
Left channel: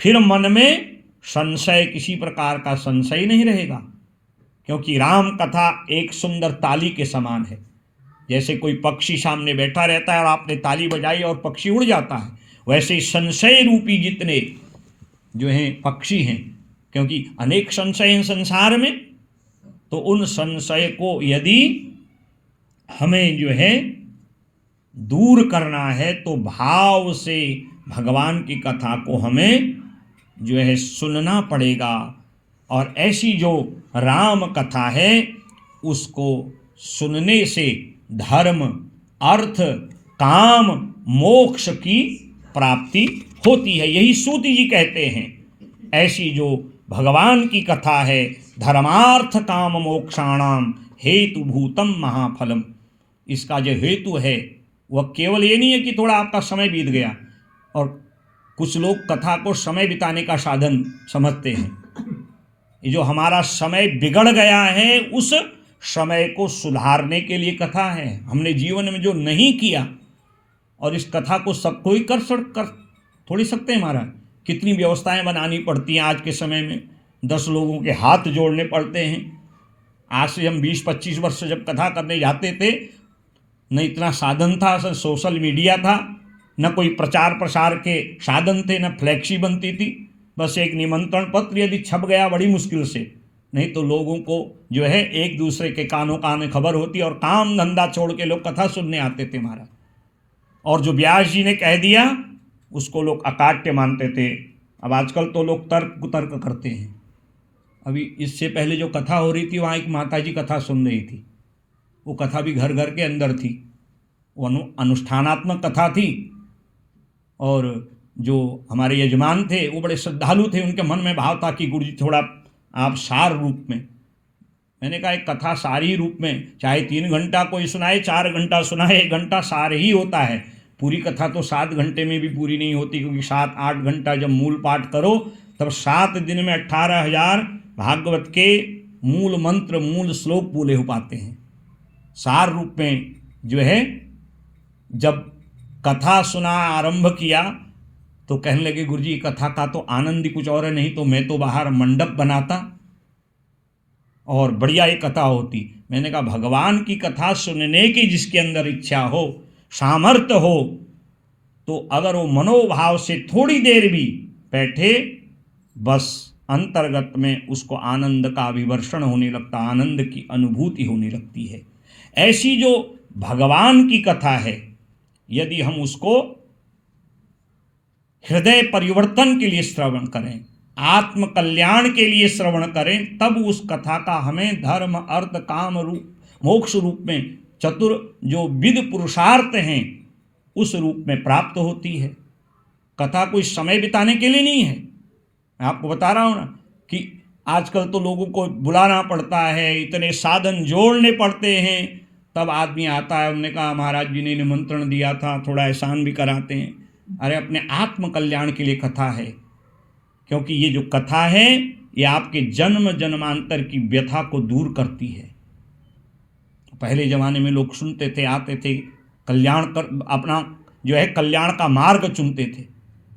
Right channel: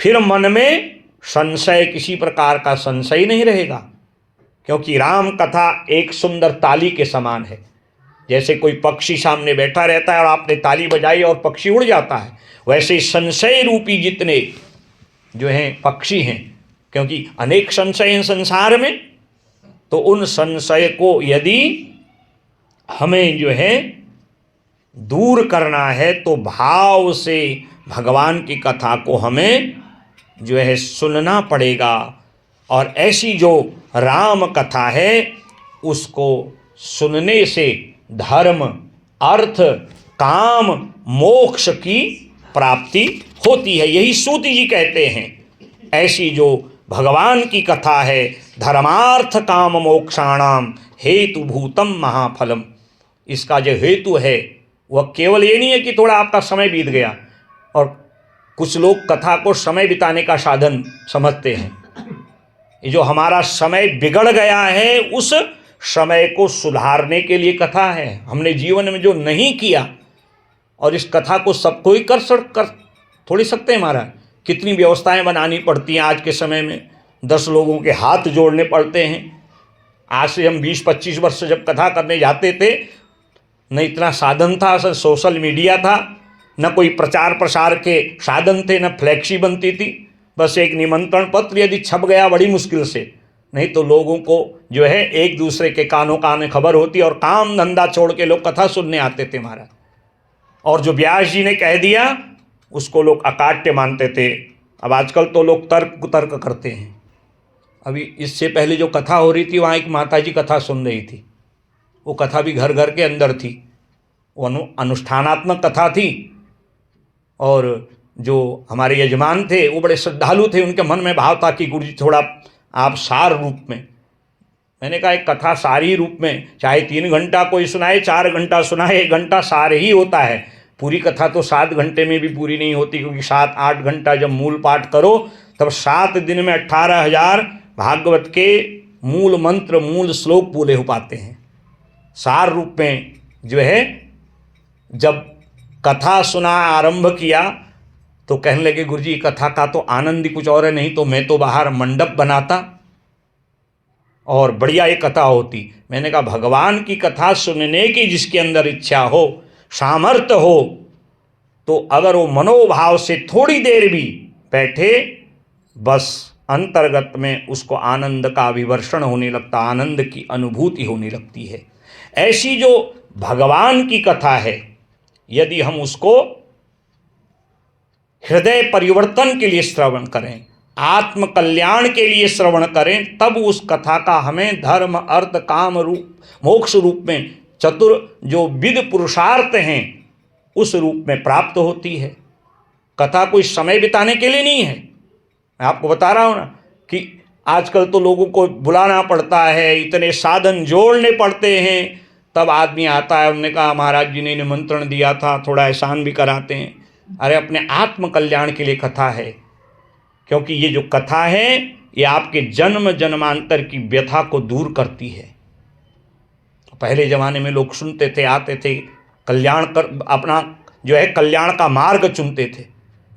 फिर मन में संशय, किसी प्रकार का संशय नहीं रहेगा। क्योंकि राम कथा एक सुंदर ताली के समान है। जैसे कोई पक्षी सामने बैठा रहता है और आपने ताली बजाई और पक्षी उड़ जाता है, वैसे संशय रूपी जितने जो हैं पक्षी हैं, क्योंकि अनेक संशय हैं संसार में, तो उन संशय को यदि हमें जो है दूर करना है तो भाव से भगवान की कथा को हमें जो है सुनना पड़ेगा। और ऐसी जो राम कथा है उसको सुनने से धर्म, अर्थ, काम, मोक्ष की प्राप्ति होती है। यही सूति जी कहते हैं। ऐसी जो भगवान की कथा है, धर्मार्थ काम मोक्षाणाम हेतुभूतम महाफलम, इसका जो हेतु है वह केवल ये नहीं है कि थोड़ा आपका समय बीत गया। और कुछ लोग कथा को समय बिताने का साधन समझते हैं। ये जो हमारा समय बिगड़ गया है, उस समय को सुधारने के लिए कथा है। हमने जीवन में जो नहीं किया, और इस कथा को सब कोई कर थोड़ी सकते हैं महाराज। कितनी व्यवस्थाएं बनानी पड़ती हैं आज के समय में, 10 लोगों के हाथ जोड़ने पड़ते हैं। आज से हम 20-25 वर्ष जब कथा करने जाते थे, न इतना साधन था, सर सोशल मीडिया था, न कोई प्रचार प्रसार के साधन थे, न फ्लैक्सी बनती थी। बस एक निमंत्रण पत्र यदि छप गया बड़ी मुश्किल से, नहीं तो लोगों को जो है एक दूसरे के कानों कान खबर होती और काम धंधा छोड़ के लोग कथा सुनने आते थे महाराज। और जो व्यास जी ने कह दिया उसको लोग अकाट्य मानते थे। अब आजकल तो लोग तर्क करते हैं। अभी इससे पहले जो कथा हो रही थी, वहाँ एक माता जी कथा सुन रही थी। वो कथा भी घर घर के अंदर थी, वो अनुष्ठानात्मक कथा थी। और जो हमारे यजमान थे वो बड़े श्रद्धालु थे। उनके मन में भाव था कि गुरु जी थोड़ा आप सार रूप में। मैंने कहा एक कथा सारी रूप में, चाहे 3 घंटा कोई सुनाए, 4 घंटा सुनाए, 1 घंटा सार ही होता है। पूरी कथा तो 7 घंटे में भी पूरी नहीं होती, क्योंकि 7-8 घंटा जब मूल पाठ करो तब 7 दिन में 18,000 भागवत के मूल मंत्र, मूल श्लोक पूरे हो पाते हैं। सार रूप में जो है जब कथा सुना आरंभ किया तो कहने लगे गुरुजी कथा का तो आनंद ही कुछ और है, नहीं तो मैं तो बाहर मंडप बनाता और बढ़िया ये कथा होती। मैंने कहा भगवान की कथा सुनने की जिसके अंदर इच्छा हो, सामर्थ्य हो, तो अगर वो मनोभाव से थोड़ी देर भी बैठे, बस अंतर्गत में उसको आनंद का विवर्षण होने लगता, आनंद की अनुभूति होने लगती है। ऐसी जो भगवान की कथा है, यदि हम उसको हृदय परिवर्तन के लिए श्रवण करें, आत्म कल्याण के लिए श्रवण करें, तब उस कथा का हमें धर्म, अर्थ, काम रूप, मोक्ष रूप में चतुर जो विद पुरुषार्थ हैं उस रूप में प्राप्त होती है। कथा कोई समय बिताने के लिए नहीं है। मैं आपको बता रहा हूँ ना कि आजकल तो लोगों को बुलाना पड़ता है, इतने साधन जोड़ने पड़ते हैं, तब आदमी आता है। उन्होंने कहा महाराज जी ने निमंत्रण दिया था, थोड़ा एहसान भी कराते हैं। अरे अपने आत्म कल्याण के लिए कथा है, क्योंकि ये जो कथा है ये आपके जन्म जन्मांतर की व्यथा को दूर करती है। पहले ज़माने में लोग सुनते थे, आते थे, कल्याण कर अपना जो है कल्याण का मार्ग चुनते थे।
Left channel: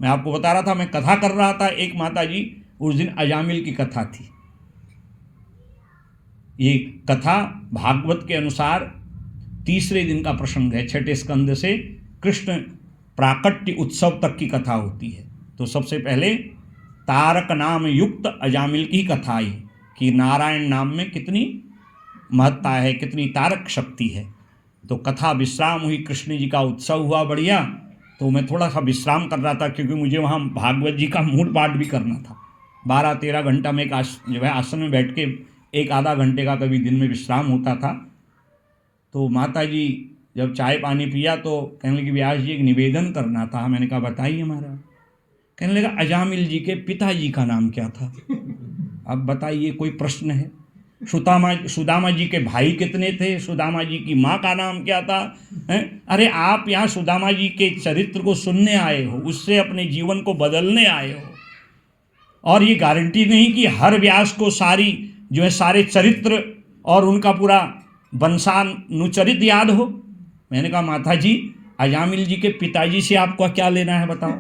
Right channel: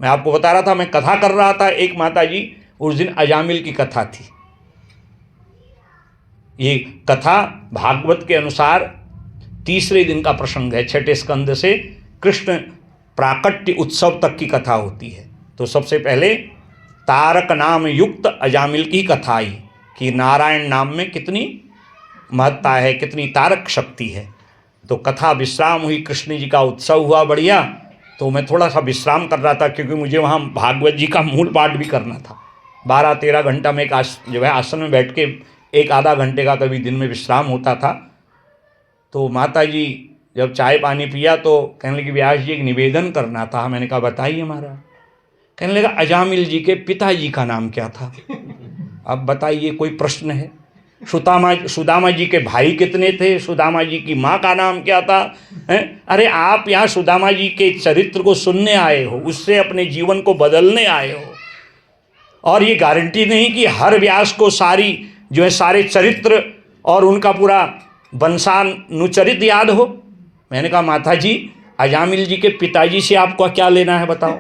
मैं आपको बता रहा था, मैं कथा कर रहा था, एक माता जी उस दिन अजामिल की कथा थी। ये कथा भागवत के अनुसार तीसरे दिन का प्रसंग है। छठे स्कंद से कृष्ण प्राकट्य उत्सव तक की कथा होती है। तो सबसे पहले तारक नाम युक्त अजामिल की कथा आई कि नारायण नाम में कितनी महत्ता है, कितनी तारक शक्ति है। तो कथा विश्राम हुई, कृष्ण जी का उत्सव हुआ बढ़िया। तो मैं थोड़ा सा विश्राम कर रहा था क्योंकि मुझे वहाँ भागवत जी का मूल पाठ भी करना था। 12-13 घंटा में एक जो है आसन में बैठ के 1-आधा घंटे का कभी दिन में विश्राम होता था। तो माता जी जब चाय पानी पिया तो कहने लगी व्यास जी एक निवेदन करना था। मैंने कहा बताइए महाराज। कहने लगा अजामिल जी के पिताजी का नाम क्या था? अब बताइए, कोई प्रश्न है? सुदामा जी के भाई कितने थे? सुदामा जी की माँ का नाम क्या था? अरे आप यहाँ सुदामा जी के चरित्र को सुनने आए हो, उससे अपने जीवन को बदलने आए हो। और ये गारंटी नहीं कि हर व्यास को सारी जो है सारे चरित्र और उनका पूरा वंशानुचरित याद हो। मैंने कहा माता जी अजामिल जी के पिताजी से आपको क्या लेना है बताओ?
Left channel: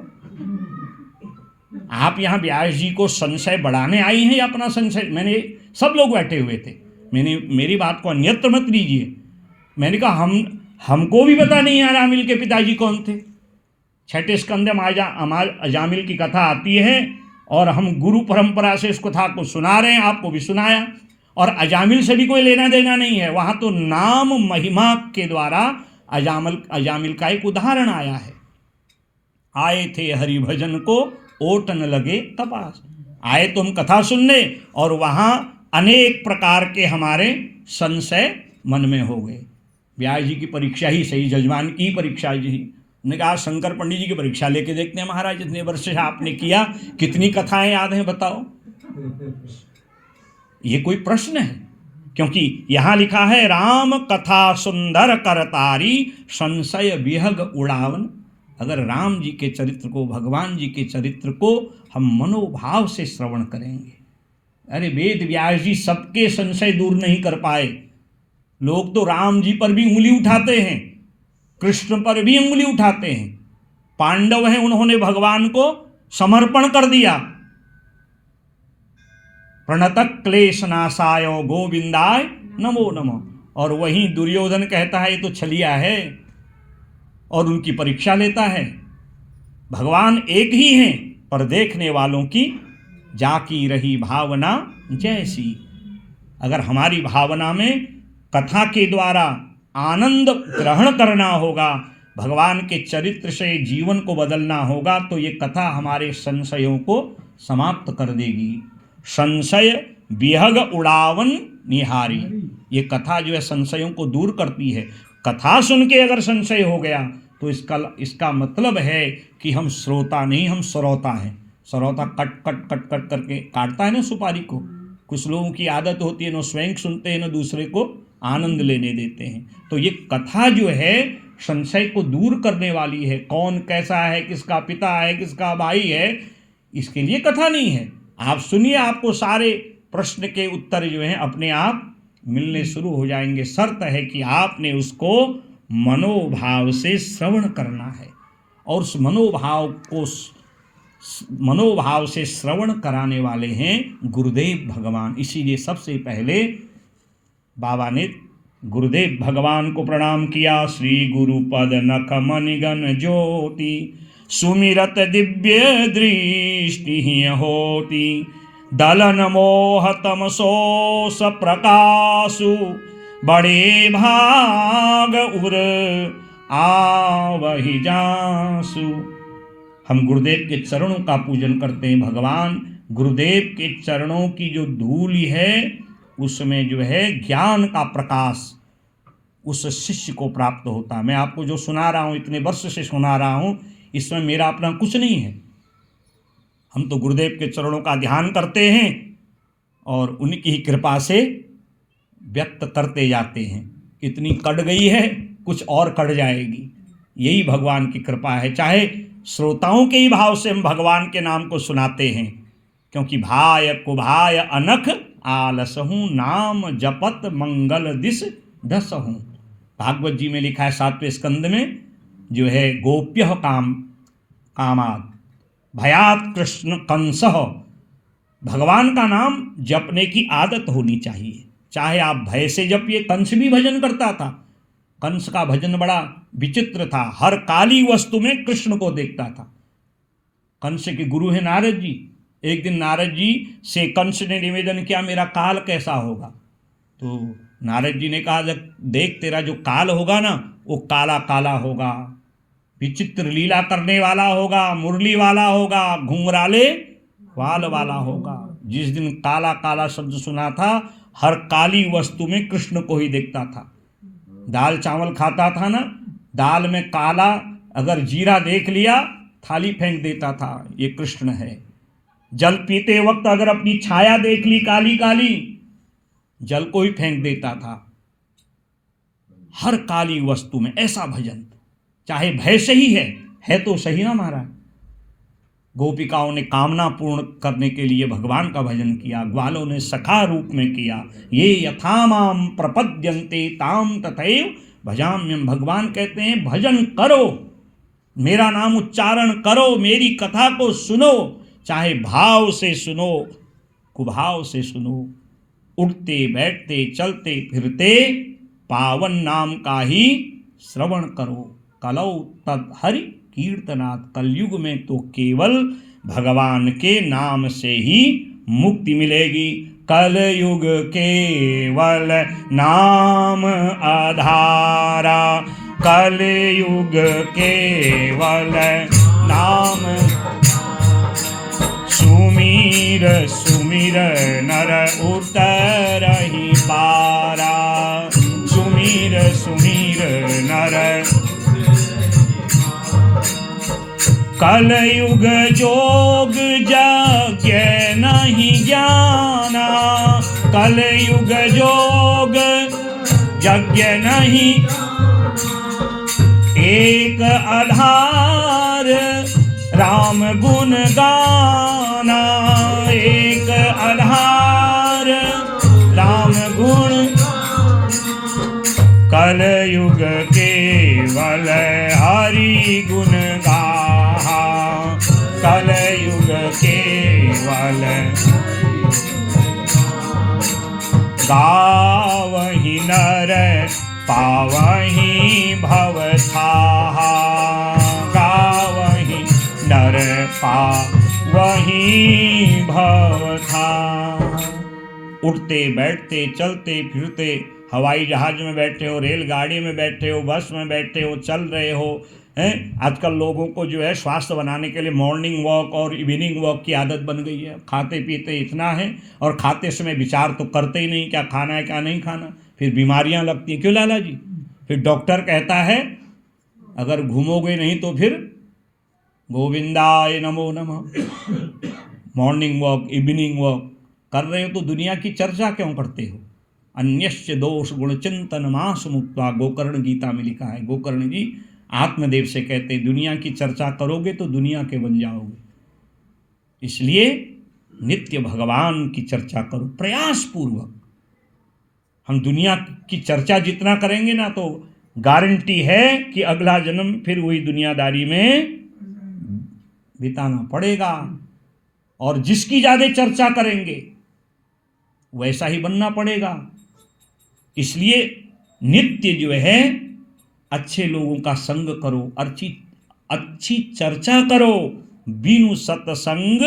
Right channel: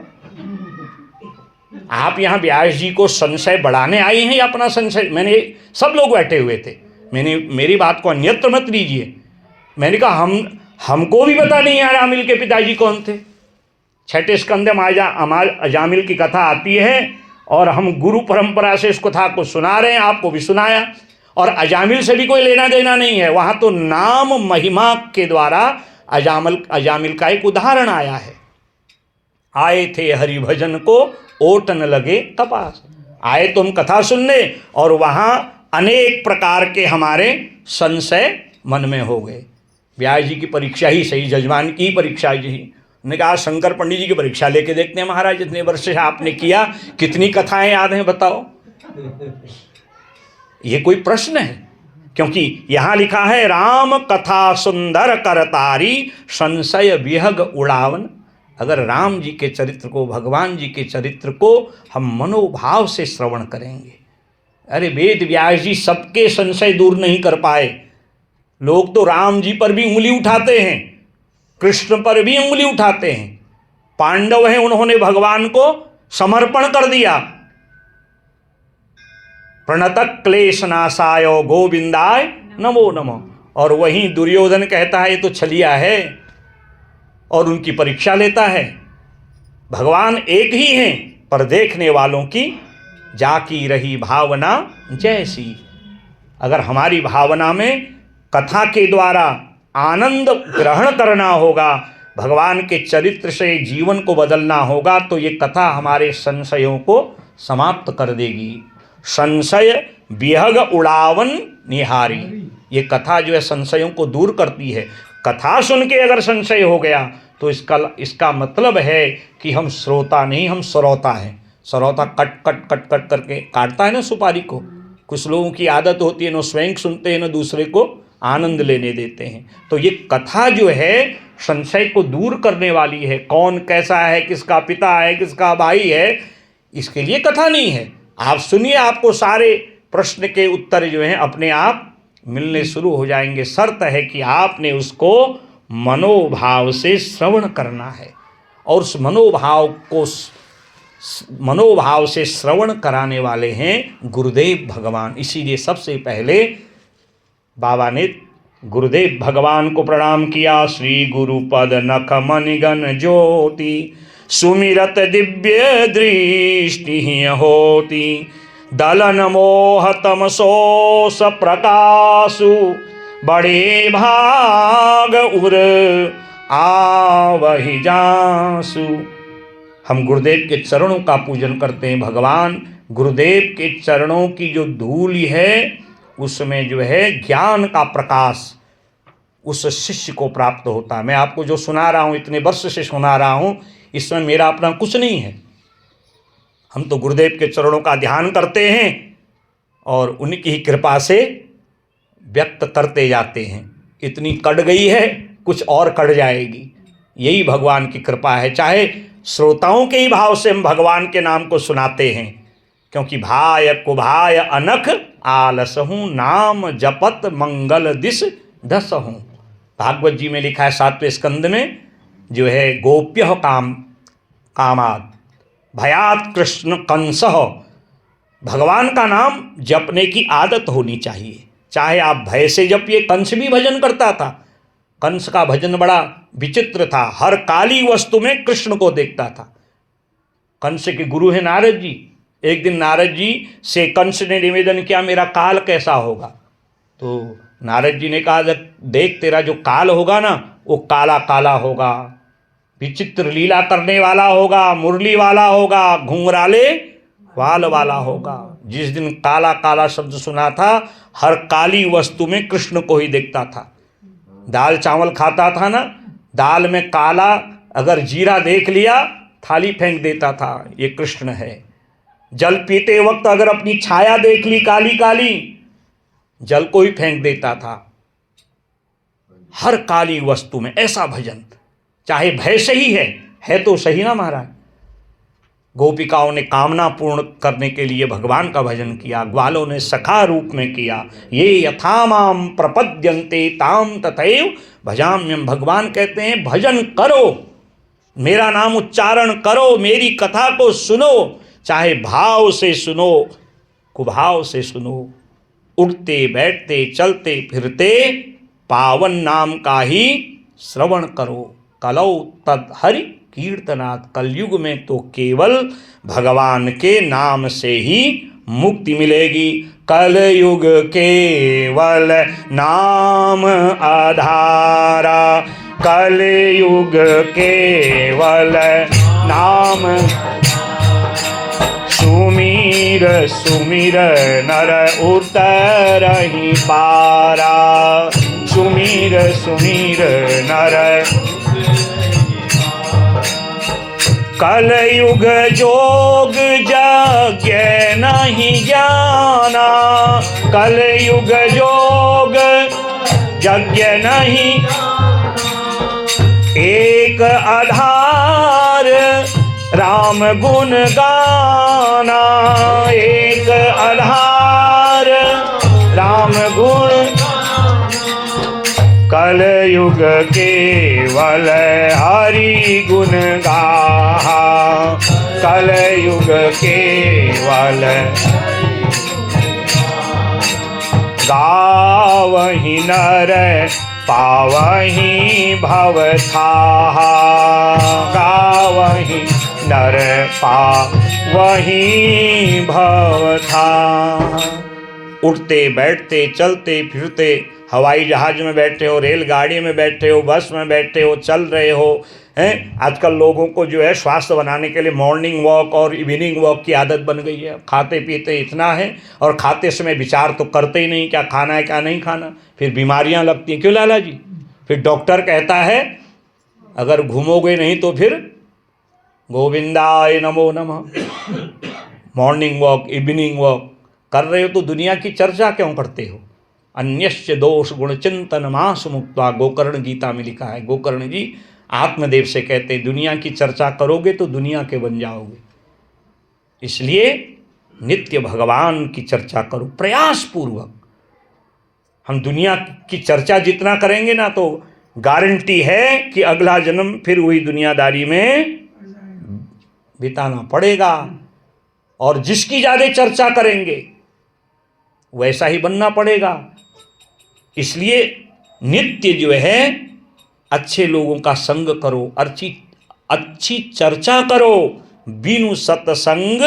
आप यहाँ व्यास जी को संशय बढ़ाने आई हैं या अपना संशय? मैंने सब लोग बैठे हुए थे, मेरी बात को अन्यत्र मत लीजिए। मैंने कहा हमको भी पता नहीं है अजामिल के पिताजी कौन थे। छठे स्कंद में अजामिल की कथा आती है और हम गुरु परंपरा से इस कथा को सुना रहे हैं, आपको भी सुनाया। और अजामिल से भी कोई लेना देना नहीं है। वहाँ तो नाम महिमा के द्वारा अजामिल का एक उदाहरण आया है। आए थे हरि भजन को ओटन लगे कपास। आए तो हम कथा सुनने और वहाँ अनेक प्रकार के हमारे संशय मन में हो गए। व्यास जी की परीक्षा ही सही, जजमान की परीक्षा ही। उन्होंने कहा शंकर पंडित जी की परीक्षा लेके देखते हैं महाराज, इतने वर्ष से आपने किया, कितनी कथाएं याद हैं बताओ? ये कोई प्रश्न है? क्योंकि यहां लिखा है राम कथा सुंदर करतारी संशय विहग उड़ावन। अगर राम जी के चरित्र को, भगवान जी के चरित्र को हम मनोभाव से श्रवण करेंगे, अरे वेद व्यास जी सबके संशय दूर नहीं कर पाए। लोग तो राम जी पर भी उंगली उठाते हैं, कृष्ण पर भी उंगली उठाते हैं। पांडव हैं, उन्होंने भगवान को समर्पण कर दिया। प्रणतक क्लेश नाशाय गोविंदाय नमो नमः। और वहीं दुर्योधन कहता है ये तो छलिया है और उनकी परीक्षा लेता है। भगवान एक ही हैं पर देखने वालों की जाकी रही भावना जैसी। अगर हमारी भावना में कथा के द्वारा आनंद ग्रहण करना होगा, भगवान के चरित्र से जीवन को बदलना होगा, तो ये कथा हमारे संशयों को समाप्त कर देगी। संशय विहग उड़ावन निहारी। ये कथा जो है संशयों को दूर करती है। कथा सुन के अगर संशय हो गया तो इसका मतलब है कि हम श्रोता नहीं, हम श्रोता हैं। श्रोता कट कट कट कट करके काटता है ना सुपारी को। कुछ लोगों की आदत होती है, न स्वयं सुनते हैं न दूसरे को आनंद लेने देते हैं। तो ये कथा जो है संशय को दूर करने वाली है। कौन कैसा है, किसका पिता है, किसका भाई है, इसके लिए कथा नहीं है। आप सुनिए, आपको सारे प्रश्न के उत्तर जो हैं अपने आप मिलने शुरू हो जाएंगे। शर्त है कि आपने उसको मनोभाव से श्रवण करना है। और उस मनोभाव से श्रवण कराने वाले हैं गुरुदेव भगवान। इसीलिए सबसे पहले बाबा ने गुरुदेव भगवान को प्रणाम किया। श्री गुरुपद नख मनिगन ज्योति सुमिरत दिव्य दृष्टि होती दलन मोह तमसोस प्रकाशु बड़े भाग उर आवहि जासु। हम गुरुदेव के चरणों का पूजन करते हैं। भगवान गुरुदेव के चरणों की जो धूल है उसमें जो है ज्ञान का प्रकाश उस शिष्य को प्राप्त होता है। मैं आपको जो सुना रहा हूँ, इतने वर्ष से सुना रहा हूँ, इसमें मेरा अपना कुछ नहीं है। हम तो गुरुदेव के चरणों का ध्यान करते हैं और उनकी ही कृपा से व्यक्त करते जाते हैं। इतनी कट गई है, कुछ और कट जाएगी। यही भगवान की कृपा है। चाहे श्रोताओं के ही भाव से हम भगवान के नाम को सुनाते हैं, क्योंकि भाय कुभाय अनख आलसहूँ नाम जपत मंगल दिस दसहूँ। भागवत जी में लिखा है 7वें स्कंद में जो है गोप्य कामाद भयात कृष्ण कंसः, भगवान का नाम जपने की आदत होनी चाहिए, चाहे आप भय से जपिए। कंस भी भजन करता था, कंस का भजन बड़ा विचित्र था, हर काली वस्तु में कृष्ण को देखता था। कंस के गुरु हैं नारद जी। एक दिन नारद जी से कंस ने निवेदन किया, मेरा काल कैसा होगा? तो नारद जी ने कहा, देख तेरा जो काल होगा ना वो काला काला होगा, विचित्र लीला करने वाला होगा, मुरली वाला होगा, घुंघराले वाल वाला होगा। जिस दिन काला काला शब्द सुना था, हर काली वस्तु में कृष्ण को ही देखता था। दाल चावल खाता था ना, दाल में काला अगर जीरा देख लिया थाली फेंक देता था, ये कृष्ण है। जल पीते वक्त अगर अपनी छाया देख ली काली काली, जल को ही फेंक देता था। हर काली वस्तु में ऐसा भजन, चाहे भय से ही है तो सही ना महाराज। गोपिकाओं ने कामना पूर्ण करने के लिए भगवान का भजन किया, ग्वालों ने सखा रूप में किया। ये यथा माम प्रपद्यन्ते ताम तथैव भजाम्यहम्। भगवान कहते हैं भजन करो, मेरा नाम उच्चारण करो, मेरी कथा को सुनो, चाहे भाव से सुनो कुभाव से सुनो, उठते बैठते चलते फिरते पावन नाम का ही श्रवण करो। कलौ तद हरि कीर्तनात्, कलयुग में तो केवल भगवान के नाम से ही मुक्ति मिलेगी। कलयुग केवल नाम आधारा, कलयुग केवल नाम। सुमीर सुमीर नर उतरहि पारा, सुमीर सुमीर नर। कलयुग जोग यज्ञ नहीं जाना, कलयुग जोग यज्ञ नहीं। एक आधार राम गुण गाना, एक आधार राम गुण। कलयुग केवल हरि गुण गाहा, कलयुग केवल गावहि नर पावहि भवथाहा, गावहि नर पावहि भवथा। उठते बैठते चलते फिरते, हवाई जहाज में बैठे हो, रेलगाड़ी में बैठे हो, बस में बैठे हो, चल रहे हो हैं। आजकल लोगों को जो है स्वास्थ्य बनाने के लिए मॉर्निंग वॉक और इवनिंग वॉक की आदत बन गई है। खाते पीते इतना है और खाते समय विचार तो करते ही नहीं क्या खाना है क्या नहीं खाना, फिर बीमारियां लगती हैं। क्यों लाला जी? फिर डॉक्टर कहता है अगर घूमोगे नहीं तो फिर गोविंदाय नमो नमः। मॉर्निंग वॉक इवनिंग वॉक कर रहे हो तो दुनिया की चर्चा क्यों करते हो? अन्यश्च दोष गुण चिंतन मास मुक्ता, गोकर्ण गीता में लिखा है। गोकर्ण जी आत्मदेव से कहते हैं दुनिया की चर्चा करोगे तो दुनिया के बन जाओगे, इसलिए नित्य भगवान की चर्चा करो प्रयास पूर्वक। हम दुनिया की चर्चा जितना करेंगे ना तो गारंटी है कि अगला जन्म फिर वही दुनियादारी में बिताना पड़ेगा, और जिसकी ज़्यादा चर्चा करेंगे वैसा ही बनना पड़ेगा। इसलिए नित्य जो है अच्छे लोगों का संग करो, अच्छी चर्चा करो। बिनु सत्संग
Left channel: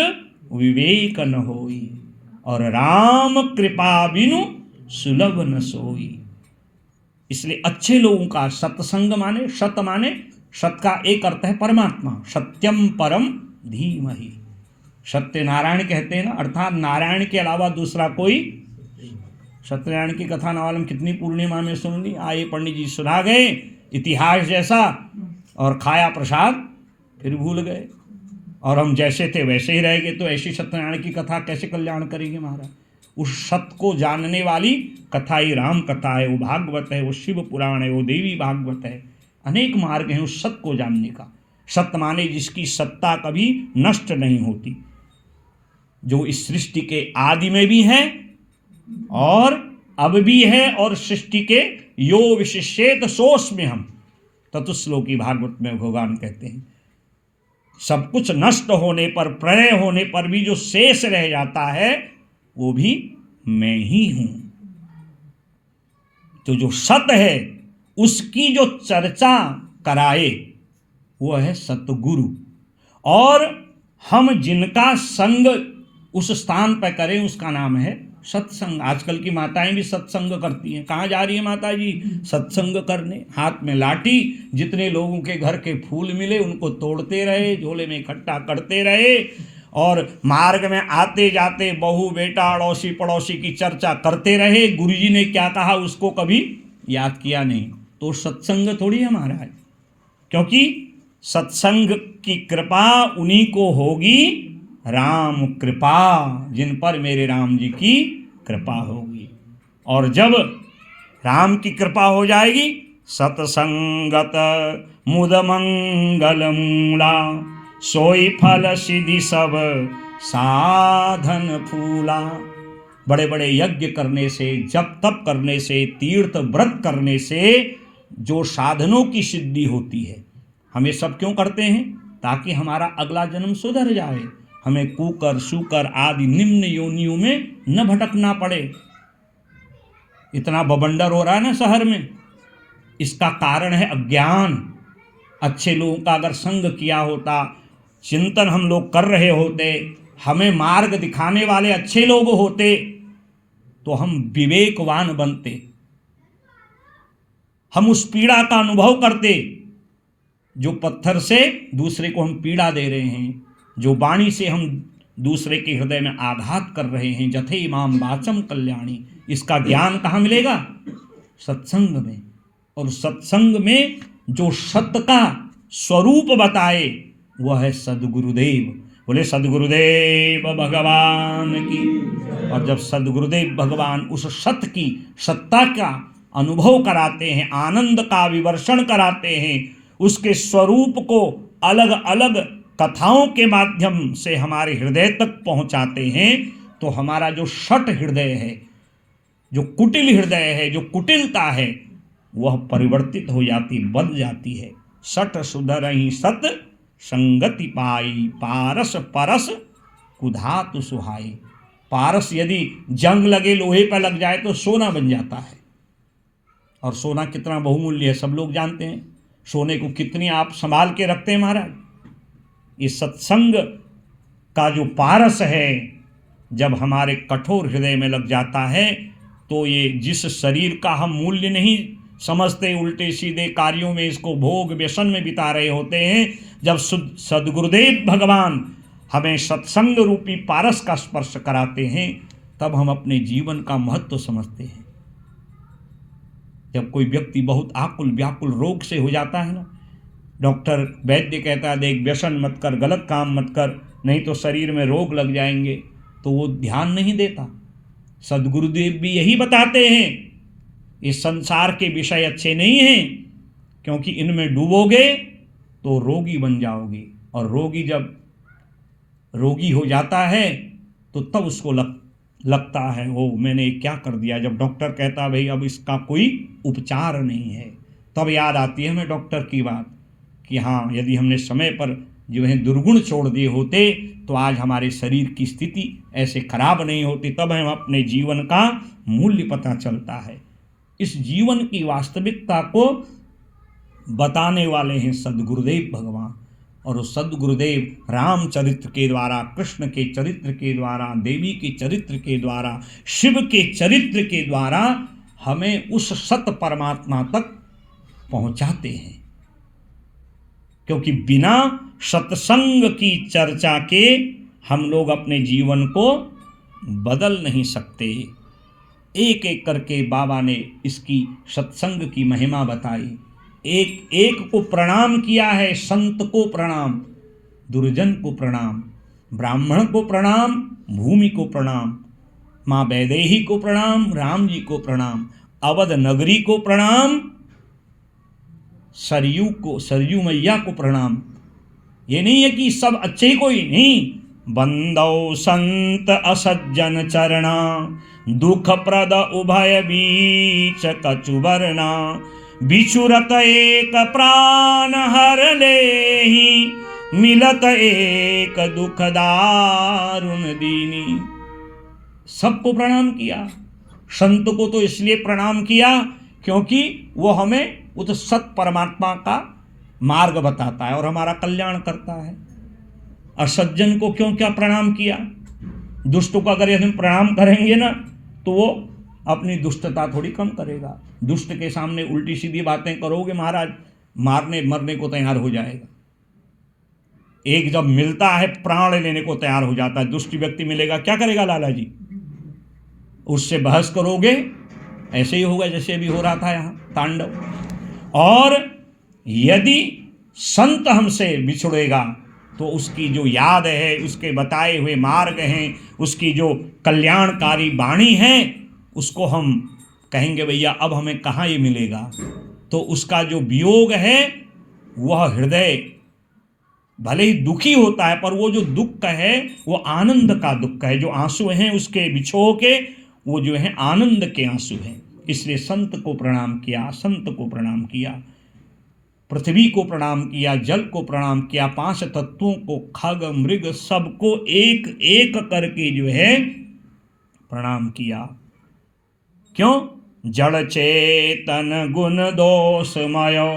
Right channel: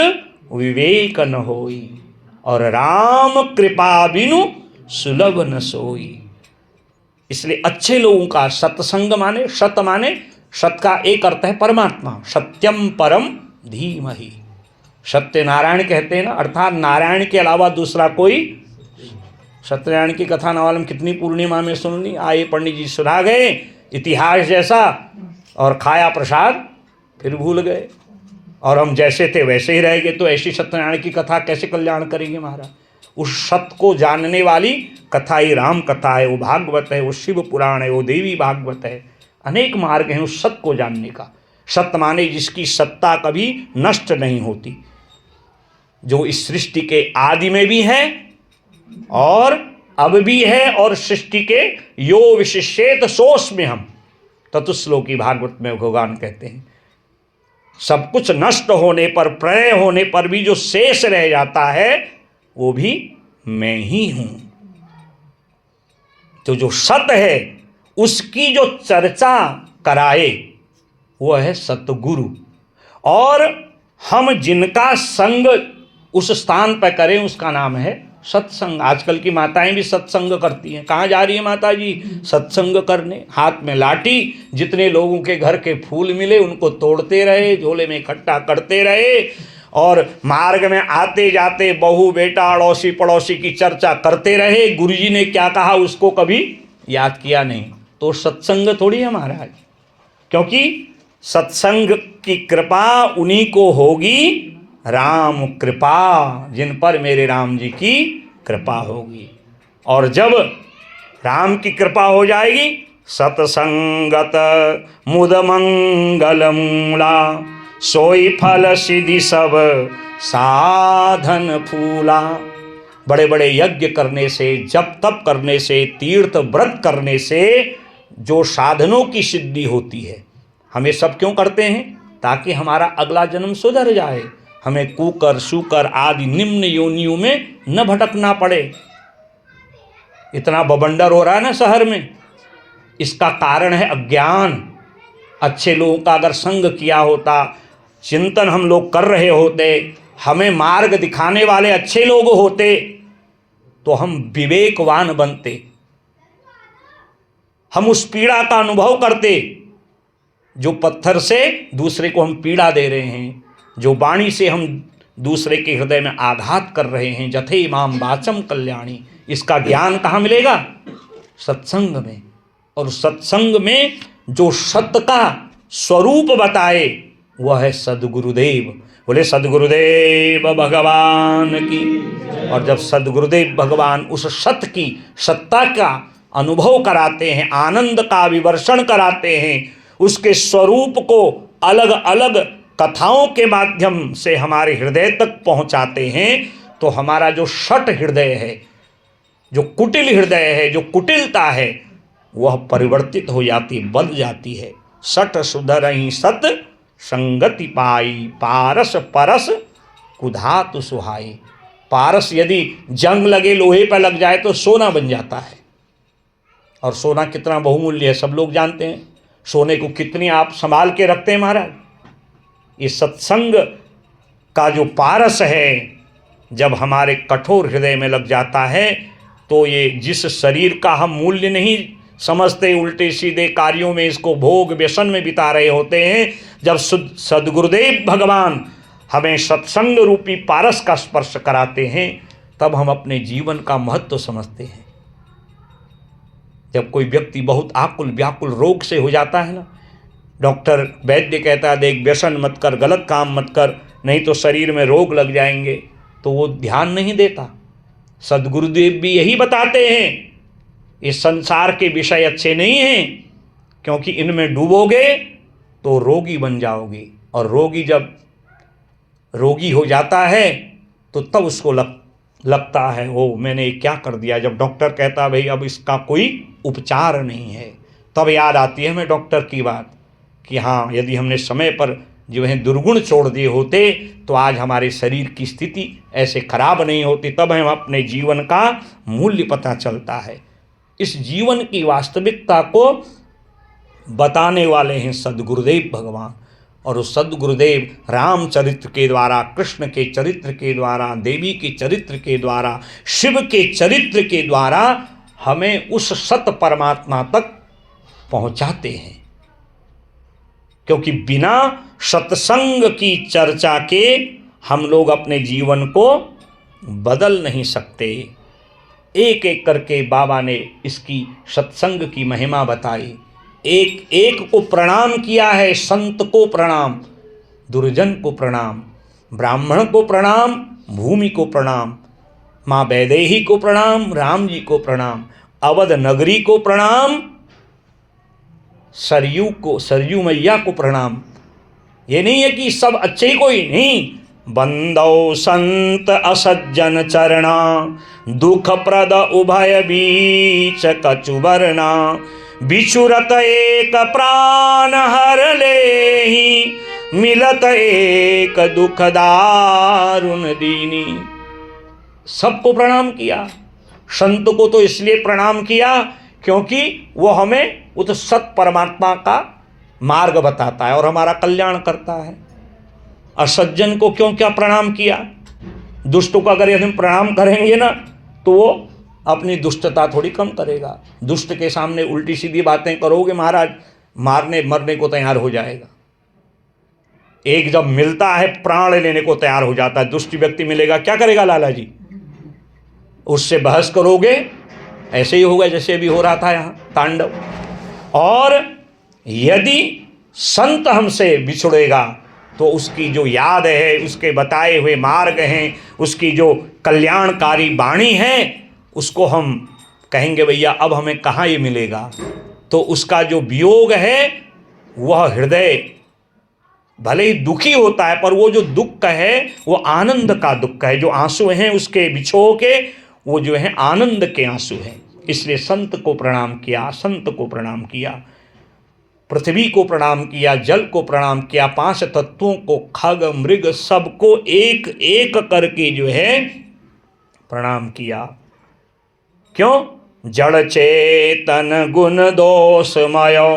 विवेक न होई, और राम कृपा बिनु सुलभ न सोई। इसलिए अच्छे लोगों का सत्संग माने, सत का एक अर्थ है परमात्मा, सत्यम परम धीमहि। सत्यनारायण कहते हैं ना, अर्थात नारायण के अलावा दूसरा कोई। सत्यनारायण की कथा न मालूम कितनी पूर्णिमा में सुन ली, आए पंडित जी सुना गए इतिहास जैसा, और खाया प्रसाद फिर भूल गए, और हम जैसे थे वैसे ही रह गए। तो ऐसी सत्यनारायण की कथा कैसे कल्याण करेंगे महाराज? उस सत्य को जानने वाली कथा ही राम कथा है, वो भागवत है, वो शिव पुराण है, वो देवी भागवत है। अनेक मार्ग हैं उस सत्य को जानने का। सत्य माने जिसकी सत्ता कभी नष्ट नहीं होती, जो इस सृष्टि के आदि में भी है और अब भी है, और सृष्टि के यो विशिष्येत सोस में हम ततुश्लोकी भागवत में भगवान कहते हैं। सब कुछ नष्ट होने पर, प्रलय होने पर भी जो शेष रह जाता है वो भी मैं ही हूं। तो जो सत है उसकी जो चर्चा कराए वो है सतगुरु। और हम जिनका संग उस स्थान पर करें उसका नाम है सत्संग। आजकल की माताएं भी सत्संग करती हैं। कहाँ जा रही है माता जी? सत्संग करने। हाथ में लाठी, जितने लोगों के घर के फूल मिले उनको तोड़ते रहे, झोले में इकट्ठा करते रहे, और मार्ग में आते जाते बहू बेटा अड़ोसी पड़ोसी की चर्चा करते रहे। गुरुजी ने क्या कहा उसको कभी याद किया नहीं। तो सत्संग थोड़ी है महाराज, क्योंकि सत्संग की कृपा उन्हीं को होगी, राम कृपा, जिन पर मेरे राम जी की कृपा होगी। और जब राम की कृपा हो जाएगी, सतसंगत मुद मंगल मूला, सोई फल सिद्धि सब साधन फूला। बड़े बड़े यज्ञ करने से, जप तप करने से, तीर्थ व्रत करने से जो साधनों की सिद्धि होती है, हमें सब क्यों करते हैं? ताकि हमारा अगला जन्म सुधर जाए, हमें कुकर शुकर आदि निम्न योनियों में न भटकना पड़े। इतना बवंडर हो रहा है ना शहर में, इसका कारण है अज्ञान। अच्छे लोगों का अगर संग किया होता, चिंतन हम लोग कर रहे होते, हमें मार्ग दिखाने वाले अच्छे लोग होते, तो हम विवेकवान बनते, हम उस पीड़ा का अनुभव करते जो पत्थर से दूसरे को हम पीड़ा दे रहे हैं, जो वाणी से हम दूसरे के हृदय में आघात कर रहे हैं। जथे इमाम वाचम कल्याणी, इसका ज्ञान कहाँ मिलेगा? सत्संग में। और सत्संग में जो सत्य का स्वरूप बताए वह है सद्गुरुदेव। बोले सद्गुरुदेव भगवान की। और जब सद्गुरुदेव भगवान उस सत्य की सत्ता का अनुभव कराते हैं, आनंद का विवर्षण कराते हैं, उसके स्वरूप को अलग अलग कथाओं के माध्यम से हमारे हृदय तक पहुंचाते हैं, तो हमारा जो शठ हृदय है, जो कुटिल हृदय है, जो कुटिलता है, वह परिवर्तित हो जाती, बदल जाती है। सठ सुधरहि सत संगति पाई, पारस परस कुधातु सुहाई। पारस यदि जंग लगे, लोहे पर लग जाए तो सोना बन जाता है। और सोना कितना बहुमूल्य है सब लोग जानते हैं। सोने को कितनी आप संभाल के रखते हैं महाराज। इस सत्संग का जो पारस है, जब हमारे कठोर हृदय में लग जाता है, तो ये जिस शरीर का हम मूल्य नहीं समझते, उल्टे सीधे कार्यों में इसको भोग व्यसन में बिता रहे होते हैं, जब सद्गुरुदेव भगवान हमें सत्संग रूपी पारस का स्पर्श कराते हैं, तब हम अपने जीवन का महत्व समझते हैं। जब कोई व्यक्ति बहुत आकुल व्याकुल रोग से हो जाता है ना, डॉक्टर वैद्य कहता है देख व्यसन मत कर, गलत काम मत कर, नहीं तो शरीर में रोग लग जाएंगे, तो वो ध्यान नहीं देता। सद्गुरुदेव भी यही बताते हैं, इस संसार के विषय अच्छे नहीं हैं, क्योंकि इनमें डूबोगे तो रोगी बन जाओगे। और रोगी जब रोगी हो जाता है तो तब उसको लगता है ओ मैंने क्या कर दिया। जब डॉक्टर कहता भाई अब इसका कोई उपचार नहीं है, तब याद आती है हमें डॉक्टर की बात कि हाँ, यदि हमने समय पर जो है दुर्गुण छोड़ दिए होते तो आज हमारे शरीर की स्थिति ऐसे खराब नहीं होती। तब हम अपने जीवन का मूल्य पता चलता है। इस जीवन की वास्तविकता को बताने वाले हैं सद्गुरुदेव भगवान। और उस सद्गुरुदेव रामचरित्र के द्वारा, कृष्ण के चरित्र के द्वारा, देवी के चरित्र के द्वारा, शिव के चरित्र के द्वारा हमें उस सत परमात्मा तक पहुंचाते हैं। क्योंकि बिना सत्संग की चर्चा के हम लोग अपने जीवन को बदल नहीं सकते। एक एक करके बाबा ने इसकी सत्संग की महिमा बताई। एक एक को प्रणाम किया है। संत को प्रणाम, दुर्जन को प्रणाम, ब्राह्मण को प्रणाम, भूमि को प्रणाम, माँ वैदेही को प्रणाम, राम जी को प्रणाम, अवध नगरी को प्रणाम, सरयू मैया को प्रणाम। ये नहीं है कि सब अच्छे ही कोई नहीं। बंदौ संत असज्जन चरणा, दुख प्रद उभय बीच कचुबरना, बिछुरत एक प्राण हर लेहि, मिलत एक दुख दारुण दीनी। सबको प्रणाम किया। संत को तो इसलिए प्रणाम किया क्योंकि वो हमें उस सत परमात्मा का मार्ग बताता है और हमारा कल्याण करता है। असज्जन को क्यों क्या प्रणाम किया? दुष्ट को अगर यदि हम प्रणाम करेंगे ना तो वो अपनी दुष्टता थोड़ी कम करेगा। दुष्ट के सामने उल्टी सीधी बातें करोगे महाराज, मारने मरने को तैयार हो जाएगा। एक जब मिलता है प्राण लेने को तैयार हो जाता है। दुष्ट व्यक्ति मिलेगा, क्या करेगा लाला जी? उससे बहस करोगे, ऐसे ही होगा जैसे अभी हो रहा था यहाँ तांडव। और यदि संत हमसे बिछड़ेगा तो उसकी जो याद है, उसके बताए हुए मार्ग हैं, उसकी जो कल्याणकारी वाणी है, उसको हम कहेंगे भैया अब हमें कहाँ ये मिलेगा। तो उसका जो वियोग है वह हृदय भले ही दुखी होता है, पर वो जो दुख है वो आनंद का दुख है। जो आंसू हैं उसके बिछो के, वो जो है आनंद के आंसू हैं। इसलिए संत को प्रणाम किया, संत को प्रणाम किया, पृथ्वी को प्रणाम किया, जल को प्रणाम किया, 5 तत्वों को, खग मृग सबको एक एक करके जो है प्रणाम किया। क्यों? जड़ चेतन गुण दोषमयो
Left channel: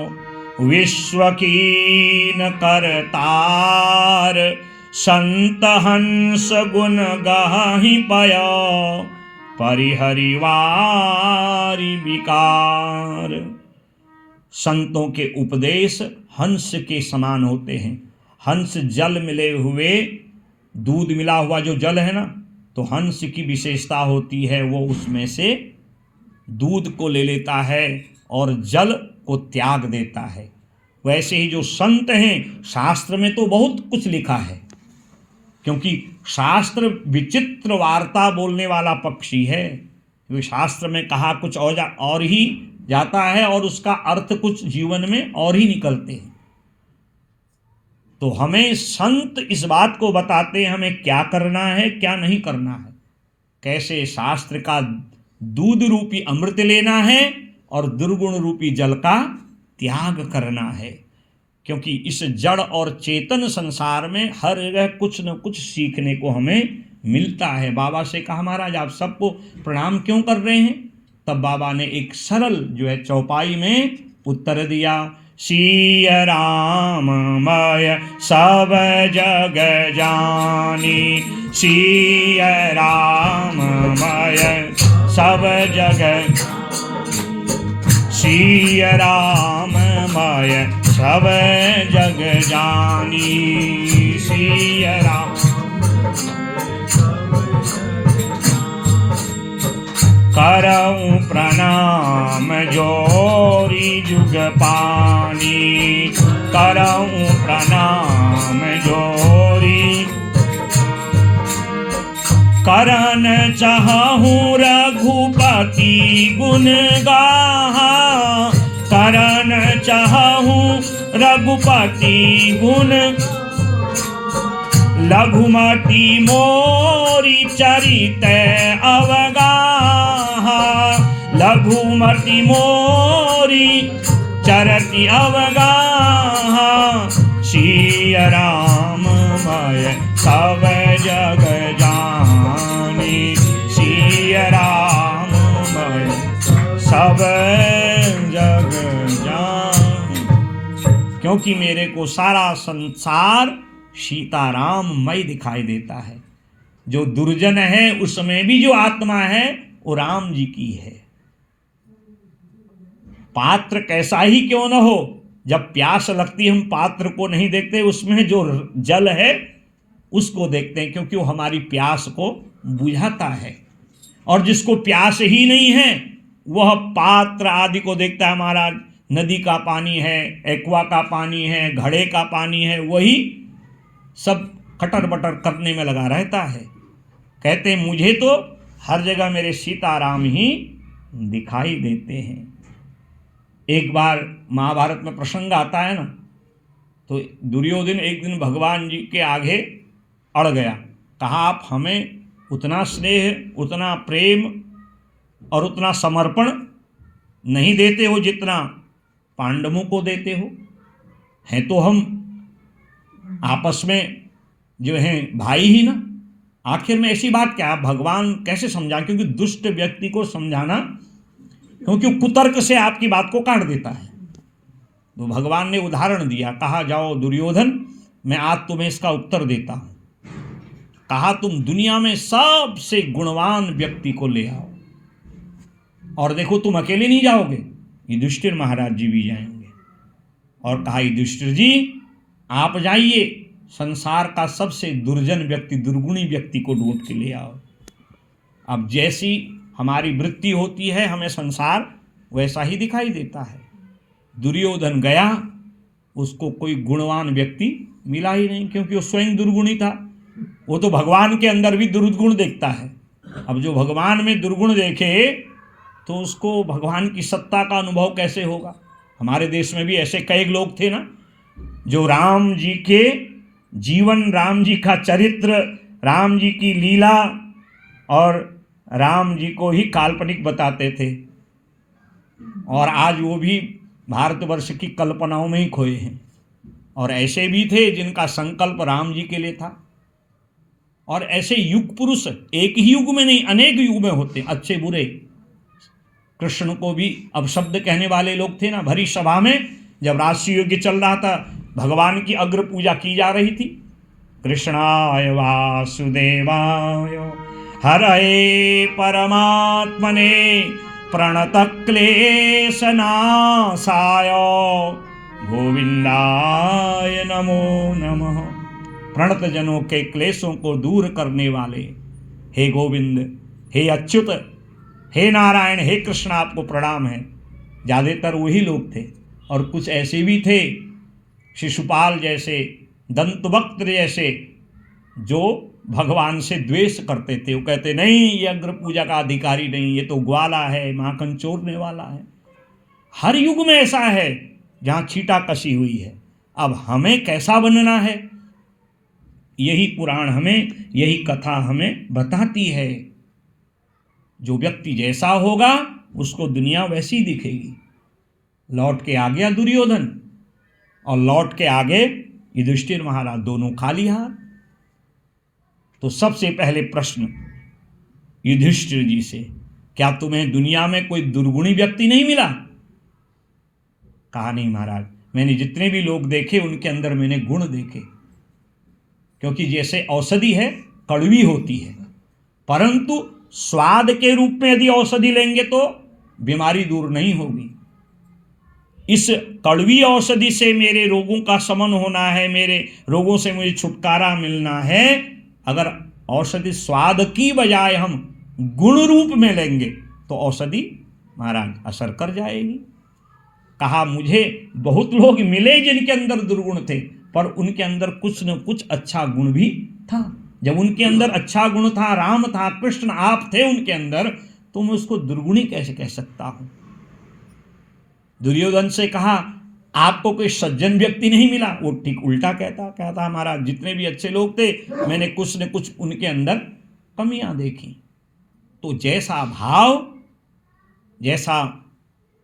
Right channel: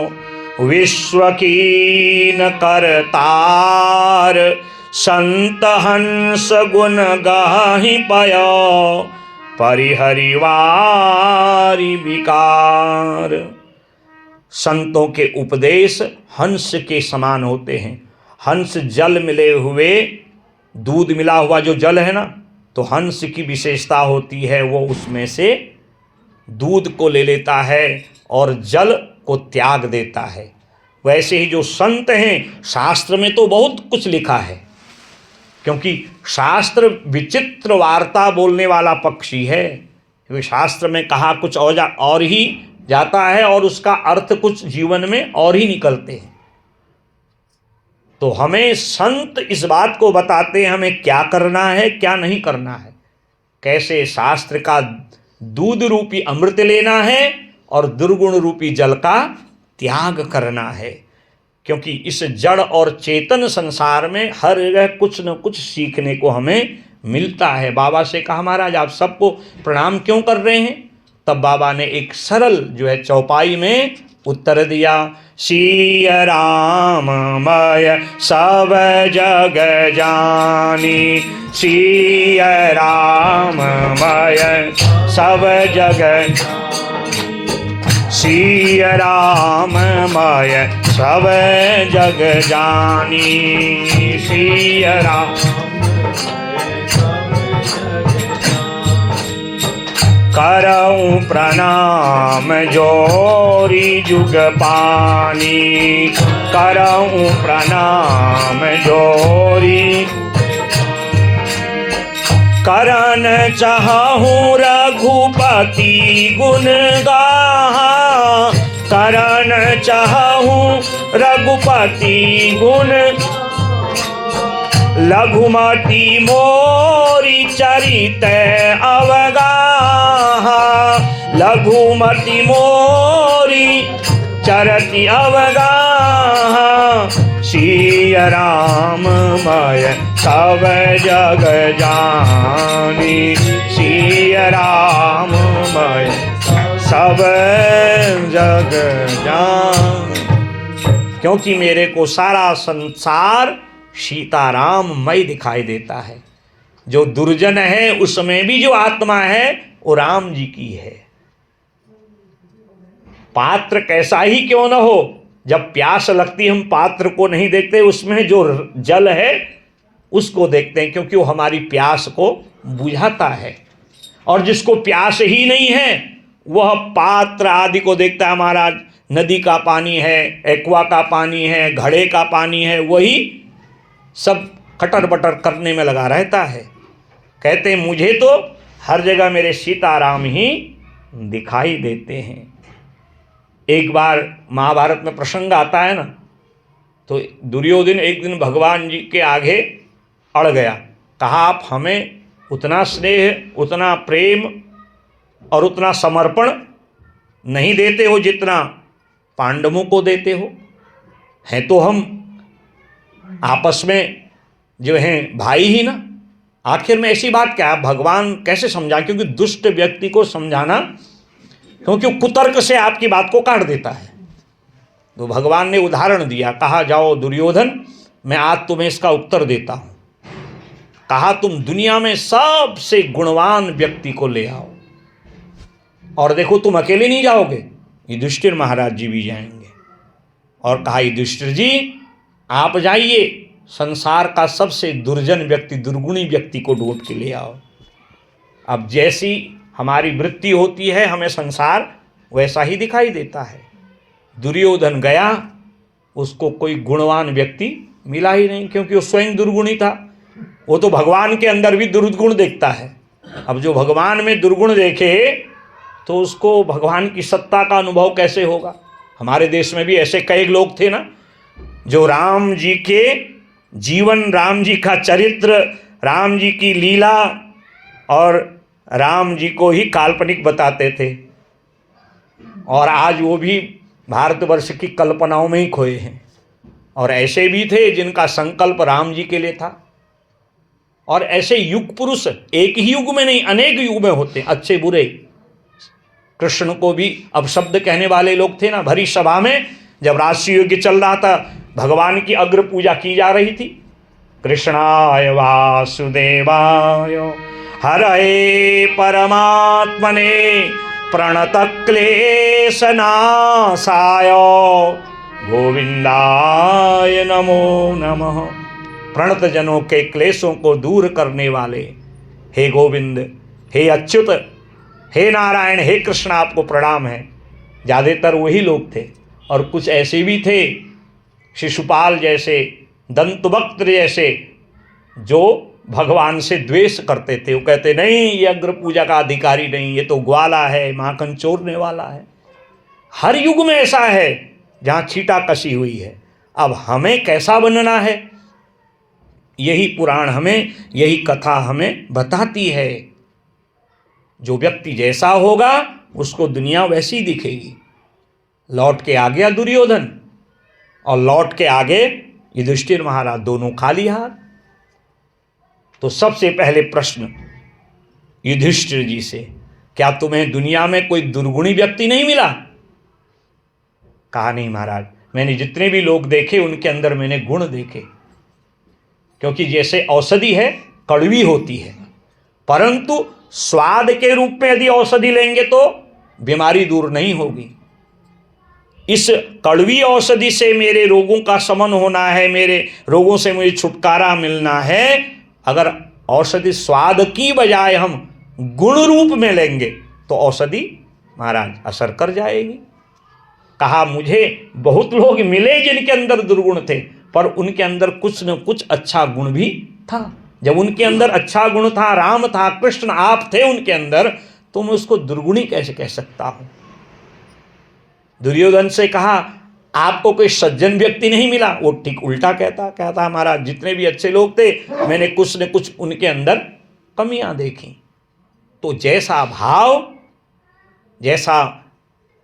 विश्व कीन करतार, संत हंस गुण गाहि पयो परिहरिवारी विकार। संतों के उपदेश हंस के समान होते हैं। हंस जल मिले हुए, दूध मिला हुआ जो जल है ना, तो हंस की विशेषता होती है वो उसमें से दूध को ले लेता है और जल को त्याग देता है। वैसे ही जो संत हैं, शास्त्र में तो बहुत कुछ लिखा है, क्योंकि शास्त्र विचित्र वार्ता बोलने वाला पक्षी है। क्योंकि शास्त्र में कहा कुछ और ही जाता है और उसका अर्थ कुछ जीवन में और ही निकलते हैं। तो हमें संत इस बात को बताते हैं हमें क्या करना है, क्या नहीं करना है, कैसे शास्त्र का दूध रूपी अमृत लेना है और दुर्गुण रूपी जल का त्याग करना है। क्योंकि इस जड़ और चेतन संसार में हर जगह कुछ न कुछ सीखने को हमें मिलता है। बाबा से कहा महाराज आप सबको प्रणाम क्यों कर रहे हैं? तब बाबा ने एक सरल जो है चौपाई में उत्तर दिया, सिय राम मय सब जग जानी, सिय राम मय सब जग, सिय राम मय सब जग जानी, सिय राम करऊं प्रणाम जोरी जुग पानी, करऊं प्रणाम जोरी, करन चाहूं रघुपति गुण गाहा, करन चाहूं रघुपति गुण, लघुमति मोरी चरित अवगाहा, लघुमति मोरी चरति अवगाहा, सिय राम मय सब जग जानी, सिय राम मय सब जग जान। क्योंकि मेरे को सारा संसार सीताराम मय दिखाई देता है। जो दुर्जन है उसमें भी जो आत्मा है वो राम जी की है। पात्र कैसा ही क्यों न हो, जब प्यास लगती हम पात्र को नहीं देखते, उसमें जो जल है उसको देखते हैं, क्योंकि वो हमारी प्यास को बुझाता है। और जिसको प्यास ही नहीं है वह पात्र आदि को देखता है। हमारा नदी का पानी है, एक्वा का पानी है, घड़े का पानी है, वही सब कटर बटर करने में लगा रहता है। कहते हैं मुझे तो हर जगह मेरे सीताराम ही दिखाई देते हैं। एक बार महाभारत में प्रसंग आता है ना, तो दुर्योधन एक दिन भगवान जी के आगे अड़ गया। कहा आप हमें उतना स्नेह, उतना प्रेम और उतना समर्पण नहीं देते हो जितना पांडवों को देते हो। हैं तो हम आपस में जो हैं भाई ही ना। आखिर में ऐसी बात क्या, भगवान कैसे समझा? क्योंकि दुष्ट व्यक्ति को समझाना, क्योंकि कुतर्क से आपकी बात को काट देता है। तो भगवान ने उदाहरण दिया, कहा जाओ दुर्योधन, मैं आज तुम्हें इसका उत्तर देता हूं। कहा तुम दुनिया में सबसे गुणवान व्यक्ति को ले आओ, और देखो तुम अकेले नहीं जाओगे, युधिष्ठिर महाराज जी भी जाएंगे। और कहा युधिष्ठिर जी आप जाइए, संसार का सबसे दुर्जन व्यक्ति, दुर्गुणी व्यक्ति को ढूंढ के ले आओ। अब जैसी हमारी वृत्ति होती है, हमें संसार वैसा ही दिखाई देता है। दुर्योधन गया, उसको कोई गुणवान व्यक्ति मिला ही नहीं, क्योंकि वो स्वयं दुर्गुणी था। वो तो भगवान के अंदर भी दुर्गुण देखता है। अब जो भगवान में दुर्गुण देखे तो उसको भगवान की सत्ता का अनुभव कैसे होगा? हमारे देश में भी ऐसे कई लोग थे ना, जो राम जी के जीवन, राम जी का चरित्र, राम जी की लीला और राम जी को ही काल्पनिक बताते थे, और आज वो भी भारतवर्ष की कल्पनाओं में ही खोए हैं। और ऐसे भी थे जिनका संकल्प राम जी के लिए था। और ऐसे युग पुरुष एक ही युग में नहीं, अनेक युग में होते, अच्छे बुरे। कृष्ण को भी अब शब्द कहने वाले लोग थे ना, भरी सभा में जब राष्ट्रीय युग चल रहा था, भगवान की अग्र पूजा की जा रही थी। कृष्णाय वासुदेवाय हरये परमात्मने प्रणतक्लेशनाशाय गोविंदाय नमो नमः। प्रणत जनों के क्लेशों को दूर करने वाले हे गोविंद, हे अच्युत, हे नारायण, हे कृष्ण आपको प्रणाम है। ज़्यादातर वही लोग थे, और कुछ ऐसे भी थे शिशुपाल जैसे, दंतवक्त्र जैसे, जो भगवान से द्वेष करते थे। वो कहते नहीं, ये अग्र पूजा का अधिकारी नहीं, ये तो ग्वाला है, माखन चोरने वाला है। हर युग में ऐसा है जहाँ छीटा कसी हुई है। अब हमें कैसा बनना है, यही पुराण हमें, यही कथा हमें बताती है। जो व्यक्ति जैसा होगा उसको दुनिया वैसी दिखेगी। लौट के आ गया दुर्योधन, और लौट के आगे युधिष्ठिर महाराज, दोनों खाली हाथ। तो सबसे पहले प्रश्न युधिष्ठिर जी से, क्या तुम्हें दुनिया में कोई दुर्गुणी व्यक्ति नहीं मिला? कहा नहीं महाराज, मैंने जितने भी लोग देखे उनके अंदर मैंने गुण देखे। क्योंकि जैसे औषधि है, कड़वी होती है, परंतु स्वाद के रूप में यदि औषधि लेंगे तो बीमारी दूर नहीं होगी। इस कड़वी औषधि से मेरे रोगों का शमन होना है, मेरे रोगों से मुझे छुटकारा मिलना है। अगर औषधि स्वाद की बजाय हम गुण रूप में लेंगे तो औषधि महाराज असर कर जाएगी। कहा मुझे बहुत लोग मिले जिनके अंदर दुर्गुण थे, पर उनके अंदर कुछ न कुछ अच्छा गुण भी था। जब उनके अंदर अच्छा गुण था, राम था, कृष्ण आप थे उनके अंदर, तो मैं उसको दुर्गुणी कैसे कह सकता हूं? दुर्योधन से कहा आपको कोई सज्जन व्यक्ति नहीं मिला? वो ठीक उल्टा कहता हमारा जितने भी अच्छे लोग थे, मैंने कुछ न कुछ उनके अंदर कमियां देखी। तो जैसा भाव, जैसा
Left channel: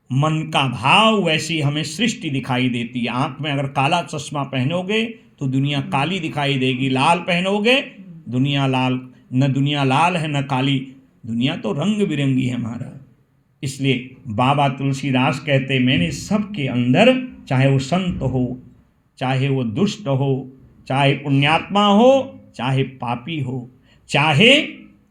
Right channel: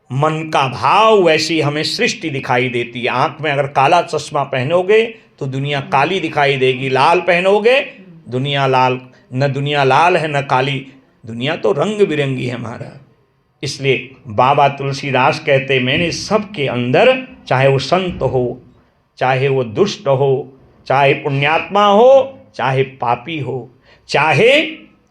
मन का भाव, वैसी हमें सृष्टि दिखाई देती है। आंख में अगर काला चश्मा पहनोगे तो दुनिया काली दिखाई देगी, लाल पहनोगे दुनिया लाल, न दुनिया लाल है न काली, दुनिया तो रंग बिरंगी है महाराज। इसलिए बाबा तुलसीदास कहते, मैंने सबके अंदर, चाहे वो संत हो, चाहे वो दुष्ट हो, चाहे पुण्यात्मा हो, चाहे पापी हो, चाहे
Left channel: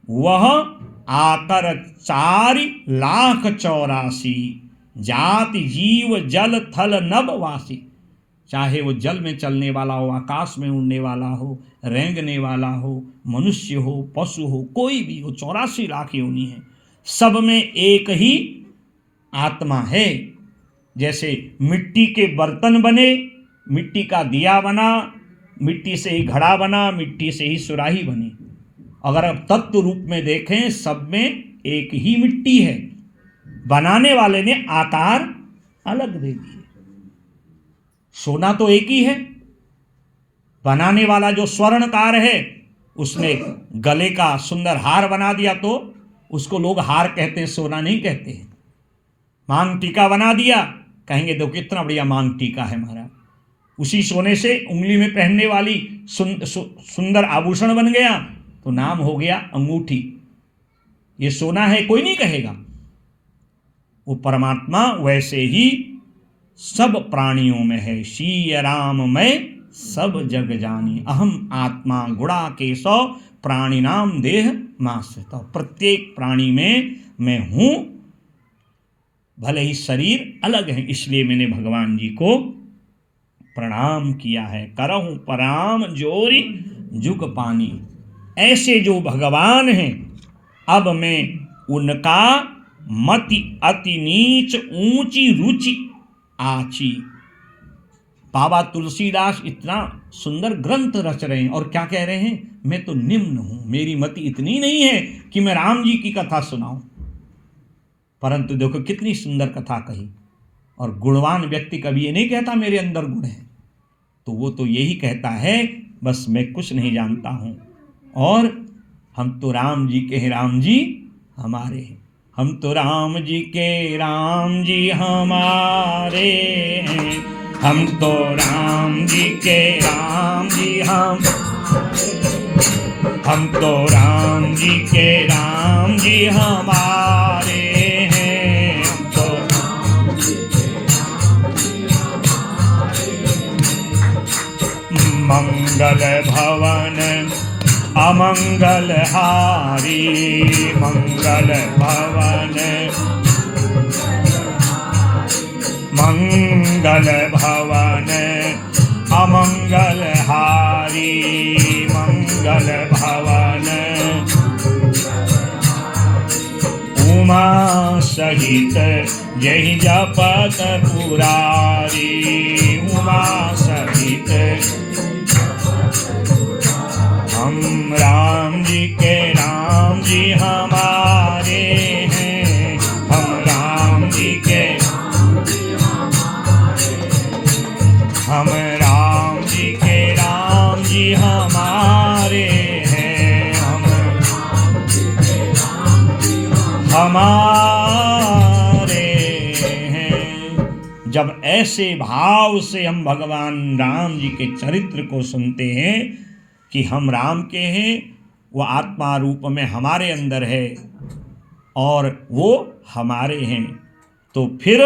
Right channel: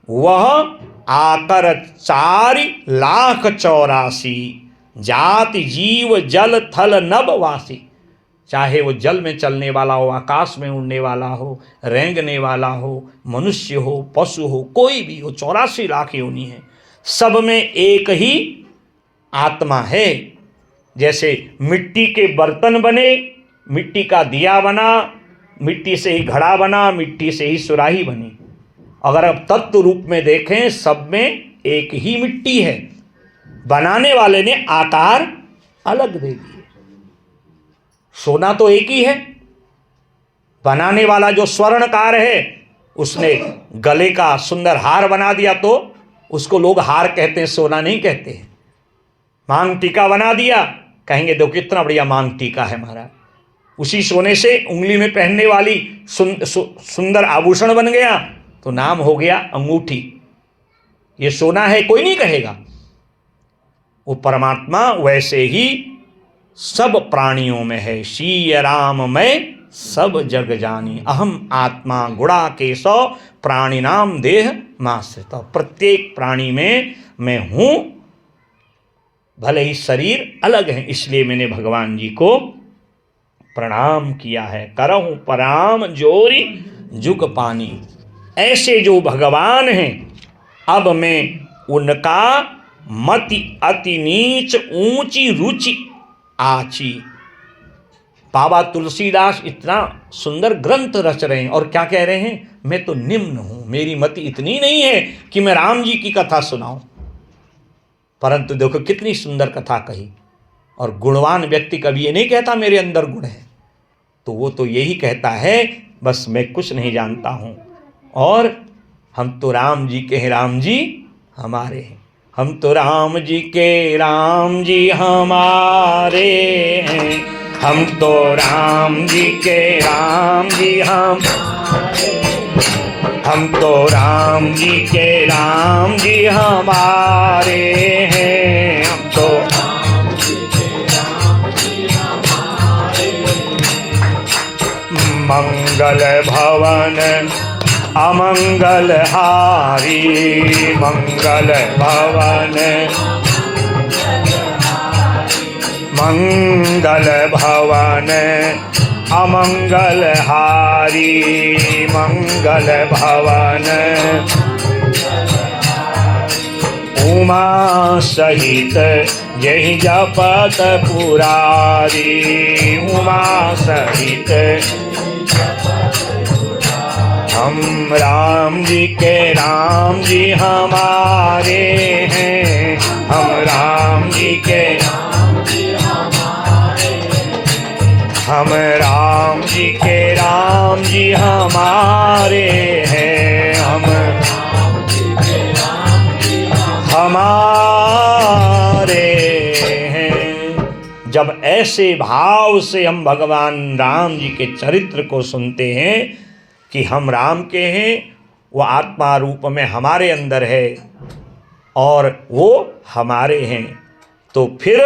वह आकर 4,84,00,000 जाति जीव जल थल नभ वासी, चाहे वो जल में चलने वाला हो, आकाश में उड़ने वाला हो, रेंगने वाला हो, मनुष्य हो, पशु हो, कोई भी हो, 84 लाख योनि है, सब में एक ही आत्मा है। जैसे मिट्टी के बर्तन बने, मिट्टी का दिया बना, मिट्टी से ही घड़ा बना, मिट्टी से ही सुराही बनी। अगर अब तत्व रूप में देखें, सब में एक ही मिट्टी है, बनाने वाले ने आकार अलग दे दिए। सोना तो एक ही है, बनाने वाला जो स्वर्णकार है उसने गले का सुंदर हार बना दिया तो उसको लोग हार कहते हैं, सोना नहीं कहते हैं। मांग टीका बना दिया, कहेंगे देखो कितना बढ़िया मांग टीका है महाराज, उसी सोने से उंगली में पहनने वाली सुंदर आभूषण बन गया तो नाम हो गया अंगूठी। ये सोना है कोई नहीं कहेगा। वो परमात्मा वैसे ही सब प्राणियों में है। शीय राम मैं सब जग जानी, अहम आत्मा गुणा केशव प्राणिनाम देह माश्रित। प्रत्येक प्राणी में मैं हूं, भले ही शरीर अलग है, इसलिए मैंने भगवान जी को प्रणाम किया है। करहूं प्रणाम जोरी जुग पानी। ऐसे जो भगवान हैं, अब मैं उनका मति अति नीच ऊंची रुचि आची। बाबा तुलसीदास इतना सुंदर ग्रंथ रच रहे हैं और क्या कह रहे हैं, मैं तो निम्न हूं, मेरी मति इतनी नहीं है कि मैं राम जी की कथा सुनाऊं। परंतु देखो कितनी सुंदर कथा कही। और गुणवान व्यक्ति कभी ये नहीं कहता मेरे अंदर गुण है, तो वो तो यही कहता है बस मैं कुछ नहीं जानता हूं और हम तो राम जी के हैं, राम जी हमारे हैं। हम तो राम जी के, राम जी हमारे हैं। हम तो राम जी के, राम जी हम तो राम जी के, राम जी हमारे हैं। हम तो मंगल भवन अमंगल हारी, मंगल भवन मंगल भवन अमंगल हारी, मंगल भवन उमा सहित यही जपत पुरारी, उमा सहित हम राम जी के, राम जी हमारे हैं। हम राम जी के, हम राम जी के, राम जी हमारे हैं। हम हमारे हैं। जब ऐसे भाव से हम भगवान राम जी के चरित्र को सुनते हैं कि हम राम के हैं, वो आत्मा रूप में हमारे अंदर है और वो हमारे हैं, तो फिर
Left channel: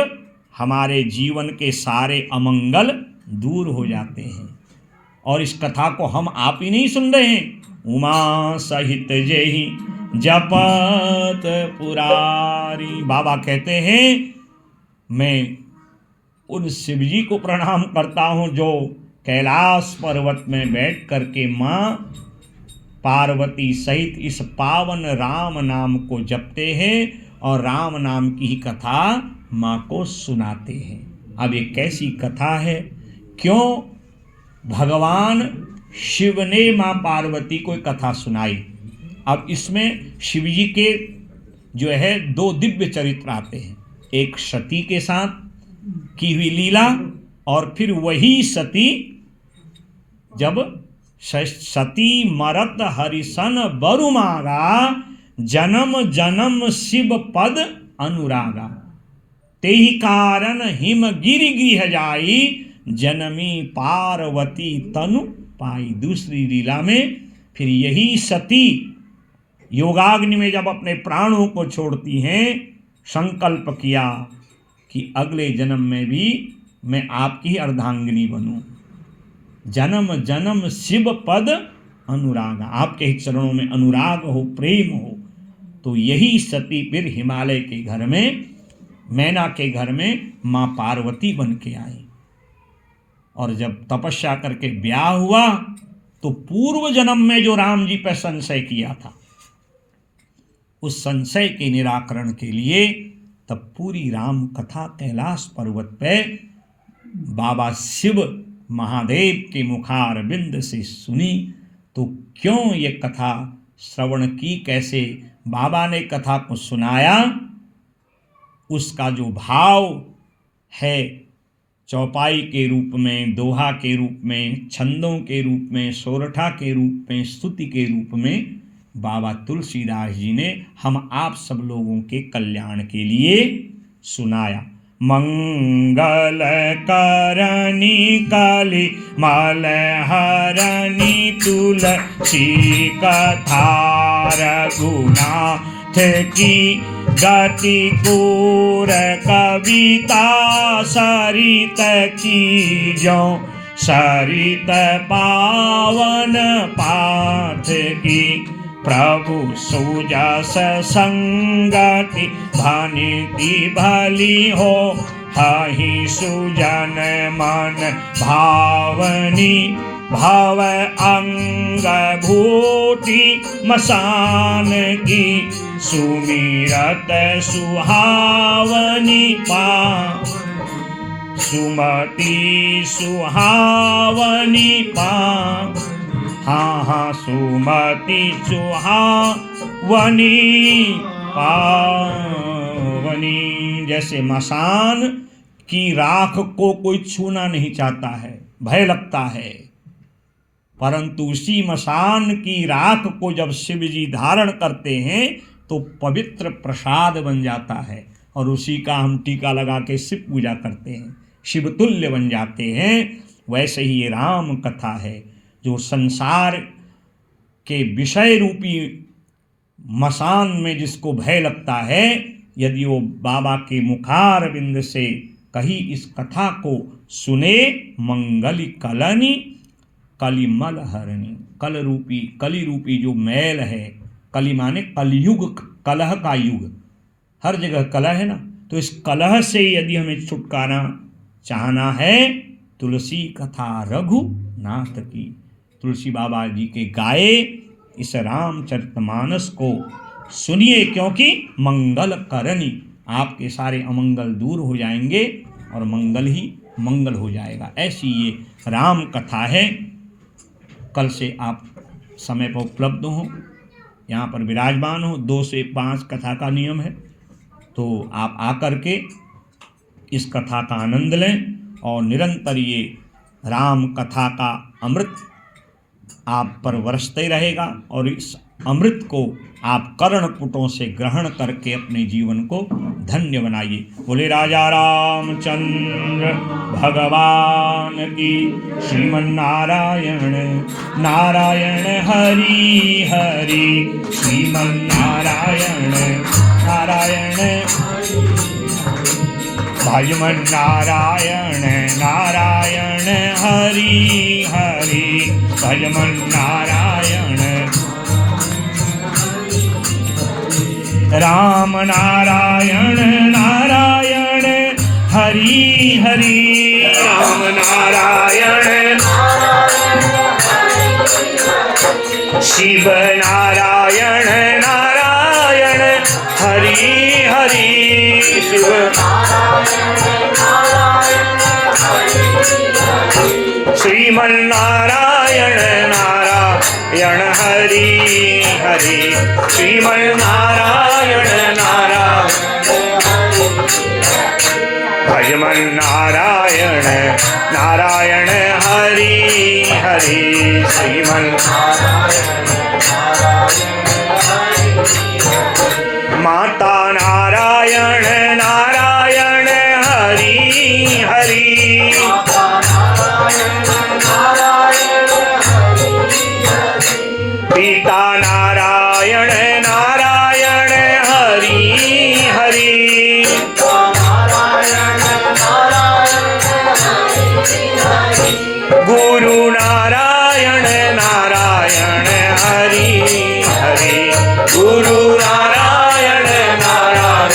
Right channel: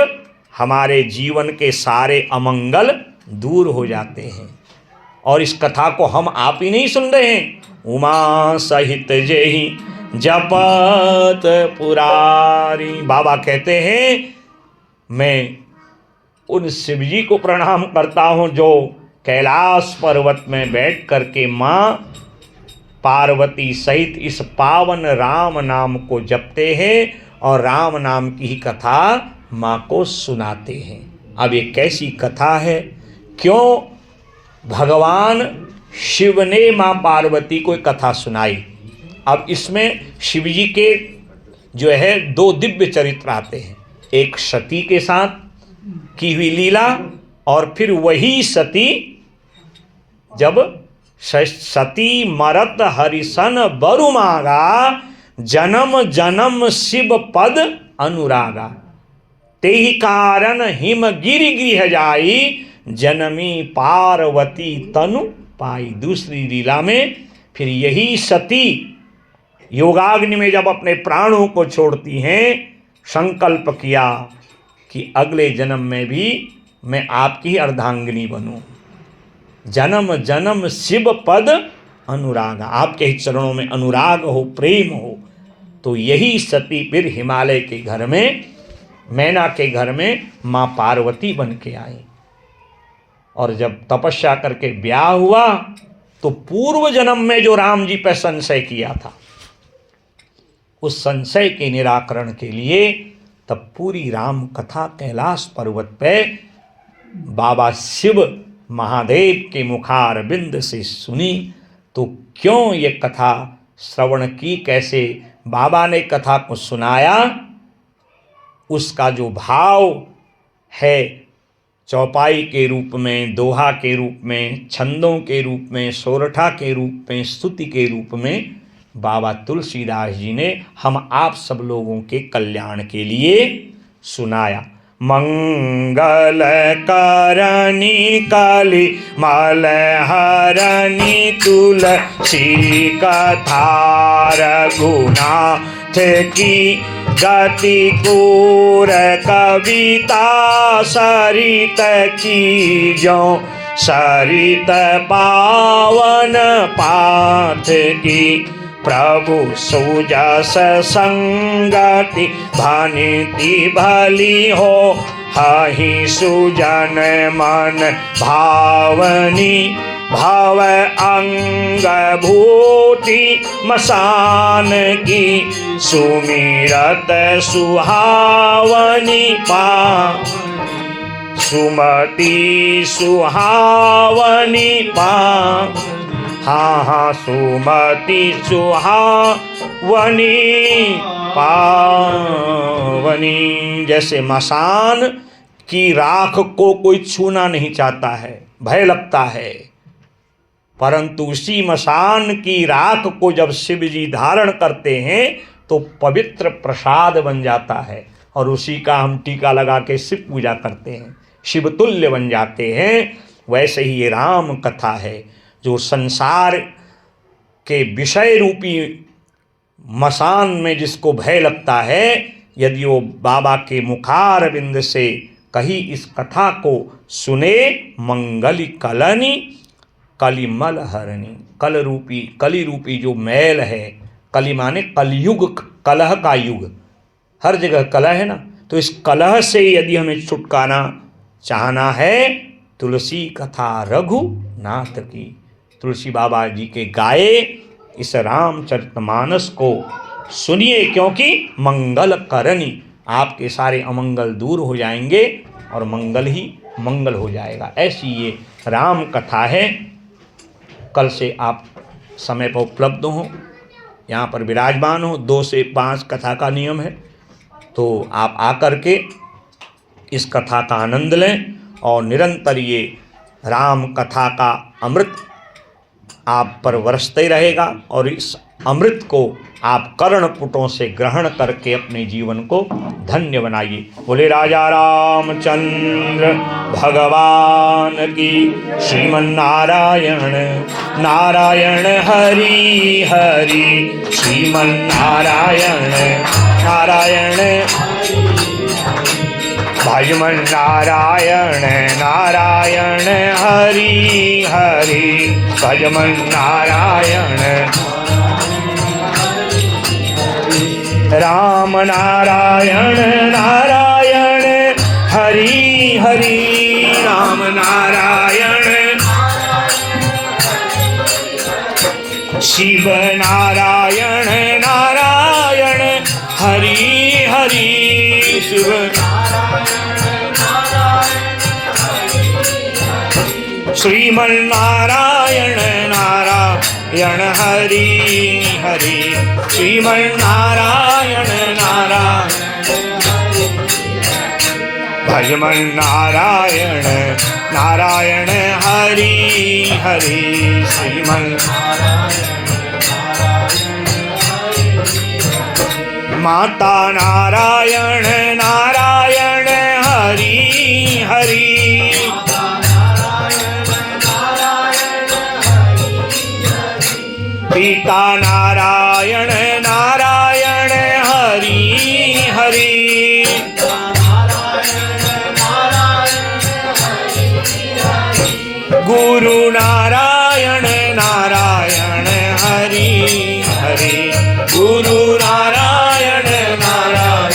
हमारे जीवन के सारे अमंगल दूर हो जाते हैं। और इस कथा को हम आप ही नहीं सुन रहे हैं, उमा सहित जेहि जपत पुरारी। बाबा कहते हैं मैं उन शिव जी को प्रणाम करता हूँ जो कैलाश पर्वत में बैठ करके माँ पार्वती सहित इस पावन राम नाम को जपते हैं और राम नाम की ही कथा माँ को सुनाते हैं। अब ये कैसी कथा है, क्यों भगवान शिव ने माँ पार्वती को एक कथा सुनाई। अब इसमें शिव जी के जो है दो दिव्य चरित्र आते हैं, एक सती के साथ की हुई लीला और फिर वही सती जब सती मरत हरिसन बरु मागा, जन्म जन्म शिव पद अनुरागा, तेहि कारण हिम गिरि गृह जाई, जनमी पार्वती तनु पाई। दूसरी लीला में फिर यही सती योगाग्नि में जब अपने प्राणों को छोड़ती हैं, संकल्प किया कि अगले जन्म में भी मैं आपकी ही अर्धांगिनी बनूं। जन्म जन्म शिव पद अनुराग, आपके ही चरणों में अनुराग हो, प्रेम हो। तो यही सती फिर हिमालय के घर में, मैना के घर में माँ पार्वती बन के आई। और जब तपस्या करके ब्याह हुआ तो पूर्व जन्म में जो राम जी पर संशय किया था, उस संशय के निराकरण के लिए तब पूरी राम कथा कैलाश पर्वत पे बाबा शिव महादेव के मुखारविंद से सुनी। तो क्यों ये कथा श्रवण की, कैसे बाबा ने कथा को सुनाया, उसका जो भाव है चौपाई के रूप में, दोहा के रूप में, छंदों के रूप में, सोरठा के रूप में, स्तुति के रूप में बाबा तुलसीदास जी ने हम आप सब लोगों के कल्याण के लिए सुनाया। मंगल करनी कली मल हरनी तुलसी कथा रघुनाथ की गति कूर कविता सरित की जो सरित पावन पाठ की प्रभु सुजस संगति भनिति भली हो हहि सुजन मन भावनी भव अंग भूति मसान की सुमिरत सुहावनी पा सुमति सुहावनी पा हाँ सुमति सुहावनी पावनी। जैसे मसान की राख को कोई छूना नहीं चाहता है, भय लगता है, परंतु उसी मसान की राख को जब शिव जी धारण करते हैं तो पवित्र प्रसाद बन जाता है और उसी का हम टीका लगा के शिव पूजा करते हैं, शिवतुल्य बन जाते हैं। वैसे ही ये राम कथा है जो संसार के विषय रूपी मसान में जिसको भय लगता है, यदि वो बाबा के मुखारविंद से कही इस कथा को सुने, मंगली कलनी कलिमल हरणी, कली रूपी जो मैल है, कली माने कलयुग, कलह का युग, हर जगह कलह है ना, तो इस कलह से यदि हमें छुटकारा चाहना है, तुलसी कथा रघुनाथ की, तुलसी बाबा जी के गाए इस रामचरितमानस को सुनिए, क्योंकि मंगल करनी, आपके सारे अमंगल दूर हो जाएंगे और मंगल ही मंगल हो जाएगा। ऐसी ये राम कथा है। कल से आप समय पर उपलब्ध हो, यहाँ पर विराजमान हो। 2 से 5 कथा का नियम है, तो आप आकर के इस कथा का आनंद लें और निरंतर ये राम कथा का अमृत आप पर बरसते रहेगा और इस अमृत को आप कर्णपुटों से ग्रहण करके अपने जीवन को धन्य बनाइए। बोले राजा रामचंद्र भगवान की। श्रीमन्नारायण नारायण हरि हरि, श्रीमन्नारायण नारायण भजमन नारायण नारायण हरि हरि, भजमन नारायण राम नारायण नारायण हरि हरि, राम नारायण शिव नारायण नारायण हरि हरि, शिव श्रीमन्नारायण नारायण हरि हरि, श्रीमन्नारायण नारायण भजमन नारायण नारायण हरि हरि, श्रीमन्नारायण माता नारायण नारायण हरि हरि, पिता नारायण नारायण हरि हरि, गुरु नारायण नारायण हरि हरि, गुरु नारायण नारायण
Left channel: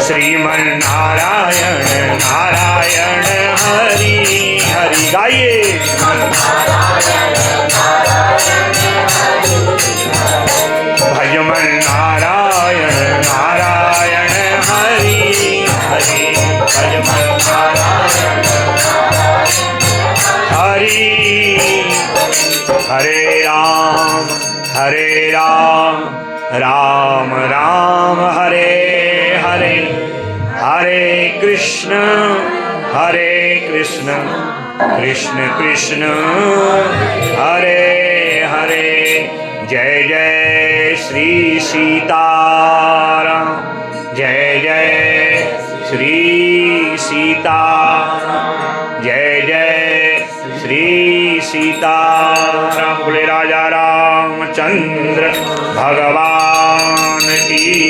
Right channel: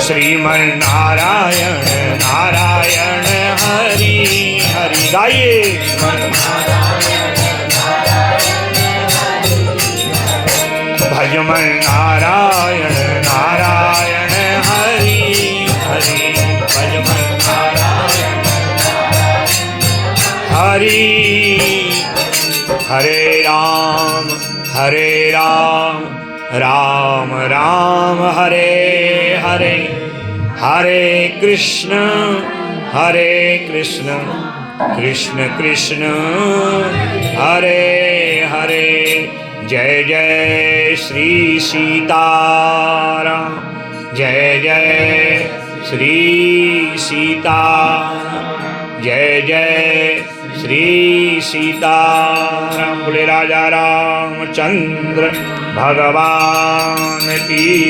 श्रीमन्नारायण नारायण हरि हरि। गाइए भजमन नारायण नारायण हरि हरि, भजमन नारायण हरि। हरे राम राम राम हरे हरे, हरे कृष्ण कृष्ण कृष्ण हरे हरे। जय जय श्री सीताराम, जय जय श्री सीता, जय जय श्री सीताराम। बोले राजा रामचंद्र भगवान की।